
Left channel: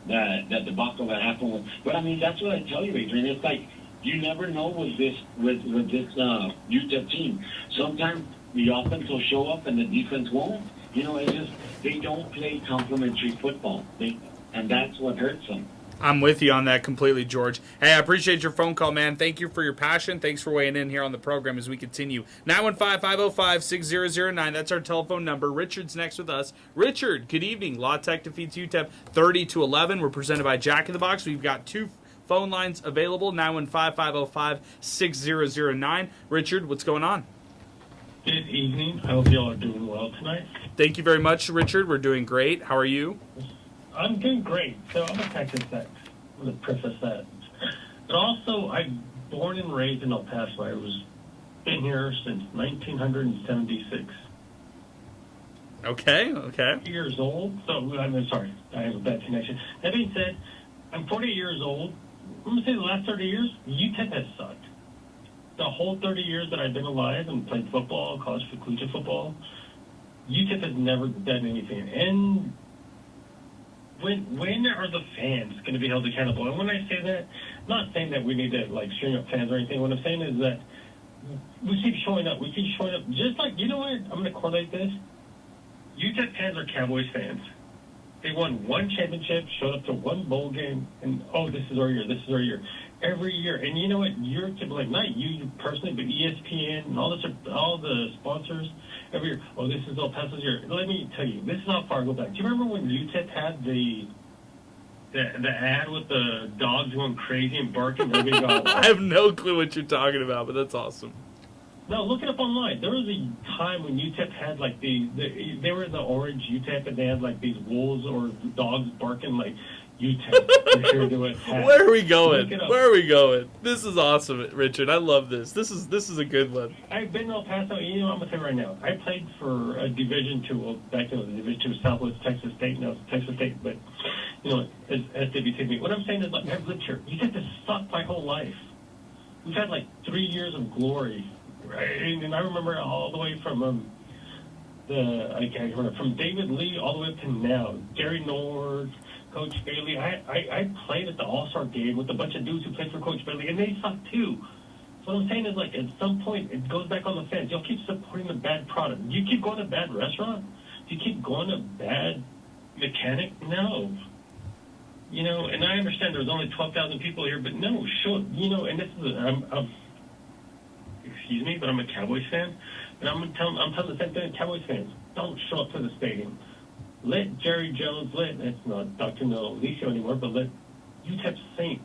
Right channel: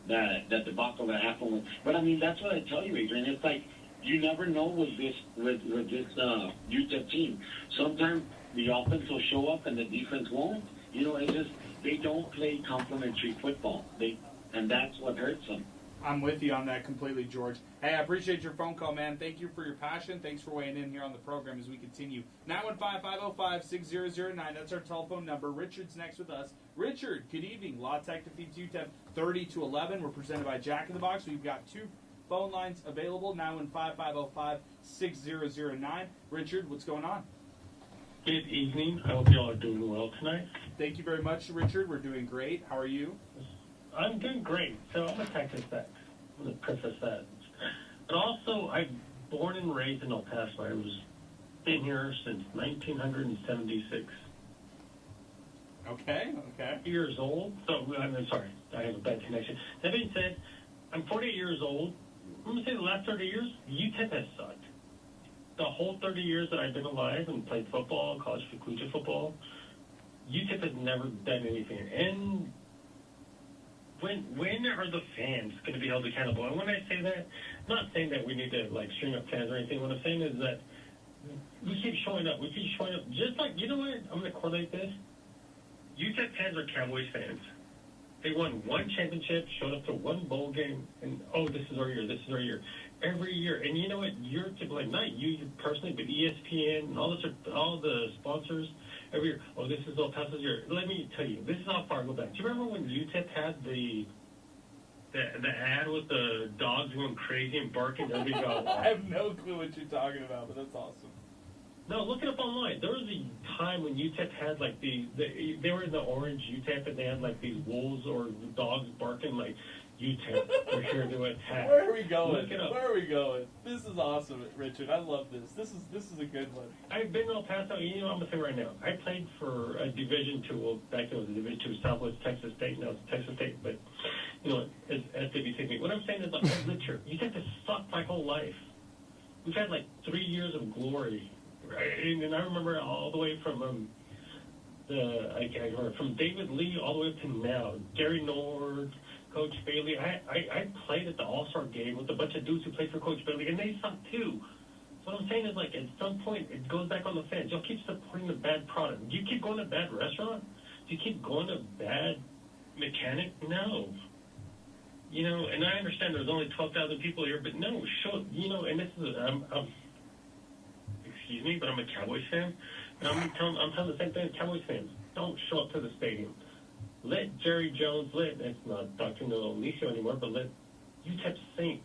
that debacle that happened with. But I mean, that's what I tell you, Adrian. It's like you never know with this UTEP team. Sometimes the offense will show up and the defense won't. You know, it's just they don't play complementary football. And that's what hurts them. I'm with you on that completely, George. Hey, I appreciate your phone call, man. Thank you for your passion. Thanks for weighing in here on the program as we continue. 915-505-6009. That's our telephone number. Richard's next with us. Richard, good evening. La Tech defeats UTEP 30-11. We're presented by Jack in the Box. We've got two phone lines available, 915-505-6009. Richard, what's going on? Good evening. I hope y'all are doing well tonight. Thank you very much, Richard. We're doing great. How are you? I'm doing great. So I'm a Texas Tech. I'm a Princess Tech. But also, I'm born and raised in El Paso. I was been here since 1976. Okay. Years old. So I'm sorry, I have a bad connection. That being said, I'm 48 years old. I'm gonna say the last 30 years, UTEP has sucked. The whole 30 years that I've been alive and played football, college collegiate football, UTEP has never done anything. And when are the fans going to be held accountable? And when I say that, I'm not saying that we need to string up fans or anything. What I'm saying is that we keep showing up. Just like, you know what? I'm going to correlate this. UTEP fans are Cowboys fans. They won one championship, showed up to one bowl game, and this is our year. This is our year. Every year. And you know what? You're to blame. Not you personally, but ESPN and all the sponsors. Every year, this is El Paso's year. Let me tell you, this is how far I go back. Do you remember when UTEP had the ad with the dogs going crazy and barking? I have no clue what you're talking about, but that's awesome. No, look it up online. There was a time when UTEP had they were in the orange UTEP and they had these wolves or dogs barking UTEP. Sure Where are we going? This is awesome, Richard. I love this. This is a good one. I've been to El Paso. You know, I'm gonna say right now. I played for a Division II. Well, back then it was a Division II, Southwest Texas State. Now it's Texas State, but you know, SWTB. What I'm saying is, I've lived here. UTEP has sucked my whole life. We've had 3 years of glory, right? And I remember all the way from from David Lee all the way up to now. Gary Nord, Coach Bailey. I played at the All-Star game with a bunch of dudes who played for Coach Bailey, and they suck too. So what I'm saying is, at some point, it goes back on the fans. Y'all keep supporting the bad product. Do you keep going to bad restaurant? Do you keep going to bad mechanic? No. You know, and I understand there's only 12,000 people here, but no, sure. You know, and this is excuse me, but I'm a Cowboys fan, and I'm telling the same thing to Cowboys fans. Don't show up to the stadium. Let Jerry Jones, it's not Dr. No Alicio anymore, but let UTEP sink.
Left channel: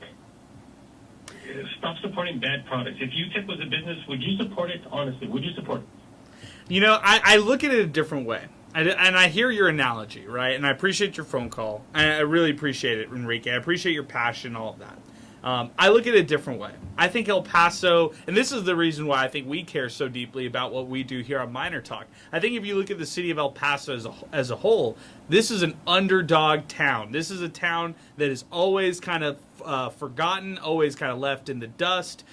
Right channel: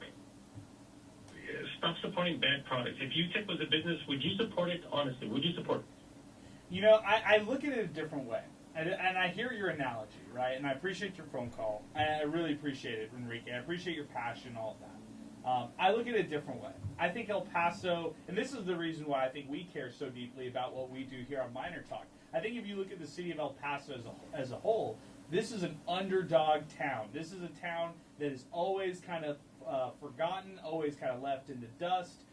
Stop supporting bad products. If UTEP was a business, would you support it? Honestly, would you support it? You know, I look at it a different way. And I hear your analogy, right? And I appreciate your phone call. I really appreciate it, Enrique. I appreciate your passion, all of that. I look at it a different way. I think El Paso, and this is the reason why I think we care so deeply about what we do here on MinerTalk. I think if you look at the city of El Paso as a whole, this is an underdog town. This is a town that is always kind of forgotten, always kind of left in the dust.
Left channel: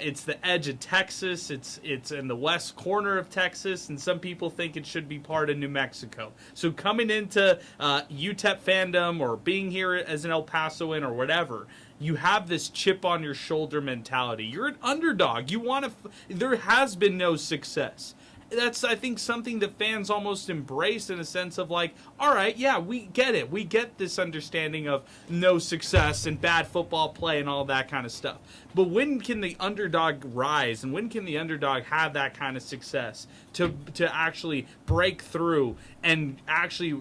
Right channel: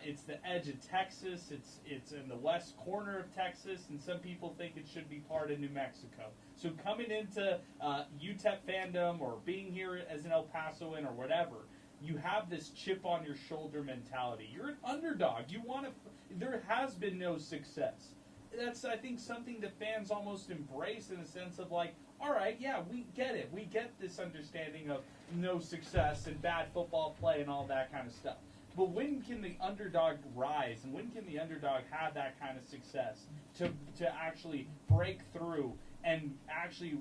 It's the edge of Texas. It's in the west corner of Texas, and some people think it should be part of New Mexico. So coming into UTEP fandom or being here as an El Pasoan or whatever, you have this chip on your shoulder mentality. You're an underdog. You want to. There has been no success. that's, I think, something that fans almost embrace in a sense of like, all right, yeah, we get it. We get this understanding of no success and bad football play and all that kind of stuff. But when can the underdog rise, and when can the underdog have that kind of success to actually break through and actually,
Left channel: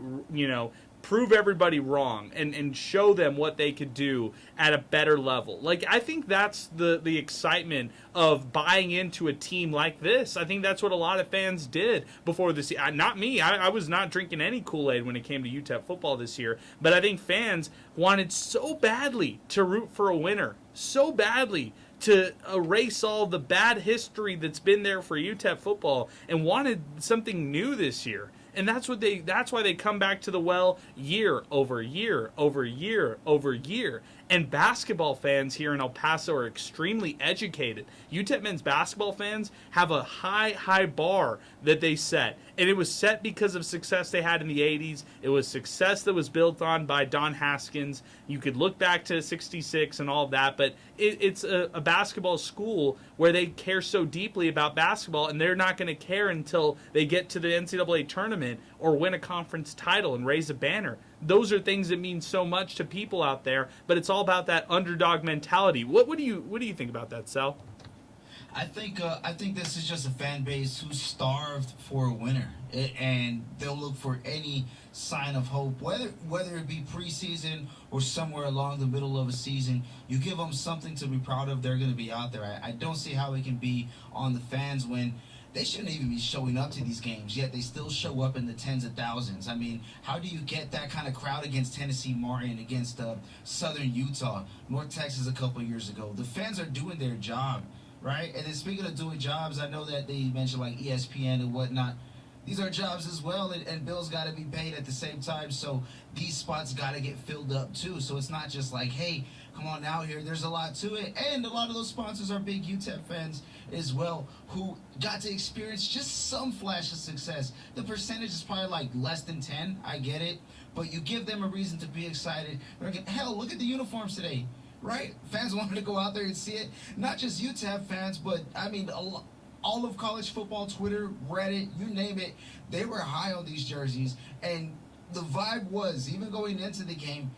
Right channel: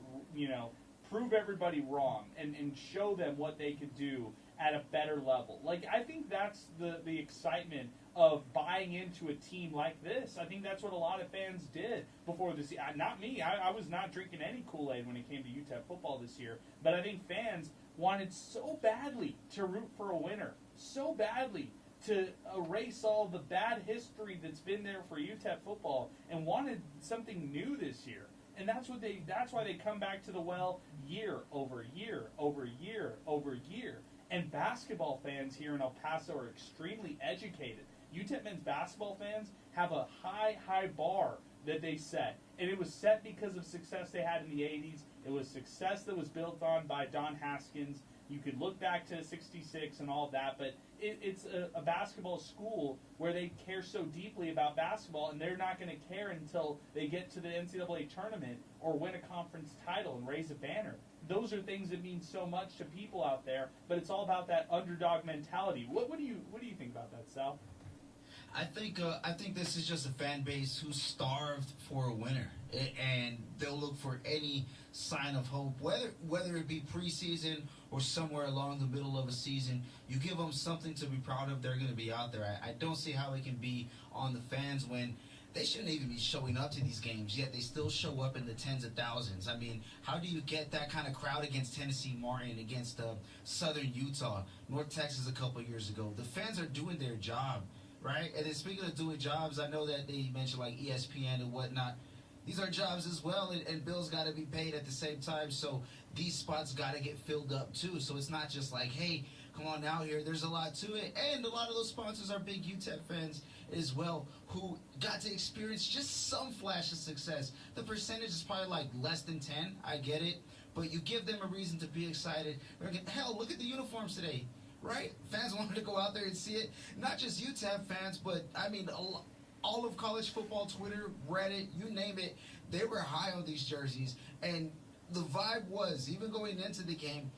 prove everybody wrong and show them what they could do at a better level? Like, I think that's the excitement of buying into a team like this. I think that's what a lot of fans did before this year. Not me. I was not drinking any Kool-Aid when it came to UTEP football this year. But I think fans wanted so badly to root for a winner, so badly to erase all the bad history that's been there for UTEP football, and wanted something new this year. And that's why they come back to the well year over year over year over year. And basketball fans here in El Paso are extremely educated. UTEP men's basketball fans have a high bar that they set. And it was set because of success they had in the 80s. It was success that was built on by Don Haskins. You could look back to 66 and all of that, but it's a basketball school where they care so deeply about basketball, and they're not going to care until they get to the NCAA tournament or win a conference title and raise a banner. Those are things that mean so much to people out there, but it's all about that underdog mentality. What do you think about that, Sal? I think this is just a fan base who's starved for a winner, and they'll look for any sign of hope, whether it be preseason or somewhere along the middle of a season. You give them something to be proud of, they're going to be out there. I don't see how it can be on the fans when they shouldn't even be showing up to these games, yet they still show up in the tens of thousands. I mean, how do you get that kind of crowd against Tennessee Martin, against Southern Utah, North Texas a couple years ago? The fans are doing their job, right? And then speaking of doing jobs, I know that they mentioned like ESPN and whatnot. These are jobs as well, and bills got to be paid at the same time, so these spots got to get filled up too. So it's not just like, hey, come on out here. There's a lot to it, and a lot of those sponsors are big UTEP fans as well, who got to experience just some flash of success. The percentage is probably like less than 10, I get it, but you give them a reason to be excited. Hell, look at the uniforms today, right? Fans wanted to go out there and see it. Not just UTEP fans, but I mean, all of college football, Twitter, Reddit, you name it, they were high on these jerseys, and the vibe was, even going into the game,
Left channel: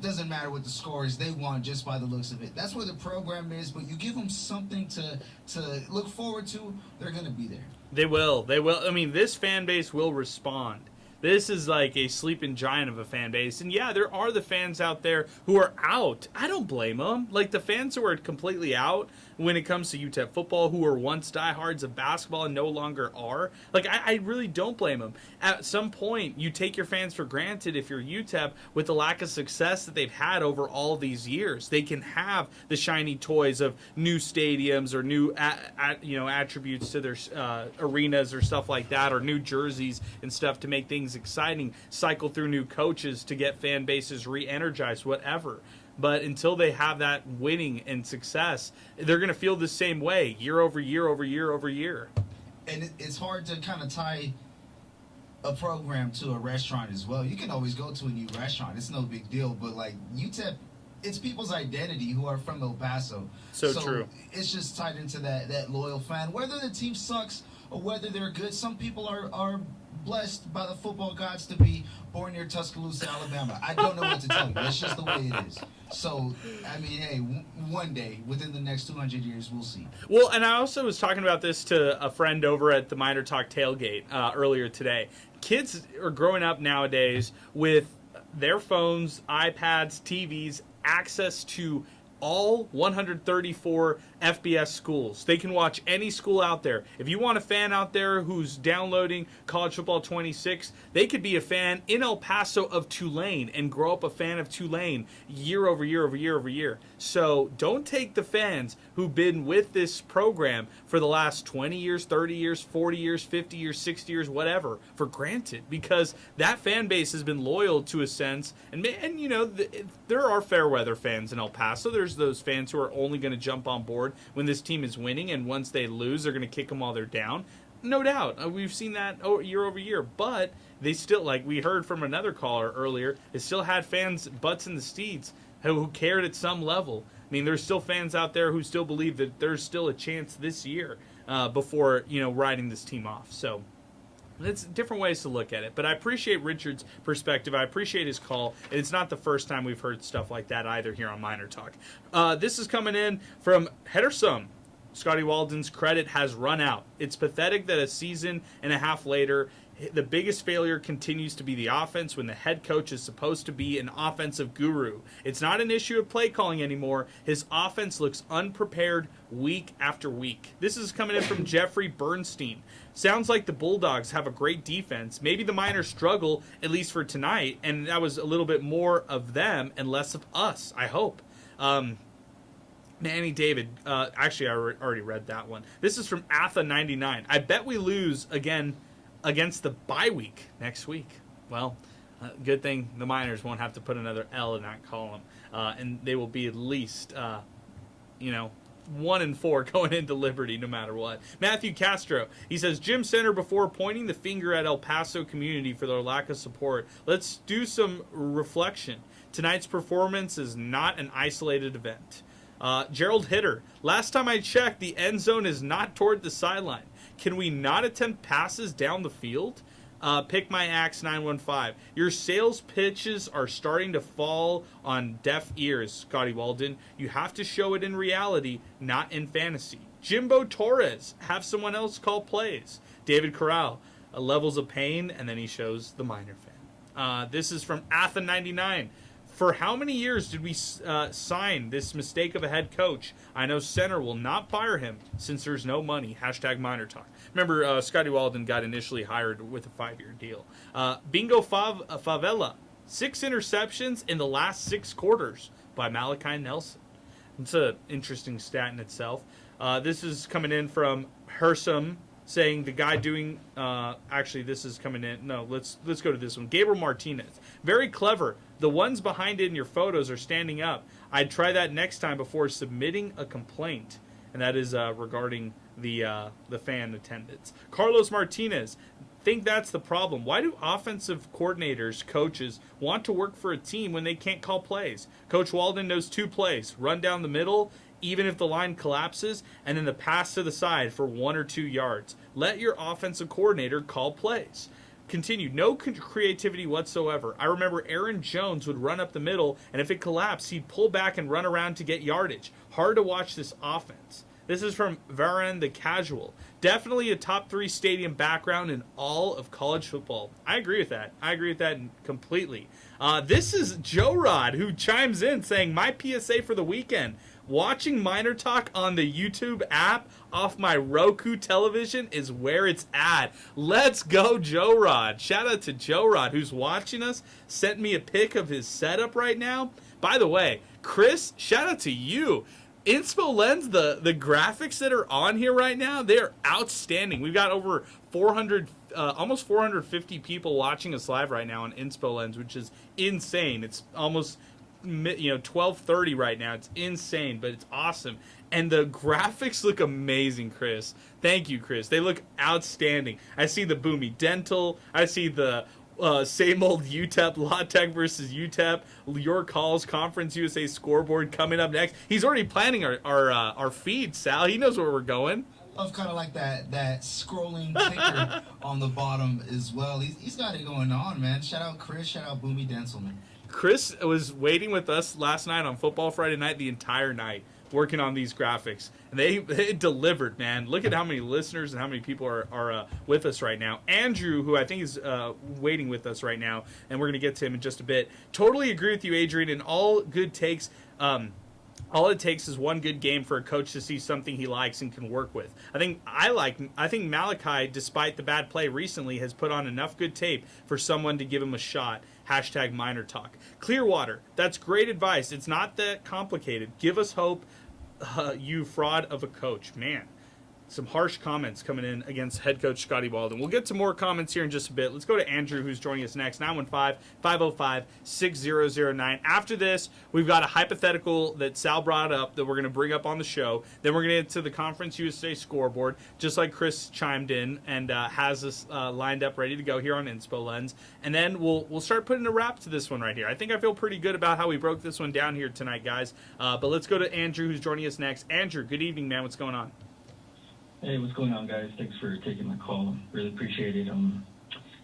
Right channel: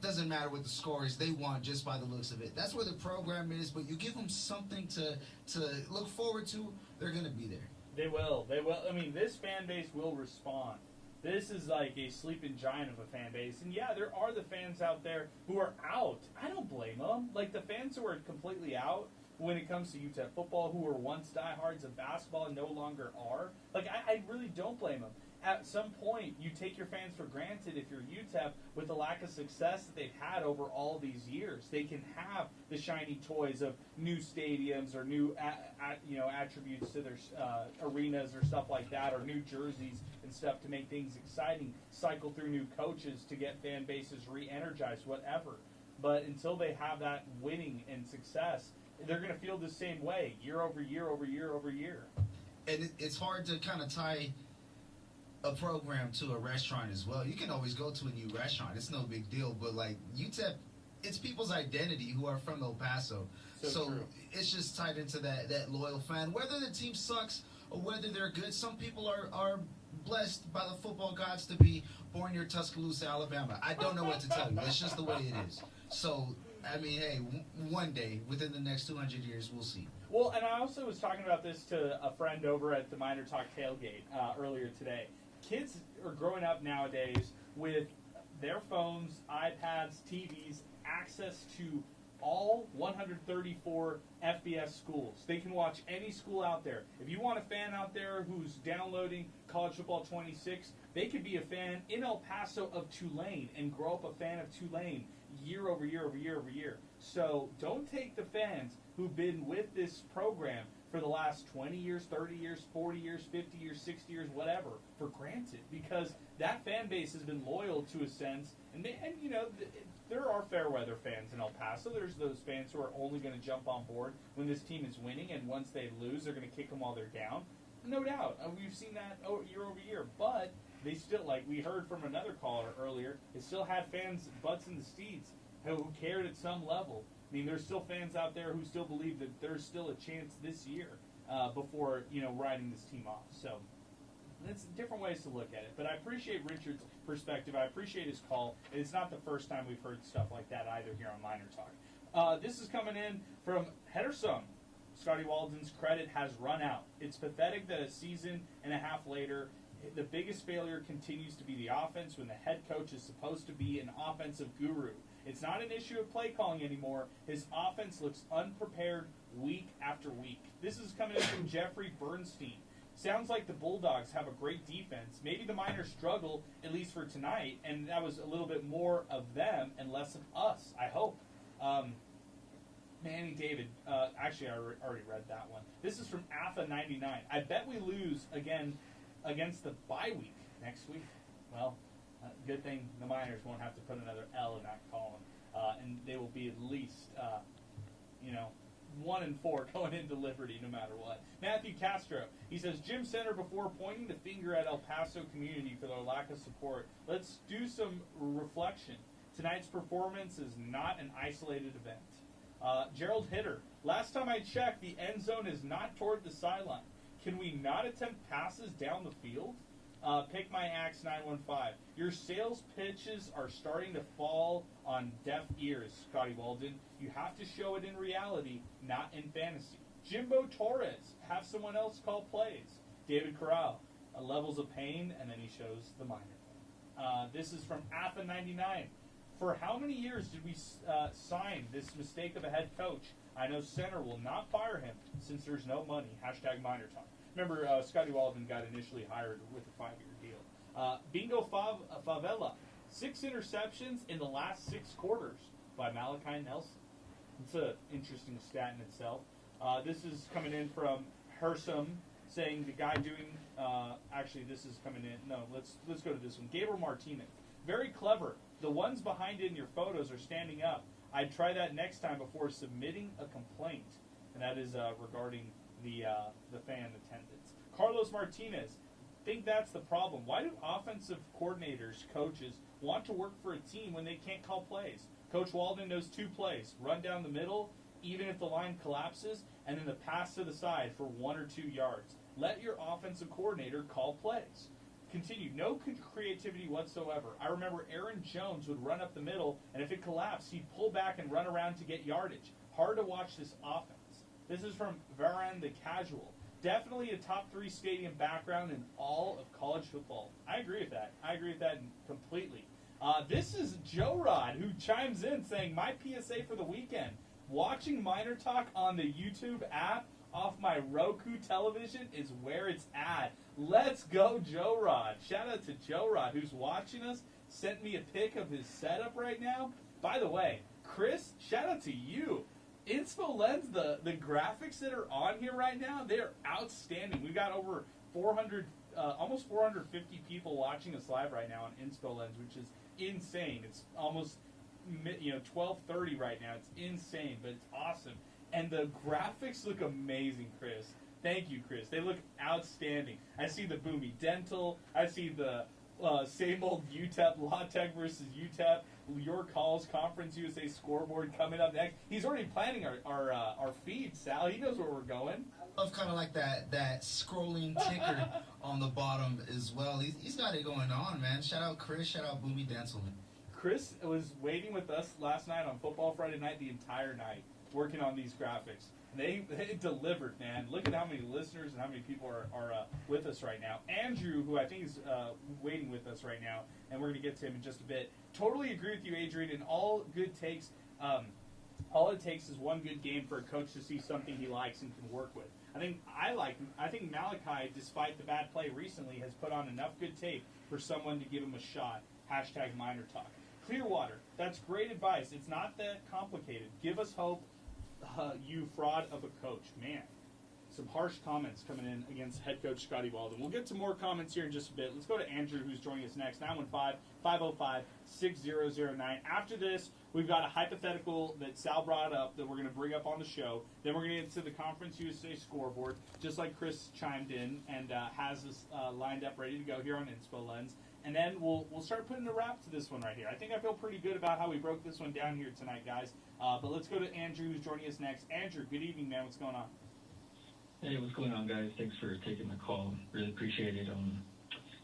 doesn't matter what the score is, they won just by the looks of it. That's where the program is, but you give them something to look forward to, they're going to be there. They will. I mean, this fan base will respond. This is like a sleeping giant of a fan base. And yeah, there are the fans out there who are out. I don't blame them. Like, the fans who are completely out when it comes to UTEP football, who were once diehards of basketball and no longer are, like, I really don't blame them. At some point, you take your fans for granted if you're UTEP with the lack of success that they've had over all these years. They can have the shiny toys of new stadiums or new attributes to their arenas or stuff like that, or new jerseys and stuff to make things exciting, cycle through new coaches to get fan bases re-energized, whatever. But until they have that winning and success, they're going to feel the same way year over year over year over year. And it's hard to kind of tie a program to a restaurant as well. You can always go to a new restaurant. It's no big deal. But like UTEP, it's people's identity who are from El Paso. So true. It's just tied into that loyal fan. Whether the team sucks or whether they're good, some people are blessed by the football gods to be born near Tuscaloosa, Alabama. I don't know what to tell you. That's just the way it is. So, I mean, hey, one day, within the next 200 years, we'll see. Well, and I also was talking about this to a friend over at the MinerTalk tailgate earlier today. Kids are growing up nowadays with their phones, iPads, TVs, access to all 134 FBS schools. They can watch any school out there. If you want a fan out there who's downloading College Football 26, they could be a fan in El Paso of Tulane and grow up a fan of Tulane year over year over year over year. So don't take the fans who've been with this program for the last 20 years, 30 years, 40 years, 50 years, 60 years, whatever, for granted, because that fan base has been loyal to a sense. And you know, there are fair weather fans in El Paso. There's those fans who are only going to jump on board when this team is winning, and once they lose, they're going to kick them while they're down. No doubt. We've seen that year over year, but they still, like we heard from another caller earlier, they still had fans butts in the seats who cared at some level. I mean, there's still fans out there who still believe that there's still a chance this year before, writing this team off. So it's different ways to look at it. But I appreciate Richard's perspective. I appreciate his call. And it's not the first time we've heard stuff like that either here on Miner Talk. This is coming in from Hedersum. Scotty Walden's credit has run out. It's pathetic that a season and a half later, the biggest failure continues to be the offense when the head coach is supposed to be an offensive guru. It's not an issue of play calling anymore. His offense looks unprepared week after week. This is coming in from Jeffrey Bernstein. Sounds like the Bulldogs have a great defense. Maybe the Miners struggle, at least for tonight, and that was a little bit more of them and less of us, I hope. Manny David, actually, I already read that one. This is from Atha99. I bet we lose again against the bye week next week. Well, good thing the Miners won't have to put another L in that column, and they will be at least, 1-4 going into Liberty no matter what. Matthew Castro, he says, Jim Center, before pointing the finger at El Paso community for their lack of support, let's do some reflection. Tonight's performance is not an isolated event. Gerald Hitter, last time I checked, the end zone is not toward the sideline. Can we not attempt passes down the field? Pick my axe 915. Your sales pitches are starting to fall on deaf ears, Scotty Walden. You have to show it in reality, not in fantasy. Jimbo Torres, have someone else call plays. David Corral, levels of pain, and then he shows the Miner fan. This is from Atha99. For how many years did we sign this mistake of a head coach? I know Center will not fire him since there's no money. Hashtag Miner Talk. Remember, Scotty Walden got initially hired with a 5-year deal. Bingo Favela. 6 interceptions in the last 6 quarters by Malachi Nelson. It's an interesting stat in itself. This is coming in from Hersum, saying the guy doing... actually, this is coming in... No, let's go to this one. Gabriel Martinez. Very clever. The ones behind it in your photos are standing up. I'd try that next time before submitting a complaint. And that is regarding the fan attendance. Carlos Martinez, think that's the problem. Why do offensive coordinators, coaches, want to work for a team when they can't call plays? Coach Walden knows 2 plays. Run down the middle, even if the line collapses, and then the pass to the side for 1 or 2 yards. Let your offensive coordinator call plays. Continue. No creativity whatsoever. I remember Aaron Jones would run up the middle, and if it collapsed, he'd pull back and run around to get yardage. Hard to watch this offense. This is from Varan the Casual. Definitely a top 3 stadium background in all of college football. I agree with that. I agree with that completely. This is Joe Rod, who chimes in saying, my PSA for the weekend. Watching Miner Talk on the YouTube app off my Roku television is where it's at. Let's go, Joe Rod. Shout out to Joe Rod, who's watching us. Sent me a pic of his setup right now. By the way, Chris, shout out to you. Inspo Lens, the graphics that are on here right now, they're outstanding. We've got over 400, almost 450 people watching us live right now on Inspo Lens, which is insane. It's almost 12:30 right now. It's insane, but it's awesome. And the graphics look amazing, Chris. Thank you, Chris. They look outstanding. I see the Boomy Dental. I see the same old UTEP, La Tech versus UTEP, Your Calls, Conference USA scoreboard coming up next. He's already planning our feed, Sal. He knows where we're going. I love kind of like that scrolling ticker on the bottom as well. He's got it going on, man. Shout out Chris. Shout out Boomy Dental, man. Chris was waiting with us last night on Football Friday night, the entire night, working on these graphics. And they delivered, man. Look at how many listeners and how many people are with us right now. Andrew, who I think is waiting with us right now, and we're going to get to him in just a bit. Totally agree with you, Adrian, and all good takes. All it takes is one good game for a coach to see something he likes and can work with. I think Malachi, despite the bad play recently, has put on enough good tape for someone to give him a shot. Hashtag Miner Talk. Clearwater, that's great advice. It's not that complicated. Give us hope, you fraud of a coach. Man, some harsh comments coming in against head coach Scotty Walden. We'll get to more comments here in just a bit. Let's go to Andrew, who's joining us next, 915-505-6009. After this, we've got a hypothetical that Sal brought up that we're going to bring up on the show. Then we're going to get to the Conference USA scoreboard, just like Chris chimed in and has us lined up ready to go here on Inspo Lens. And then we'll start putting a wrap to this one right here. I think I feel pretty good about how we broke this one down here tonight, guys. But let's go to Andrew, who's joining us next. Andrew, good evening, man. What's going on? Hey, what's going on, guys? Thanks for taking my call. Really appreciate it.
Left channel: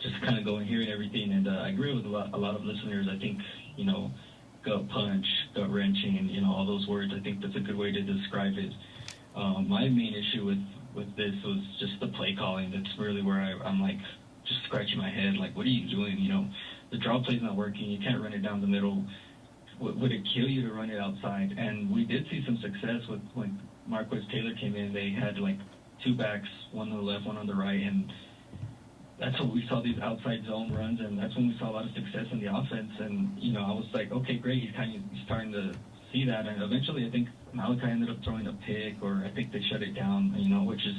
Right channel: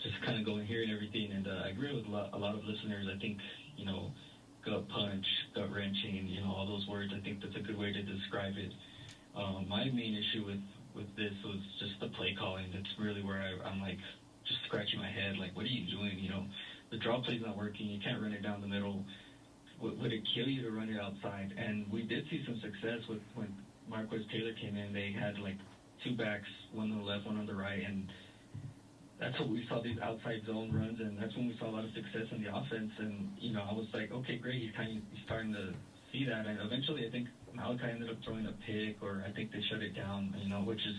Just kind of going, hearing everything, and I agree with a lot of listeners. I think, gut punch, gut wrenching, and, all those words, I think that's a good way to describe it. My main issue with this was just the play calling. That's really where I'm like, just scratching my head, like, what are you doing? The draw play's not working. You can't run it down the middle. Would it kill you to run it outside? And we did see some success with when Marquez Taylor came in. They had like two backs, one on the left, one on the right, and that's what we saw, these outside zone runs, and that's when we saw a lot of success in the offense. And I was like, okay, great. He's starting to see that, and eventually I think Malachi ended up throwing a pick, or I think they shut it down. Which is,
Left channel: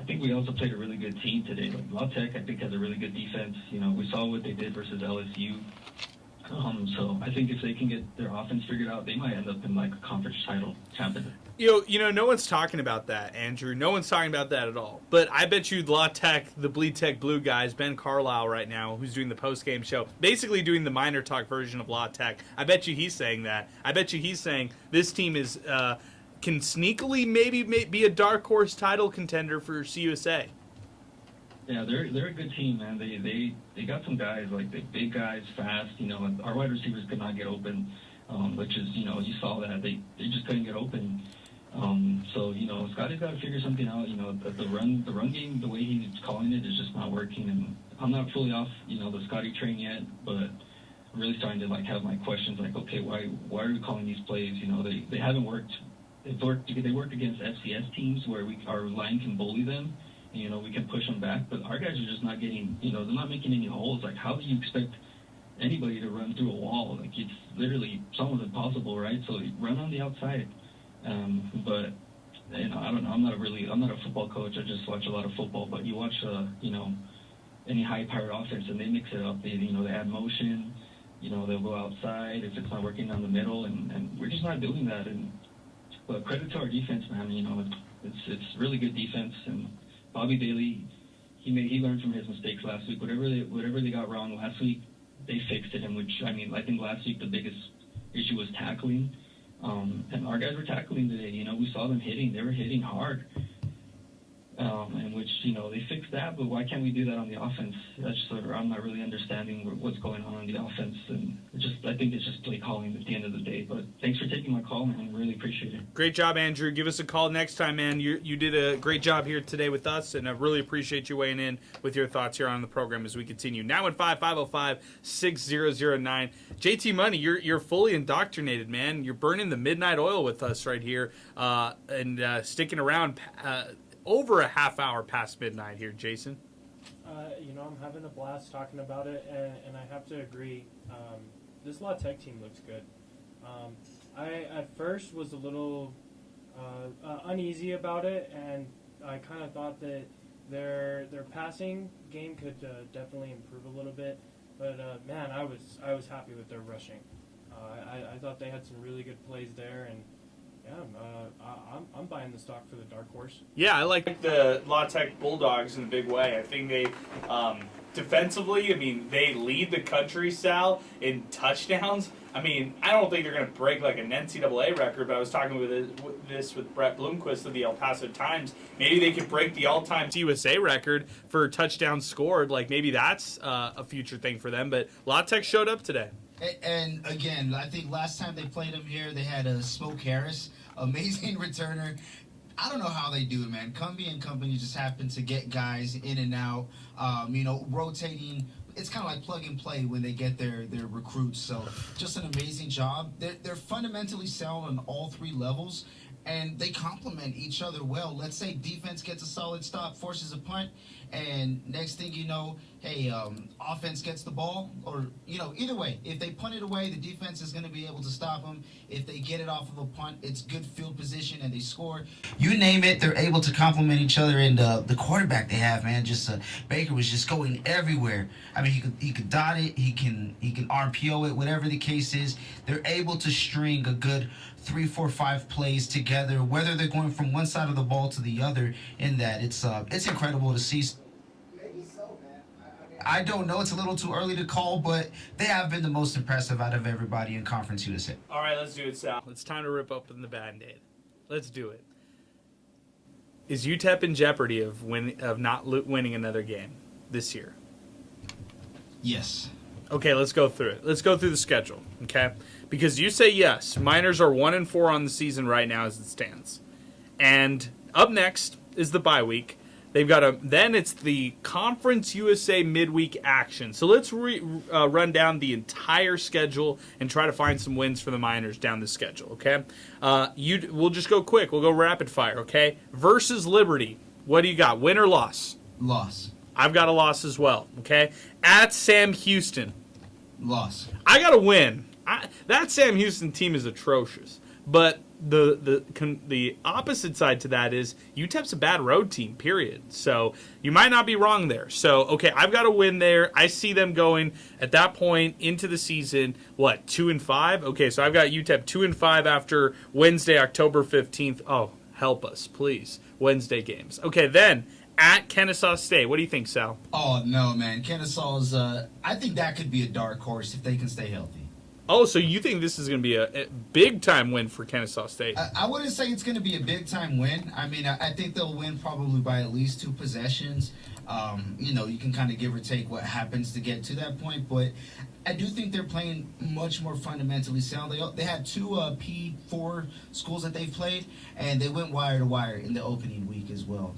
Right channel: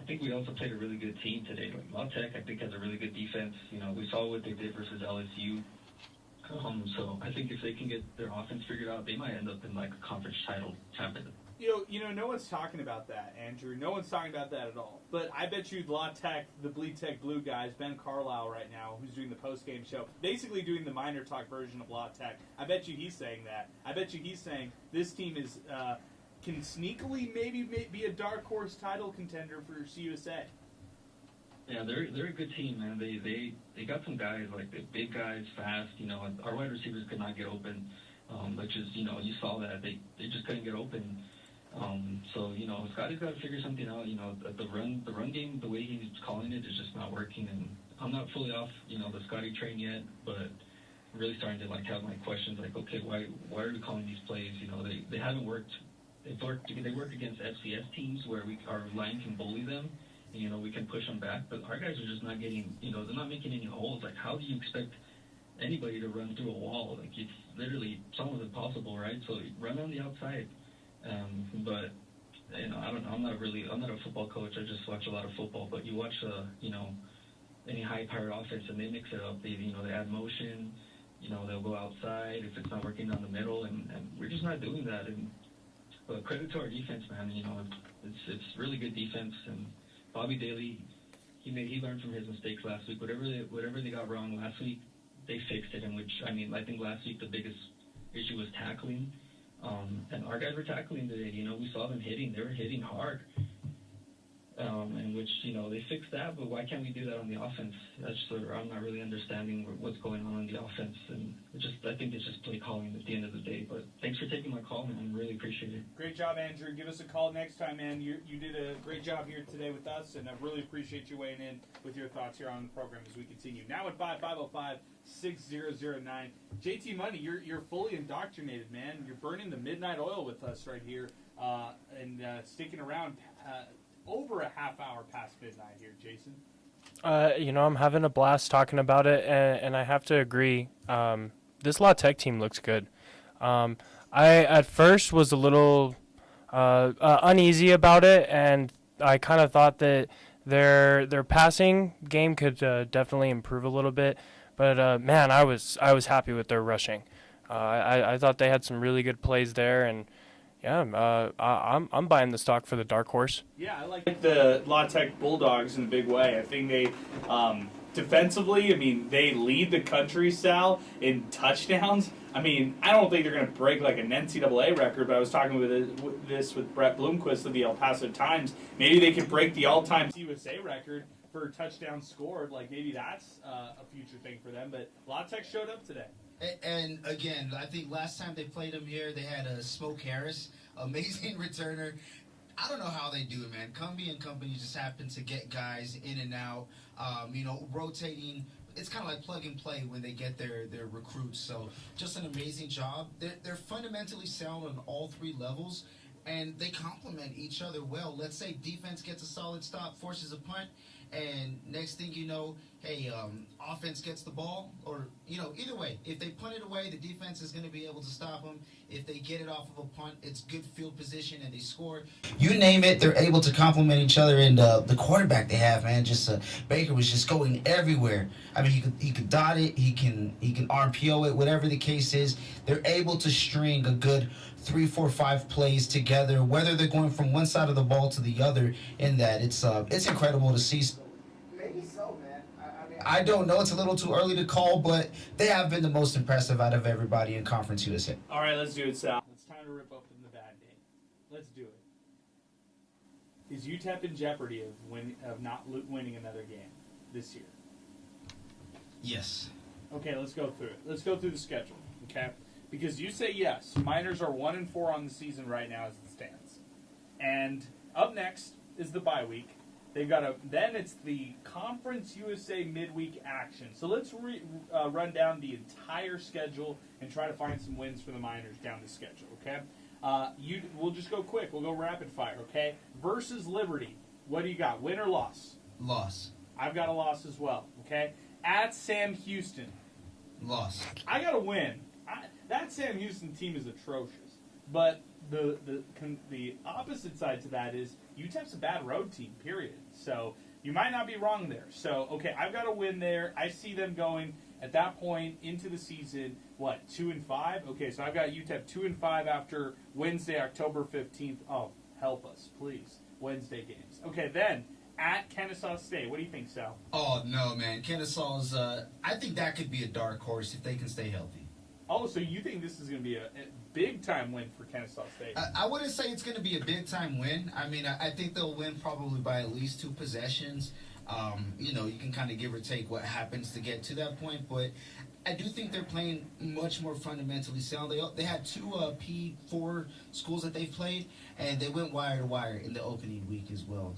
I think we also played a really good team today. Like La Tech, I think, has a really good defense. We saw what they did versus LSU. So I think if they can get their offense figured out, they might end up in like a conference title champion. No one's talking about that, Andrew. No one's talking about that at all. But I bet you La Tech, the Bleed Tech Blue guys, Ben Carlisle right now, who's doing the post-game show, basically doing the MinerTalk version of La Tech. I bet you he's saying that. I bet you he's saying this team is can sneakily maybe be a dark horse title contender for CUSA. Yeah, they're a good team, man. They got some guys, like the big guys, fast. Our wide receivers could not get open, which is, you saw that. They just couldn't get open. So, Scotty's got to figure something out. The run game, the way he's calling it is just not working. And I'm not fully off, the Scotty train yet, but I'm really starting to, like, have my questions, like, okay, why are we calling these plays? They haven't worked. They work against FCS teams where our line can bully them. We can push them back, but our guys are just not getting, they're not making any holes. Like, how do you expect anybody to run through a wall? Like, it's literally almost impossible, right? So run on the outside. But, I don't know. I'm not a football coach. I just watch a lot of football. But you watch, any high-powered offense, and they mix it up. They add motion. They'll go outside if it's not working down the middle, and we're just not doing that. But credit to our defense, man. It's really good defense. And Bobby Daly, he learned from his mistakes last week. Whatever they got wrong last week, they fixed it. And I think last week the biggest issue was tackling. And our guys were tackling today. We saw them hitting. They were hitting hard. And which, they fixed that, but why can't we do that on the offense? That's just, I'm not really understanding what's going on the offense. And I think it's just play calling at the end of the day. But thanks for taking my call, man. Really appreciate it. Great job, Andrew. Give us a call next time, man. You did a great job here today with us, and I really appreciate you weighing in with your thoughts here on the program as we continue. Now at 505-6009. JT Money, you're fully indoctrinated, man. You're burning the midnight oil with us right here and sticking around over a half hour past midnight here, Jason. I'm having a blast talking about it, and I have to agree. This La Tech team looks good. I at first was a little uneasy about it, and I kind of thought that their passing game could definitely improve a little bit. But man, I was happy with their rushing. I thought they had some really good plays there, and yeah, I'm buying the stock for the dark horse. Yeah, I like the La Tech Bulldogs in a big way. I think they, defensively, they lead the country, Sal, in touchdowns. I don't think they're going to break like an NCAA record, but I was talking with Brett Bloomquist of the El Paso Times. Maybe they could break the all-time USA record for touchdowns scored. Like, maybe that's a future thing for them. But La Tech showed up today. And again, I think last time they played them here, they had Smoke Harris, amazing returner. I don't know how they do it, man. Cumbie and company just happen to get guys in and out, rotating. It's kind of like plug and play when they get their recruits. So just an amazing job. They're fundamentally sound on all three levels, and they complement each other well. Let's say defense gets a solid stop, forces a punt, and next thing you know, offense gets the ball, or, either way, if they punt it away, the defense is going to be able to stop them. If they get it off of a punt, it's good field position and they score. You name it, they're able to complement each other. And the quarterback they have, man, Baker was just going everywhere. He could dot it, he can RPO it, whatever the case is. They're able to string a good 3, 4, 5 plays together, whether they're going from one side of the ball to the other. In that, it's incredible to see. Maybe so, man. I don't know. It's a little too early to call, but they have been the most impressive out of everybody in Conference USA. All right, let's do it, Sal. It's time to rip open the Band-Aid. Let's do it. Is UTEP in jeopardy of not winning another game this year? Yes. Okay, let's go through it. Let's go through the schedule, okay? Because you say yes. Miners are 1-4 on the season right now as it stands. And up next is the bye week. They've got then it's the Conference USA midweek action. So let's run down the entire schedule and try to find some wins for the Miners down the schedule, okay? We'll just go quick. We'll go rapid fire, okay? Versus Liberty. What do you got? Win or loss? Loss. I've got a loss as well, okay? At Sam Houston. Loss. I got to win. That Sam Houston team is atrocious. But the opposite side to that is UTEP's a bad road team, period. So you might not be wrong there. So, okay, I've got to win there. I see them going at that point into the season, 2-5? Okay, so I've got UTEP 2-5 after Wednesday, October 15th. Oh, help us, please. Wednesday games. Okay, then at Kennesaw State. What do you think, Sal? Oh, no, man. Kennesaw's, I think that could be a dark horse if they can stay healthy. Oh, so you think this is going to be a big-time win for Kennesaw State? I wouldn't say it's going to be a big-time win. I mean, I think they'll win probably by at least 2 possessions. You can kind of give or take what happens to get to that point, but I do think they're playing much more fundamentally sound. They had 2 P4 schools that they've played, and they went wire to wire in the opening week as well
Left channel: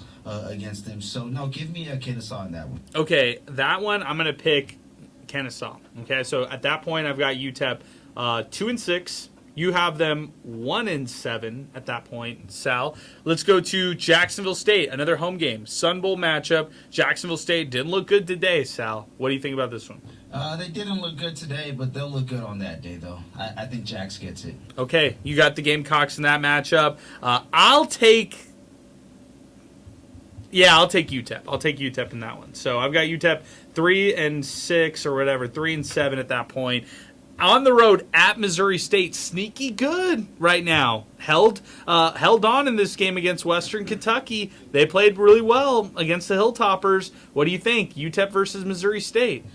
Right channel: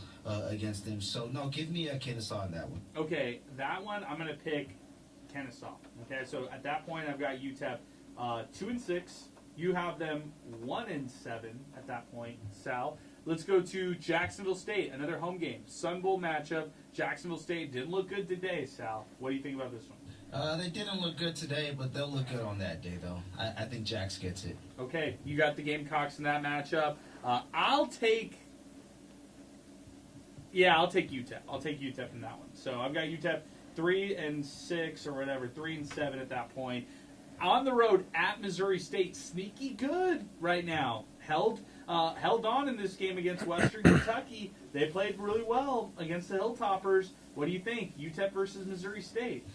against them. So, no, give me a Kennesaw in that one. Okay, that one I'm going to pick Kennesaw. Okay, so at that point I've got UTEP 2-6. You have them 1-7 at that point, Sal. Let's go to Jacksonville State, another home game, Sun Bowl matchup. Jacksonville State didn't look good today, Sal. What do you think about this one? They didn't look good today, but they'll look good on that day, though. I think Jax gets it. Okay, you got the Gamecocks in that matchup. I'll take UTEP. I'll take UTEP in that one. So I've got UTEP 3-6 or whatever, 3-7 at that point. On the road at Missouri State, sneaky good right now. Held on in this game against Western Kentucky. They played really well against the Hilltoppers. What do you think? UTEP versus Missouri State?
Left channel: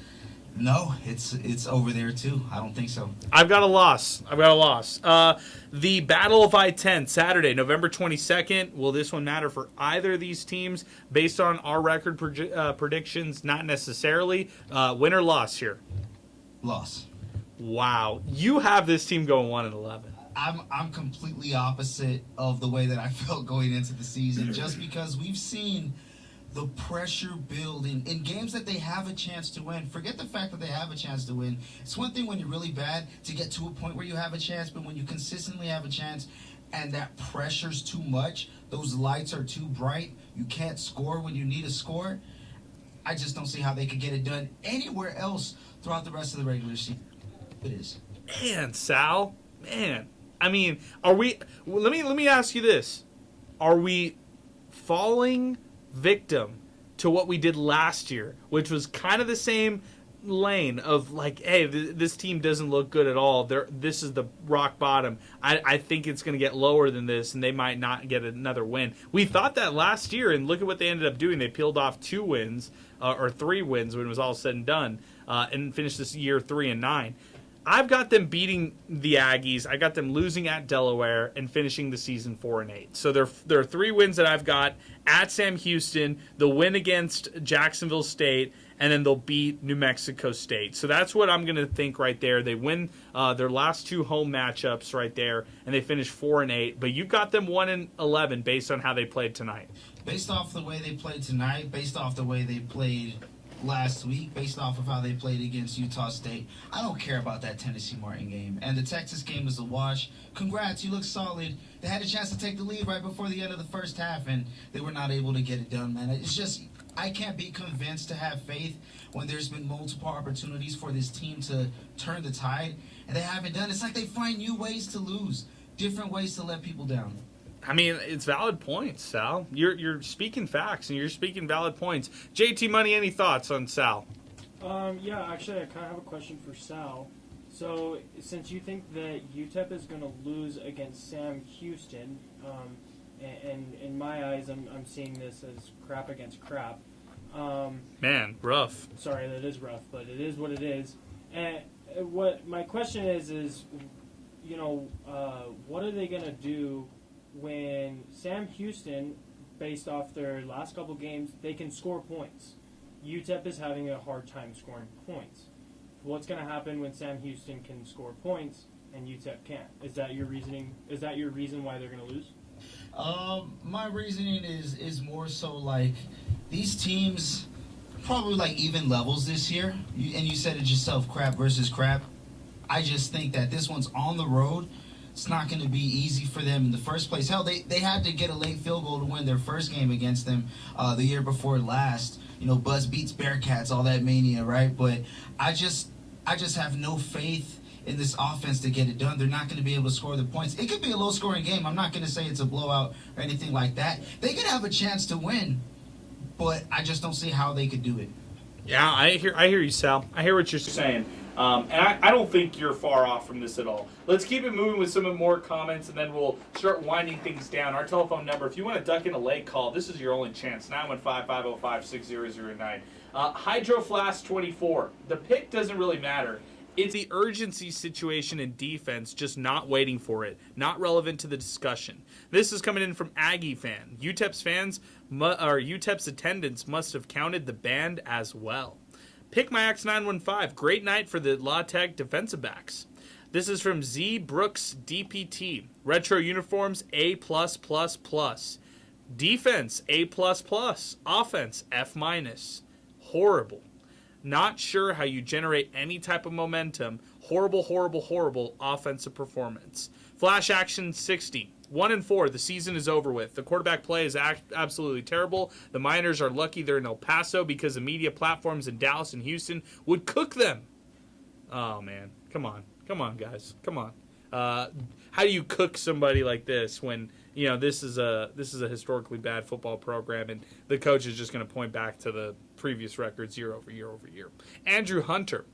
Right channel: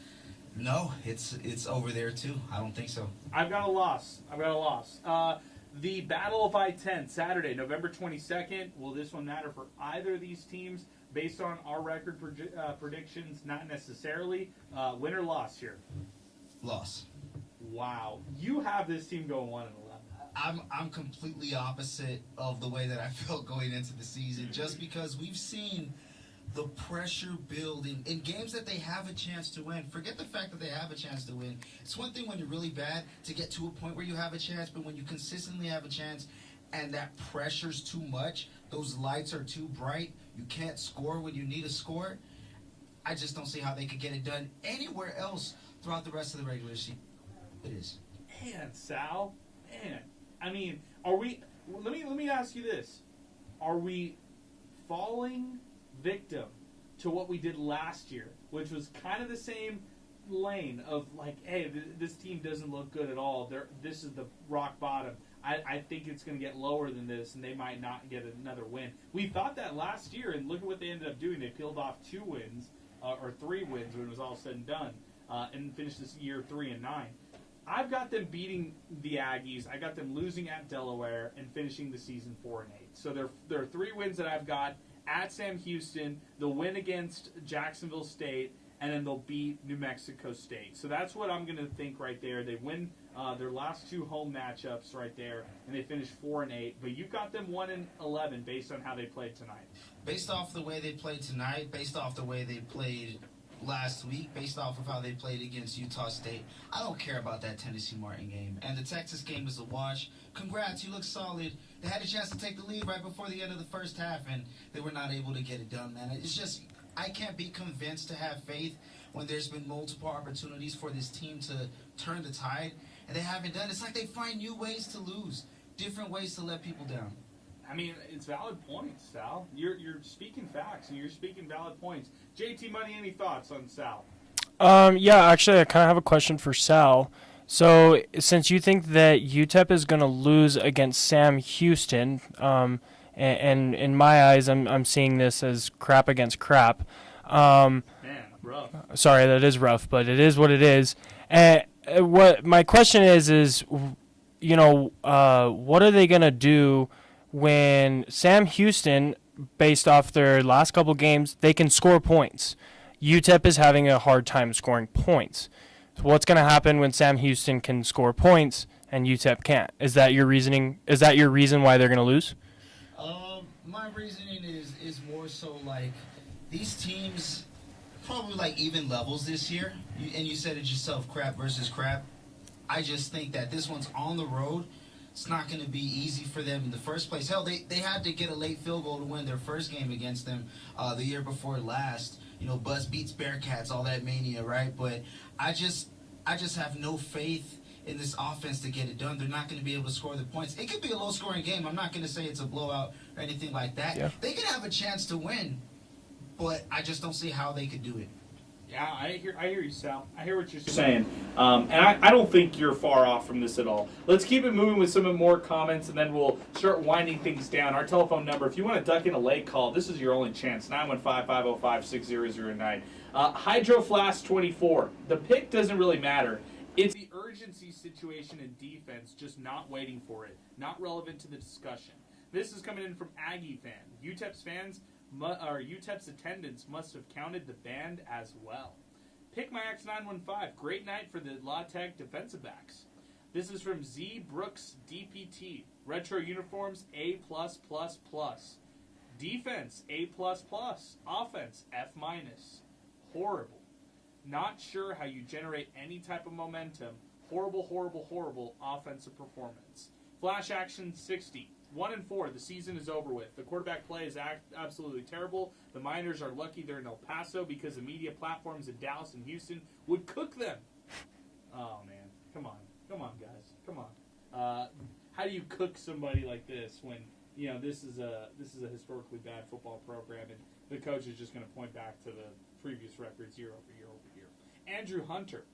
No, it's over there too. I don't think so. I've got a loss. The Battle of I-10, Saturday, November 22nd. Will this one matter for either of these teams? Based on our record predictions, not necessarily. Win or loss here? Loss. Wow. You have this team going 1-11. I'm completely opposite of the way that I felt going into the season, just because we've seen the pressure building in games that they have a chance to win. Forget the fact that they have a chance to win. It's one thing when you're really bad to get to a point where you have a chance, but when you consistently have a chance and that pressure's too much, those lights are too bright, you can't score when you need a score, I just don't see how they could get it done anywhere else throughout the rest of the regular season. It is. Man, Sal, man. I mean, are we? Let me ask you this: are we falling victim to what we did last year, which was kind of the same lane of like, hey, this team doesn't look good at all. This is the rock bottom. I think it's going to get lower than this, and they might not get another win. We thought that last year, and look at what they ended up doing. They peeled off 2 wins or 3 wins when it was all said and done, and finished this year 3-9. I've got them beating the Aggies. I got them losing at Delaware and finishing the season 4-8. So there are 3 wins that I've got at Sam Houston. They'll win against Jacksonville State, and then they'll beat New Mexico State. So that's what I'm going to think right there. They win their last 2 home matchups right there, and they finish 4-8. But you've got them 1-11 based on how they played tonight. Based off the way they played tonight, based off the way they played last week, based off of how they played against Utah State, I don't care about that Tennessee Martin game. And the Texas game is a wash. Congrats, you look solid. They had a chance to take the lead right before the end of the first half, and they were not able to get it done, man. It's just, I can't be convinced to have faith when there's been multiple opportunities for this team to turn the tide, and they haven't done it. It's like they find new ways to lose, different ways to let people down. I mean, it's valid points, Sal. You're speaking facts, and you're speaking valid points. JT Money, any thoughts on Sal? Yeah, actually, I kind of have a question for Sal. So, since you think that UTEP is going to lose against Sam Houston, and in my eyes, I'm seeing this as crap against crap. Man, rough. Sorry, that is rough, but it is what it is. What my question is, what are they going to do when Sam Houston based off their last couple games, they can score points. UTEP is having a hard time scoring points. So what's going to happen when Sam Houston can score points and UTEP can't? Is that your reasoning? Is that your reason why they're going to lose? My reasoning is more so like these teams probably like even levels this year. And you said it yourself, crap versus crap. I just think that this one's on the road. It's not going to be easy for them in the first place. Hell, they had to get a late field goal to win their first game against them the year before last. You know, Buzz beats Bearcats, all that mania, right? But I just have no faith in this offense to get it done. They're not going to be able to score the points. It could be a low-scoring game. I'm not going to say it's a blowout or anything like that. Yeah. They could have a chance to win, but I just don't see how they could do it. Yeah, I hear you, Sal. I hear what you're saying. And I don't think you're far off from this at all. Let's keep it moving with some more comments, and then we'll start winding things down. Our telephone number, if you want to duck in a late call, this is your only chance, 915-505-6009. Hydro Flask 24. The pick doesn't really matter. It's the urgency situation in defense, just not waiting for it. Not relevant to the discussion. This is coming in from Aggie fan. UTEP's attendance must have counted the band as well. Pick my X915. Great night for the La Tech defensive backs. This is from Z Brooks DPT. Retro uniforms A+++. Defense A++. Offense F-. Horrible. Not sure how you generate any type of momentum. Horrible offensive performance. Flash action 60. 1-4. The season is over with. The quarterback play is absolutely terrible. The Miners are lucky they're in El Paso because the media platforms in Dallas and Houston would cook them. Oh, man. Come on, guys. Come on. How do you cook somebody like this when, you know, this is a historically bad football program and the coach is just going to point back to the previous records year over year over year. Andrew Hunter.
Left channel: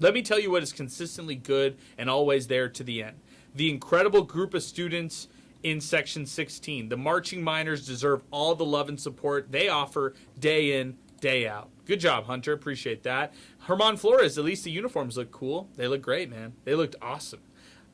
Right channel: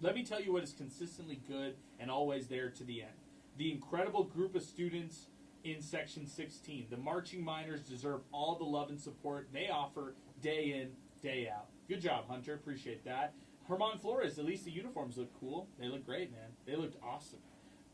Let me tell you what is consistently good and always there to the end. The incredible group of students in Section 16. The marching Miners deserve all the love and support they offer day in, day out. Good job, Hunter. Appreciate that. Herman Flores, at least the uniforms look cool. They look great, man. They looked awesome.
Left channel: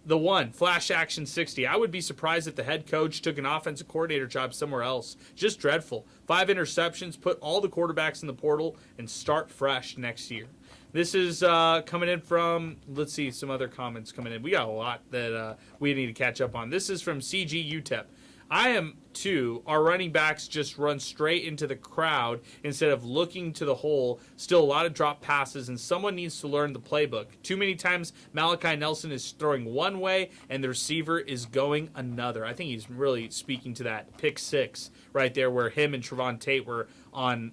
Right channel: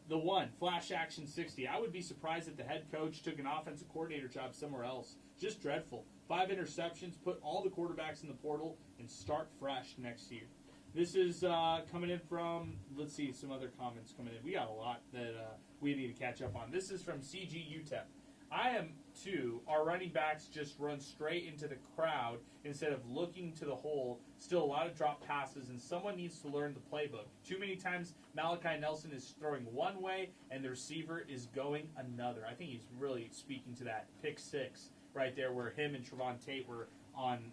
The one, Flash Action 60. I would be surprised if the head coach took an offensive coordinator job somewhere else. Just dreadful. 5 interceptions, put all the quarterbacks in the portal, and start fresh next year. This is coming in from, let's see, some other comments coming in. We got a lot that we need to catch up on. This is from CG UTEP. I am too. Our running backs just run straight into the crowd instead of looking to the hole. Still a lot of drop passes, and someone needs to learn the playbook. Too many times Malachi Nelson is throwing one way and the receiver is going another. I think he's really speaking to that pick 6 right there where him and Trevon Tate were on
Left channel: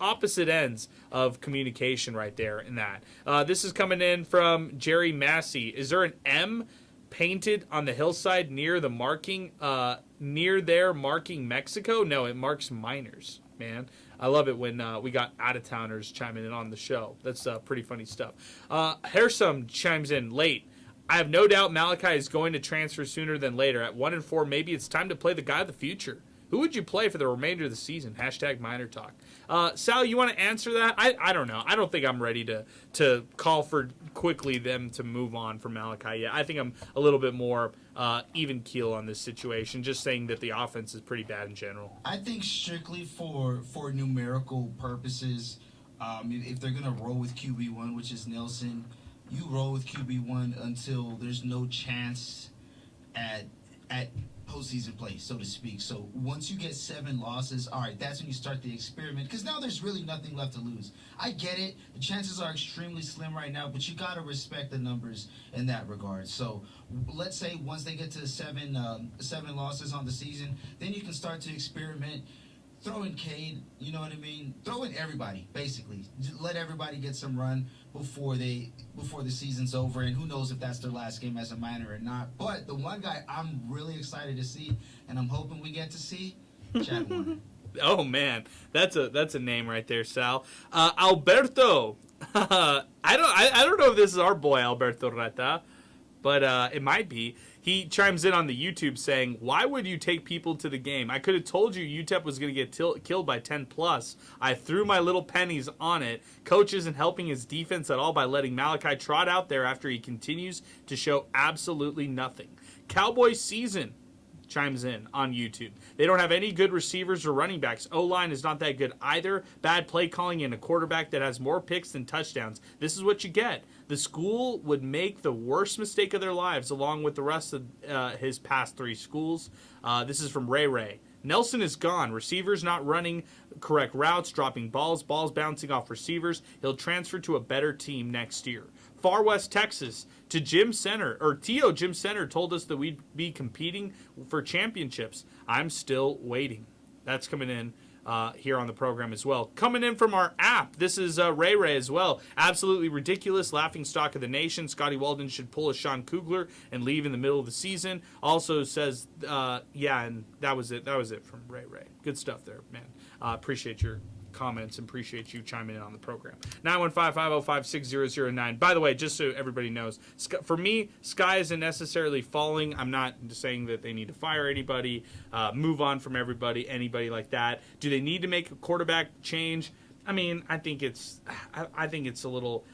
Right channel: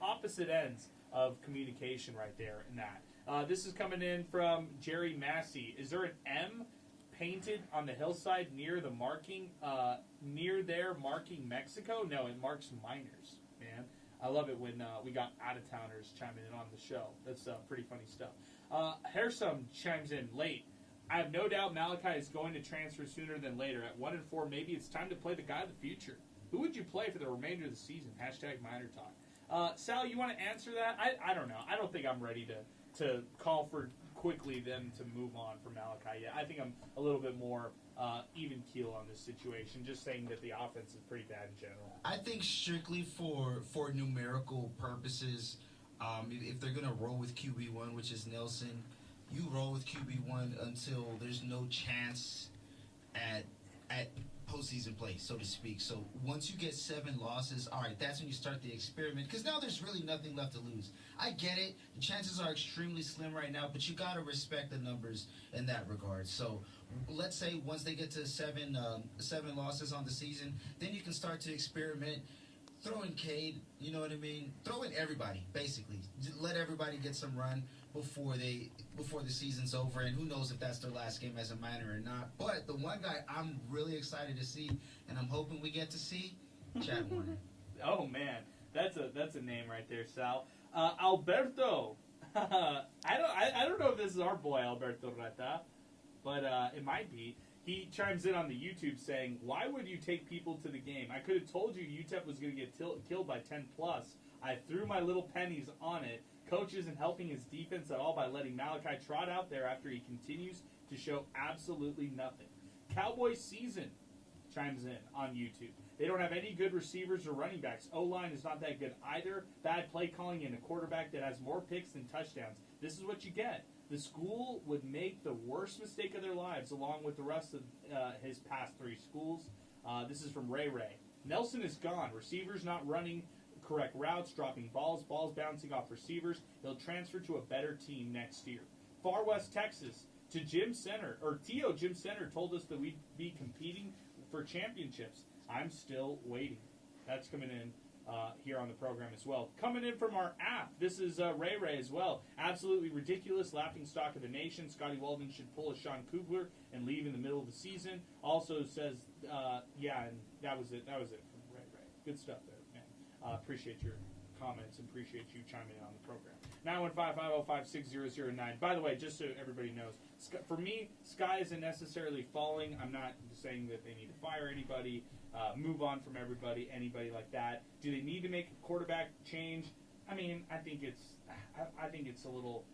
opposite ends of communication right there in that. This is coming in from Jerry Massey. Is there an M painted on the hillside near the marking marking Mexico? No, it marks Miners, man. I love it when we got out-of-towners chiming in on the show. That's pretty funny stuff. Hersum chimes in late. I have no doubt Malachi is going to transfer sooner than later. At 1-4, maybe it's time to play the guy of the future. Who would you play for the remainder of the season? Hashtag MinerTalk. Sal, you want to answer that? I don't know. I don't think I'm ready to call for quickly them to move on from Malachi yet. I think I'm a little bit more even keel on this situation, just saying that the offense is pretty bad in general. I think strictly for numerical purposes, if they're going to roll with QB1, which is Nelson, you roll with QB1 until there's no chance at postseason play, so to speak. So once you get 7 losses, all right, that's when you start the experiment, because now there's really nothing left to lose. I get it. The chances are extremely slim right now, but you got to respect the numbers in that regard. So let's say once they get to 7 losses on the season, then you can start to experiment. Throw in Cade, you know what I mean? Throw in everybody, basically. Just let everybody get some run before the season's over, and who knows if that's their last game as a Miner or not. But the one guy I'm really excited to see, and I'm hoping we get to see, Chad Warner. Oh man, that's a name right there, Sal. Alberto. I don't know if this is our boy Alberto Reta, but it might be. He chimes in on the YouTube saying, why would you take people to the game? I could have told you UTEP was going to get killed by 10+. I threw my little pennies on it. Coach isn't helping his defense at all by letting Malachi trot out there after he continues to show absolutely nothing. Cowboy season chimes in on YouTube. They don't have any good receivers or running backs. O-line is not that good either. Bad play calling and a quarterback that has more picks than touchdowns. This is what you get. The school would make the worst mistake of their lives along with the rest of his past 3 schools. This is from Ray Ray. Nelson is gone. Receivers not running correct routes, dropping balls bouncing off receivers. He'll transfer to a better team next year. Far West Texas to Jim Center, or Tio Jim Center told us that we'd be competing for championships. I'm still waiting. That's coming in here on the program as well. Coming in from our app, this is Ray Ray as well. Absolutely ridiculous, laughing stock of the nation. Scotty Walden should pull a Sean Kugler and leave in the middle of the season. Also says, yeah, and that was it. That was it from Ray Ray. Good stuff there, man. Appreciate your comments and appreciate you chiming in on the program. 915-505-6009. By the way, just so everybody knows, for me, sky isn't necessarily falling. I'm not saying that they need to fire anybody, move on from anybody like that. Do they need to make a quarterback change? I mean, I think it's a little.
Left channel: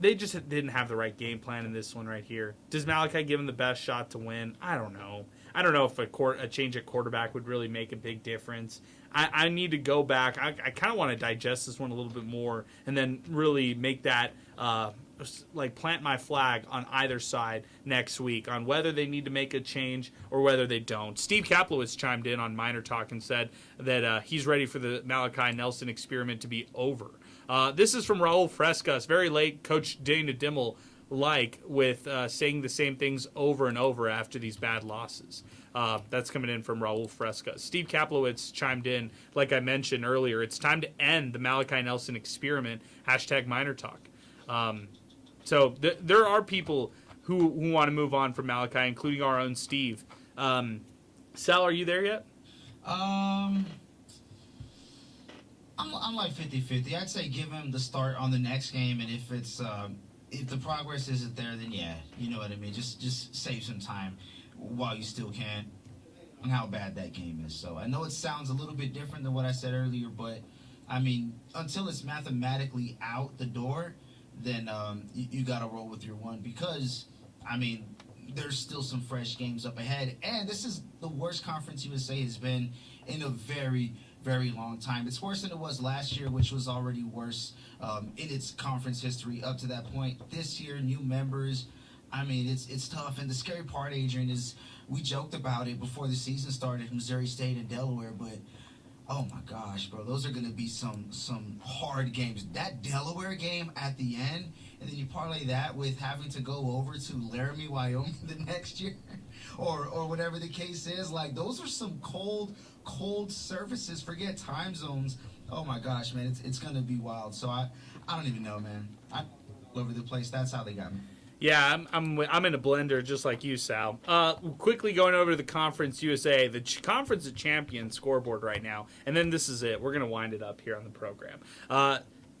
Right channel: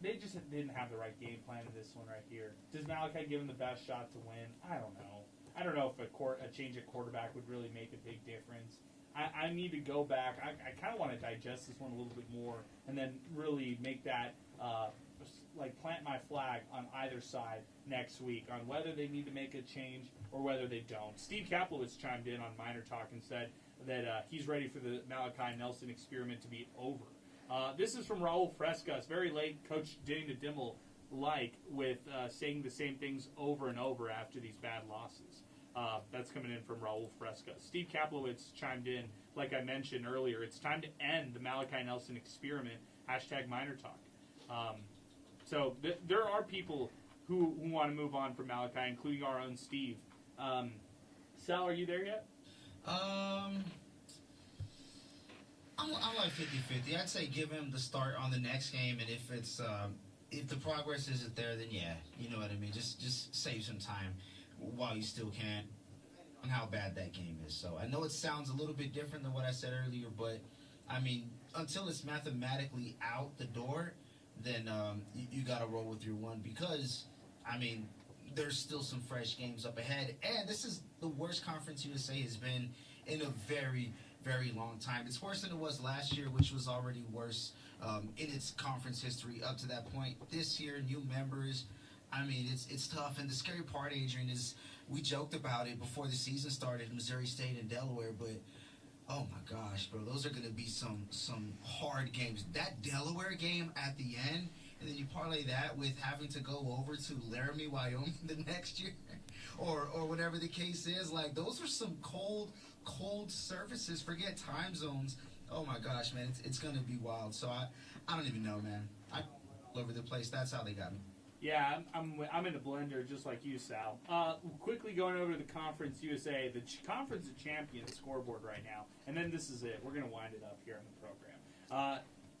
They just didn't have the right game plan in this one right here. Does Malachi give him the best shot to win? I don't know. I don't know if a change at quarterback would really make a big difference. I need to go back. I kind of want to digest this one a little bit more and then really make that, plant my flag on either side next week on whether they need to make a change or whether they don't. Steve Kaplowitz chimed in on MinerTalk and said that he's ready for the Malachi Nelson experiment to be over. This is from Raul Frescas, very late Coach Dana Dimmel with saying the same things over and over after these bad losses. That's coming in from Raul Fresca. Steve Kaplowitz chimed in, like I mentioned earlier, it's time to end the Malachi Nelson experiment, #MinerTalk. So there are people who want to move on from Malachi, including our own Steve. Sal, are you there yet? I'm like 50-50. I'd say give him the start on the next game, and if the progress isn't there, then yeah, you know what I mean. Just save some time while you still can on how bad that game is. So I know it sounds a little bit different than what I said earlier, but I mean, until it's mathematically out the door, then you got to roll with your one because, I mean, there's still some fresh games up ahead. And this is the worst Conference USA has been in a very, very long time. It's worse than it was last year, which was already worse in its conference history up to that point. This year, new members. I mean, it's tough. And the scary part, Adrian, is we joked about it before the season started, Missouri State and Delaware, but oh my gosh, bro, those are going to be some hard games. That Delaware game at the end, and then you parlay that with having to go over to Laramie, Wyoming the next year, or whatever the case is. Like, those are some cold surfaces. Forget time zones. Oh my gosh, man, it's going to be wild. So I don't even know, man. I'm all over the place. That's how they got me. Yeah, I'm in a blender just like you, Sal. Quickly going over to the Conference USA, the Conference of Champions scoreboard right now, and then this is it. We're going to wind it up here on the program.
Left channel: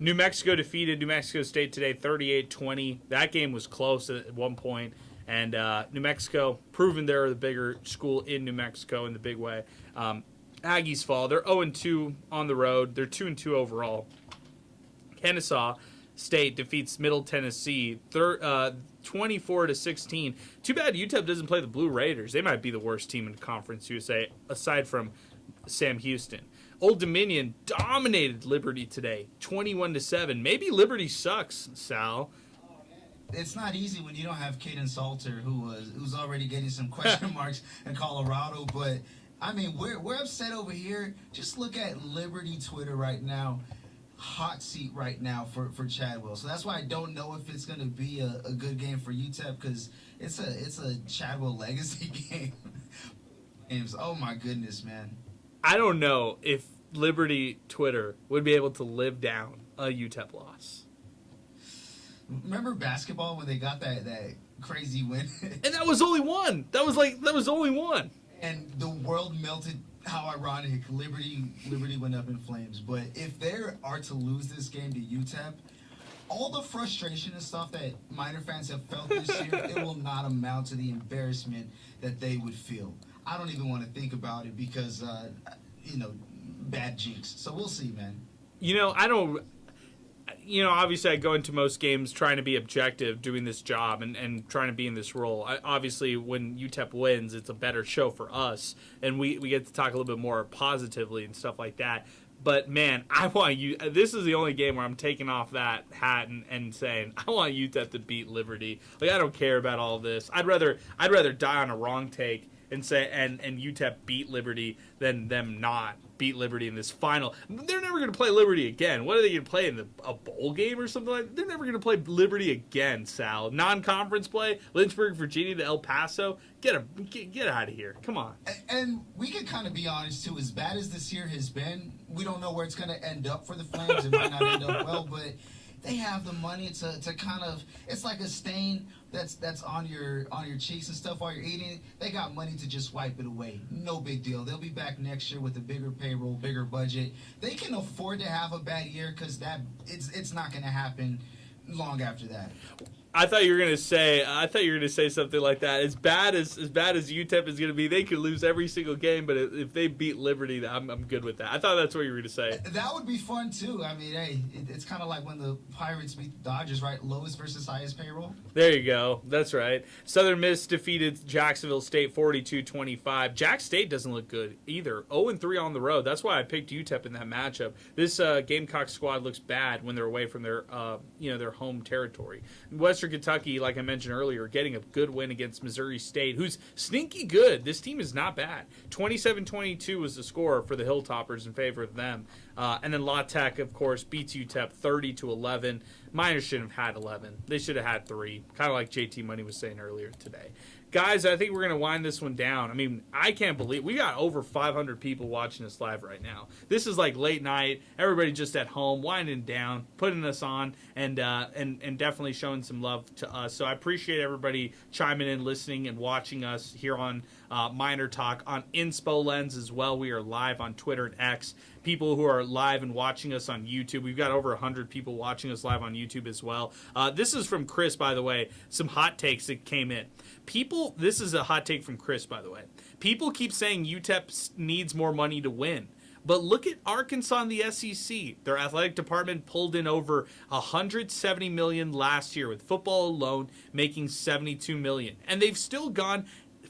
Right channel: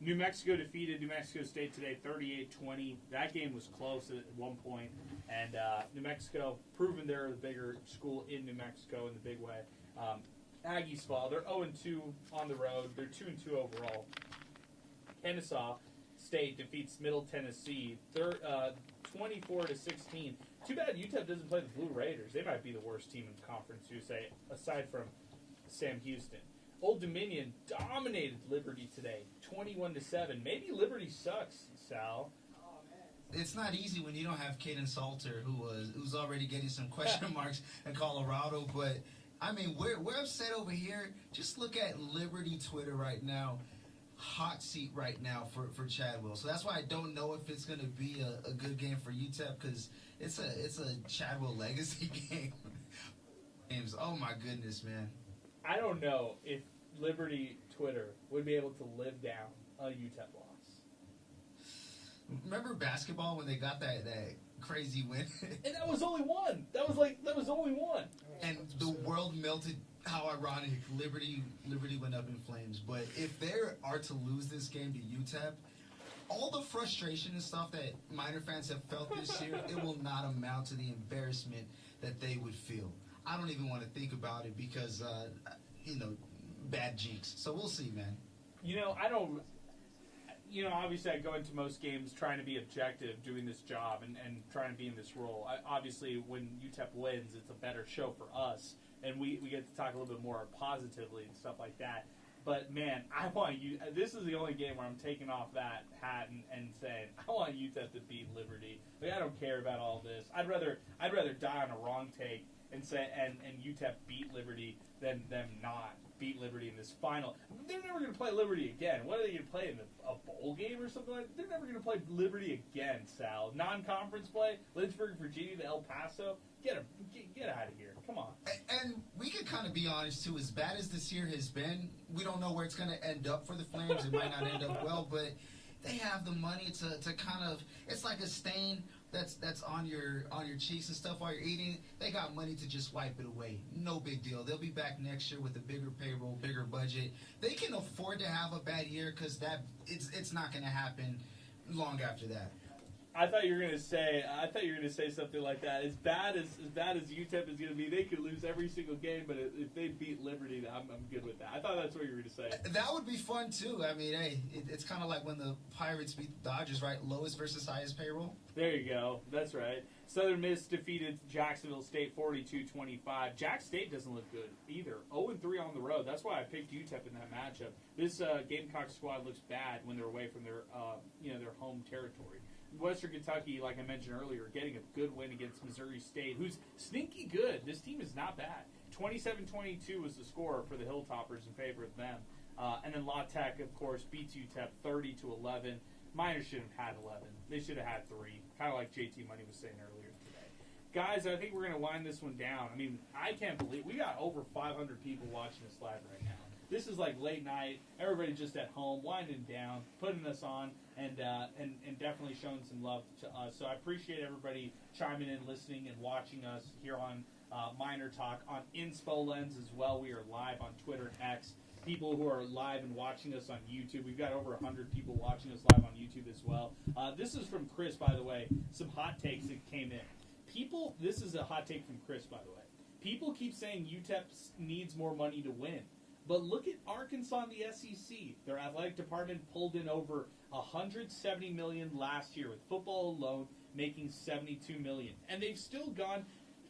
New Mexico defeated New Mexico State today 38-20. That game was close at one point, and New Mexico proven they're the bigger school in New Mexico in the big way. Aggies fall. They're 0-2 on the road. They're 2-2 overall. Kennesaw State defeats Middle Tennessee 24-16. Too bad UTEP doesn't play the Blue Raiders. They might be the worst team in Conference USA aside from Sam Houston. Old Dominion dominated Liberty today 21-7. Maybe Liberty sucks, Sal. It's not easy when you don't have Caden Salter, who's already getting some question marks in Colorado. But I mean, we're upset over here. Just look at Liberty Twitter right now. Hot seat right now for Chadwell. So that's why I don't know if it's going to be a good game for UTEP, because it's a Chadwell legacy game. Oh my goodness, man. I don't know if Liberty Twitter would be able to live down a UTEP loss. Remember basketball when they got that crazy win? And that was only one. That was only one. And the world melted. How ironic. Liberty went up in flames. But if they are to lose this game to UTEP, all the frustration and stuff that Miner fans have felt this year, it will not amount to the embarrassment that they would feel. I don't even want to think about it because, bad jinx. So we'll see, man. obviously I go into most games trying to be objective, doing this job and trying to be in this role. Obviously, when UTEP wins, it's a better show for us, and we get to talk a little bit more positively and stuff like that. But, man, I want you – this is the only game where I'm taking off that hat and saying, I want UTEP to beat Liberty. Like, I don't care about all this. I'd rather die on a wrong take and say and UTEP beat Liberty than them not beat Liberty in this final. They're never going to play Liberty again. What are they going to play in a bowl game or something like that? They're never going to play Liberty again, Sal. Non-conference play, Lynchburg, Virginia to El Paso. Get out of here. Come on. And we can kind of be honest, too. As bad as this year has been, we don't know where it's going to end up for the Flames. It might not end up well, but they have the money to kind of – it's like a stain that's on your cheeks and stuff while you're eating. They got money to just wipe it away. No big deal. They'll be back next year with a bigger payroll, bigger budget. They can afford to have a bad year because it's not going to happen long after that. I thought you were gonna say something like that. As bad as UTEP is gonna be, they could lose every single game. But if they beat Liberty, I'm good with that. I thought that's what you were gonna say. That would be fun too. I mean, hey, it's kind of like when the Pirates beat the Dodgers, right? Lowest versus highest payroll. There you go. That's right. Southern Miss defeated Jacksonville State 42-25. Jack State doesn't look good either. 0-3 on the road. That's why I picked UTEP in that matchup. This Gamecock squad looks bad when they're away from their their home territory. Western Kentucky, like I mentioned earlier, getting a good win against Missouri State, who's sneaky good. This team is not bad. 27-22 was the score for the Hilltoppers in favor of them. And then La Tech, of course, beats UTEP 30-11. Miners shouldn't have had 11. They should have had 3, kind of like JT Money was saying earlier today. Guys, I think we're going to wind this one down. I mean, I can't believe we got over 500 people watching us live right now. This is like late night. Everybody just at home, winding down, putting us on, and definitely showing some love to us. So I appreciate everybody chiming in, listening, and watching us here on MinerTalk on Inspo Lens as well. We are live on Twitter and X. People who are live and watching us on YouTube. We've got over 100 people watching us live on YouTube as well. This is from Chris, by the way. Some hot takes that came in. This is a hot take from Chris, by the way. People keep saying UTEP needs more money to win. But look at Arkansas and the SEC. Their athletic department pulled in over $170 million last year, with football alone making $72 million. And they've still gone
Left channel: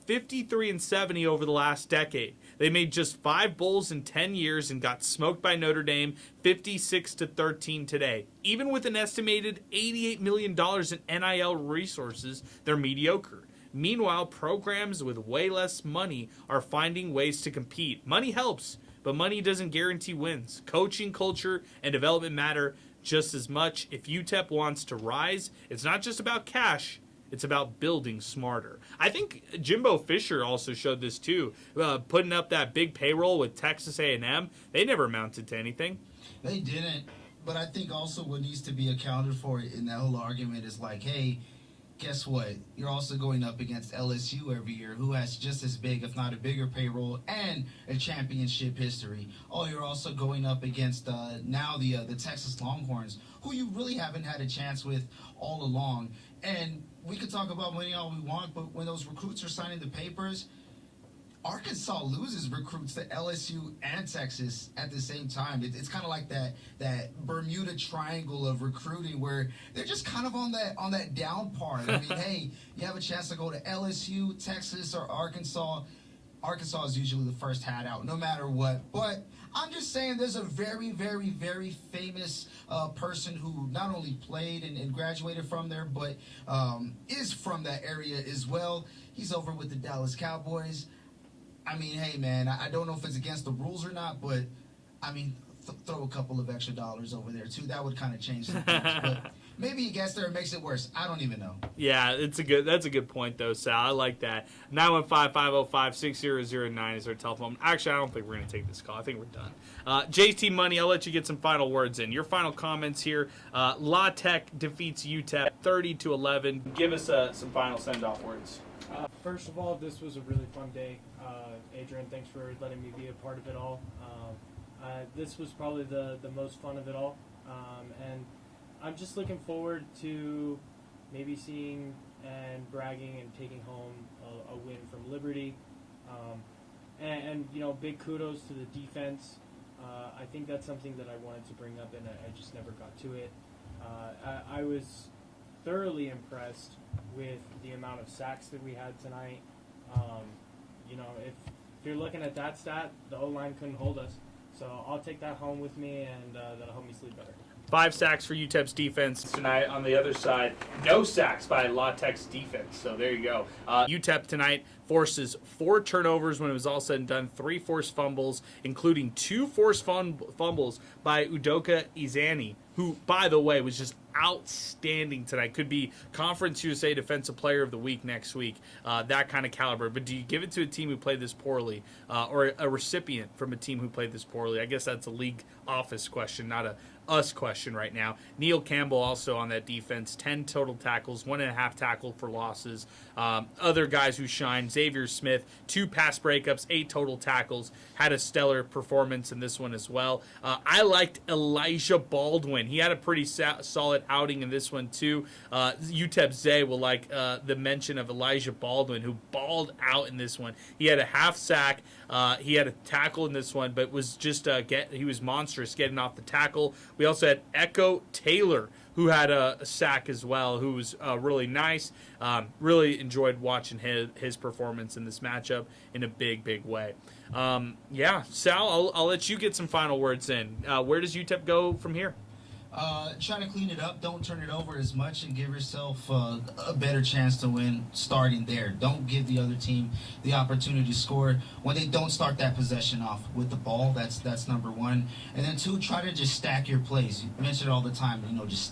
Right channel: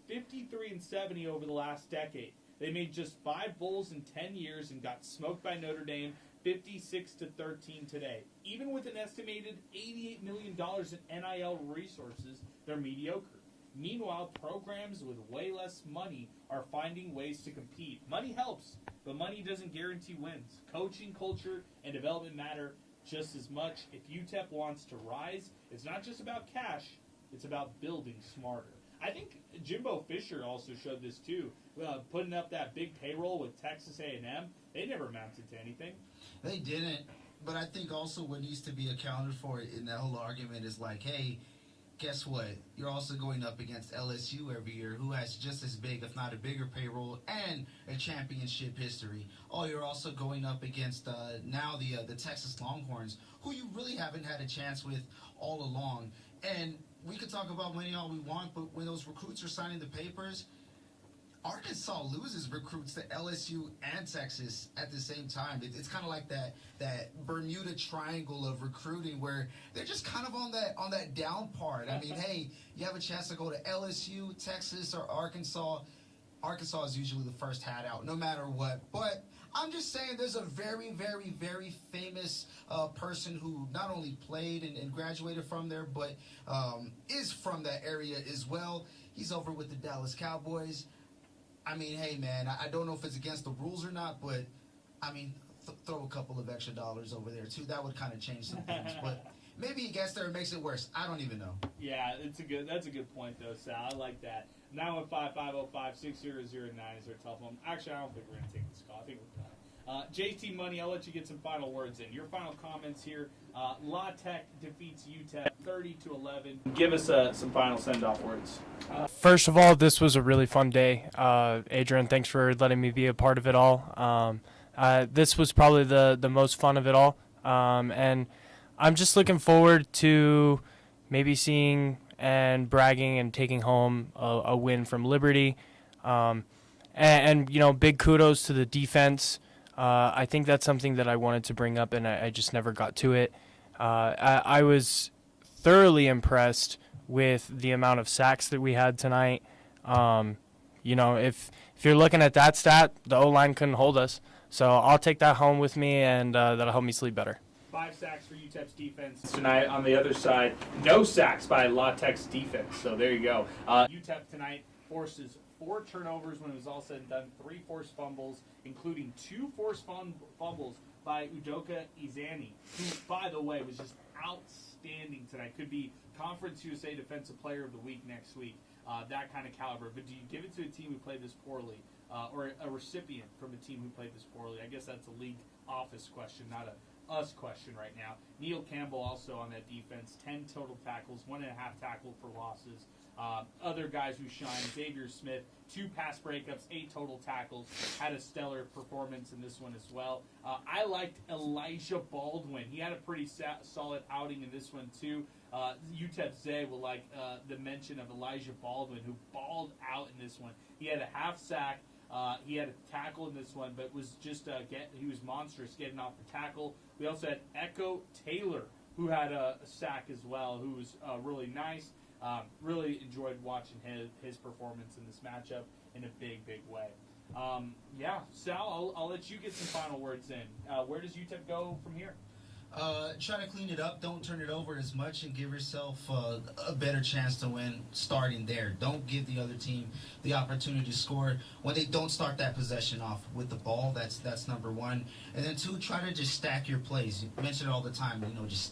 53-70 over the last decade. They made just 5 bowls in 10 years and got smoked by Notre Dame 56-13 today. Even with an estimated $88 million in NIL resources, they're mediocre. Meanwhile, programs with way less money are finding ways to compete. Money helps, but money doesn't guarantee wins. Coaching, culture, and development matter just as much. If UTEP wants to rise, it's not just about cash. It's about building smarter. I think Jimbo Fisher also showed this too. Putting up that big payroll with Texas A&M, they never amounted to anything. They didn't, but I think also what needs to be accounted for in that whole argument is like, hey, guess what? You're also going up against LSU every year, who has just as big, if not a bigger payroll and a championship history. Oh, you're also going up against now the Texas Longhorns, who you really haven't had a chance with all along. And we could talk about winning all we want, but when those recruits are signing the papers, Arkansas loses recruits to LSU and Texas at the same time. It's kind of like that Bermuda Triangle of recruiting where they're just kind of on that down part. I mean, hey, you have a chance to go to LSU, Texas, or Arkansas. Arkansas is usually the first hat out, no matter what. But I'm just saying there's a very, very, very famous person who not only played and graduated from there, but is from that area as well. He's over with the Dallas Cowboys. I mean, hey, man, I don't know if it's against the rules or not, but, I mean, throw a couple of extra dollars over there, too. That would kind of change some things. But maybe he gets there and makes it worse. I don't even know. Yeah, that's a good point, though, Sal. I like that. 915-505-6009 is our telephone. Actually, I don't think we're going to take this call. I think we're done. JT Money, I'll let you get some final words in. Your final comments here. La Tech defeats UTEP 30-11. Give us some final send-off words. First of all, this was a really fun day. Adrian, thanks for letting me be a part of it all. This was probably the most fun of it all. And I'm just looking forward to maybe seeing and bragging and taking home a win from Liberty. And you know, big kudos to the defense. I think that's something that I wanted to bring up, and I just never got to it. I was thoroughly impressed with the amount of sacks that we had tonight. You know, if you're looking at that stat, the O-line couldn't hold us. So I'll take that home with me, and that'll help me sleep better. 5 sacks for UTEP's defense tonight. On the other side, no sacks by La Tech's defense. So there you go. UTEP tonight forces 4 turnovers when it was all said and done, 3 forced fumbles, including 2 forced fumbles by Udoka Izani, who, by the way, was just outstanding tonight. Could be Conference USA Defensive Player of the Week next week, that kind of caliber. But do you give it to a team who played this poorly, or a recipient from a team who played this poorly? I guess that's a league office question, not a us question right now. Neil Campbell also on that defense, 10 total tackles, 1.5 tackle for losses. Other guys who shine, Xavier Smith, 2 pass breakups, 8 total tackles, had a stellar performance in this one as well. I liked Elijah Baldwin. He had a pretty solid outing in this one too. UTEP Zay will like the mention of Elijah Baldwin, who balled out in this one. He had a half sack. He had a tackle in this one, but was just he was monstrous getting off the tackle. We also had Echo Taylor, who had a sack as well, who was really nice. Really enjoyed watching his performance in this matchup in a big way. Yeah, Sal, I'll let you get some final words in. Where does UTEP go from here? Try to clean it up. Don't turn it over as much, and give yourself a better chance to win starting there. Don't give the other team the opportunity to score when they don't start that possession off with the ball. That's number 1. And then 2, try to just stack your plays. You mention it all the time. You know, just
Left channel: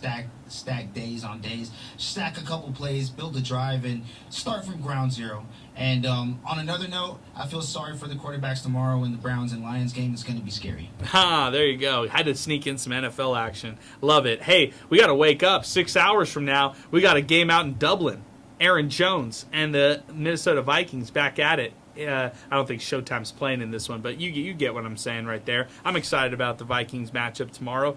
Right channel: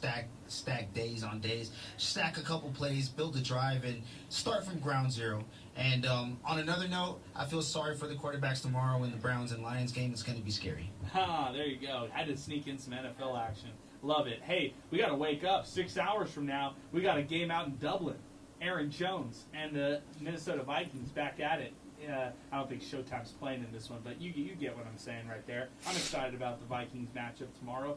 stack days on days. Stack a couple plays, build a drive, and start from ground zero. And on another note, I feel sorry for the quarterbacks tomorrow in the Browns and Lions game. It's going to be scary. There you go. Had to sneak in some NFL action. Love it. Hey, we got to wake up. 6 hours from now, we got a game out in Dublin. Aaron Jones and the Minnesota Vikings back at it. I don't think Showtime's playing in this one, but you get what I'm saying right there. I'm excited about the Vikings matchup tomorrow.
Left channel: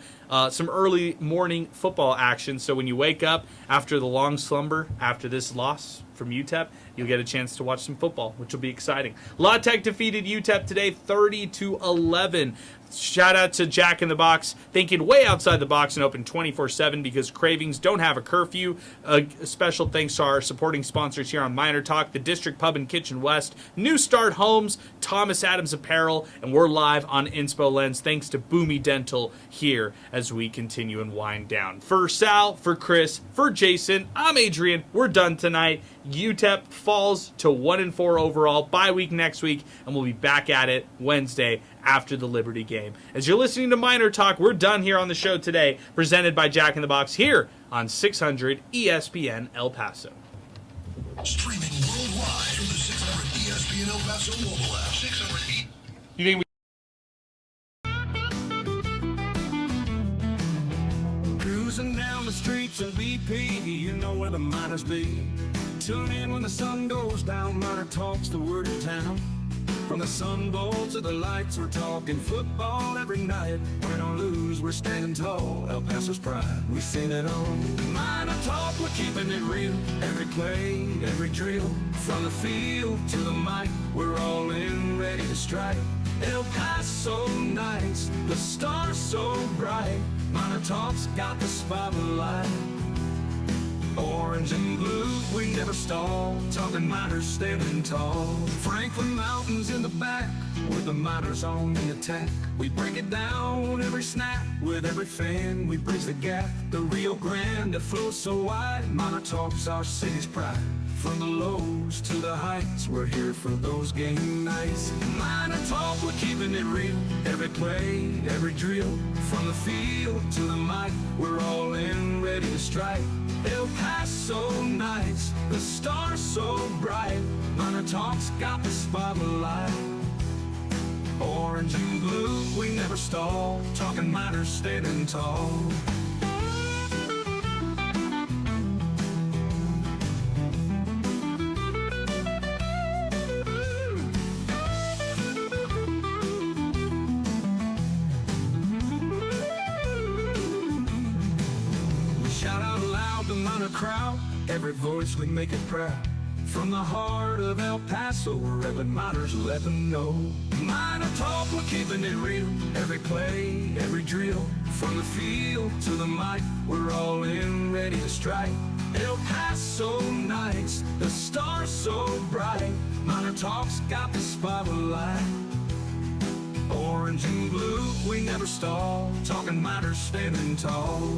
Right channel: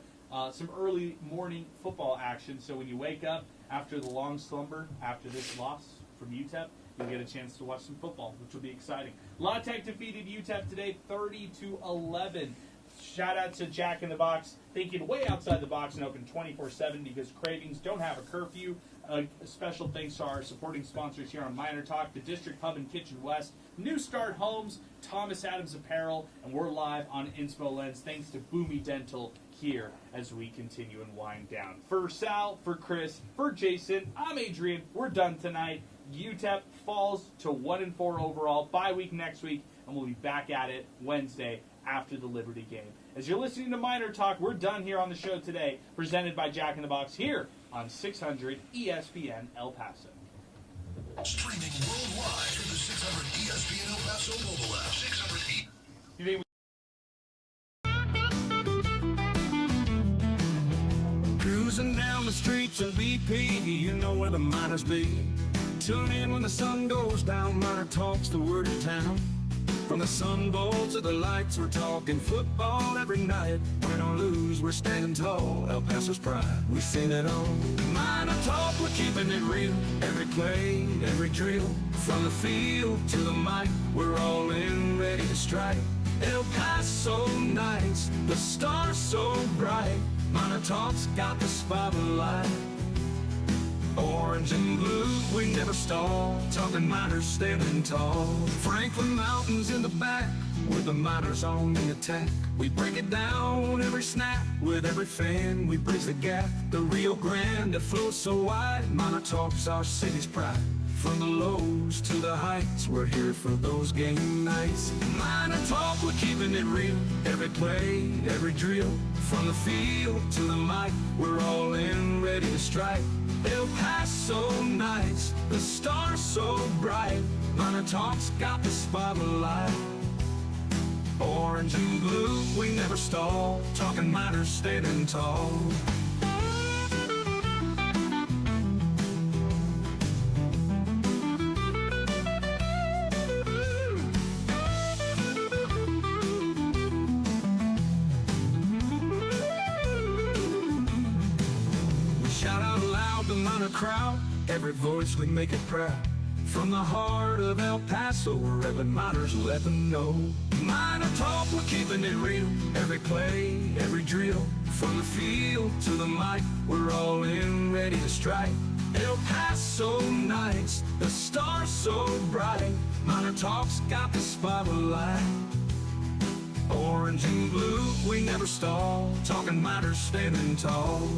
Some early morning football action, so when you wake up after the long slumber, after this loss from UTEP, you'll get a chance to watch some football, which will be exciting. La Tech defeated UTEP today 30-11. Shout out to Jack in the Box, thinking way outside the box and open 24/7 because cravings don't have a curfew. A special thanks to our supporting sponsors here on MinerTalk, the District Pub and Kitchen West, New Start Homes, Thomas Adams Apparel, and we're live on Inspo Lens thanks to Boomy Dental here as we continue and wind down. For Sal, for Chris, for Jason, I'm Adrian. We're done tonight. UTEP falls to 1-4 overall. Bye week next week, and we'll be back at it Wednesday after the Liberty game. As you're listening to MinerTalk, we're done here on the show today, presented by Jack in the Box here on 600 ESPN El Paso. Streaming worldwide from the 600 ESPN El Paso mobile app. 600 You think Cruising down the streets of BP, you know where the miners be. Tune in when the sun goes down, MinerTalk's the word of town. From the Sun Bowl to the lights, we're talking football every night. Win or lose, we're standing tall. El Paso's pride, we've seen it all. MinerTalk, we're keeping it real. Every play, every drill. From the field to the mic, we're all in, ready to strike. El Paso nights, the stars so bright. MinerTalk's got the spotlight. Orange and blue, we never stall. Talking miners standing tall. Franklin Mountains in the back, with the miners on the attack. We break it down every snap. With every fan, we bridge the gap. The Rio Grande that flows so wide. MinerTalk's our city's pride. From the lows to the heights, we're here for those game nights. MinerTalk, we're keeping it real. Every play, every drill. From the field to the mic, we're all in, ready to strike. El Paso nights, the stars so bright. MinerTalk's got the spotlight. Orange and blue, we never stall. Talking miners standing tall. Crowd, every voice we make it proud. From the heart of El Paso, where every miners let them know. MinerTalk, we're keeping keeping it real. Every play, every drill, from the field to the mic, we're all in, ready to strike. El Paso nights, the stars so bright. MinerTalk's got the spotlight. Orange and blue, we never stall, talking Miners standing tall.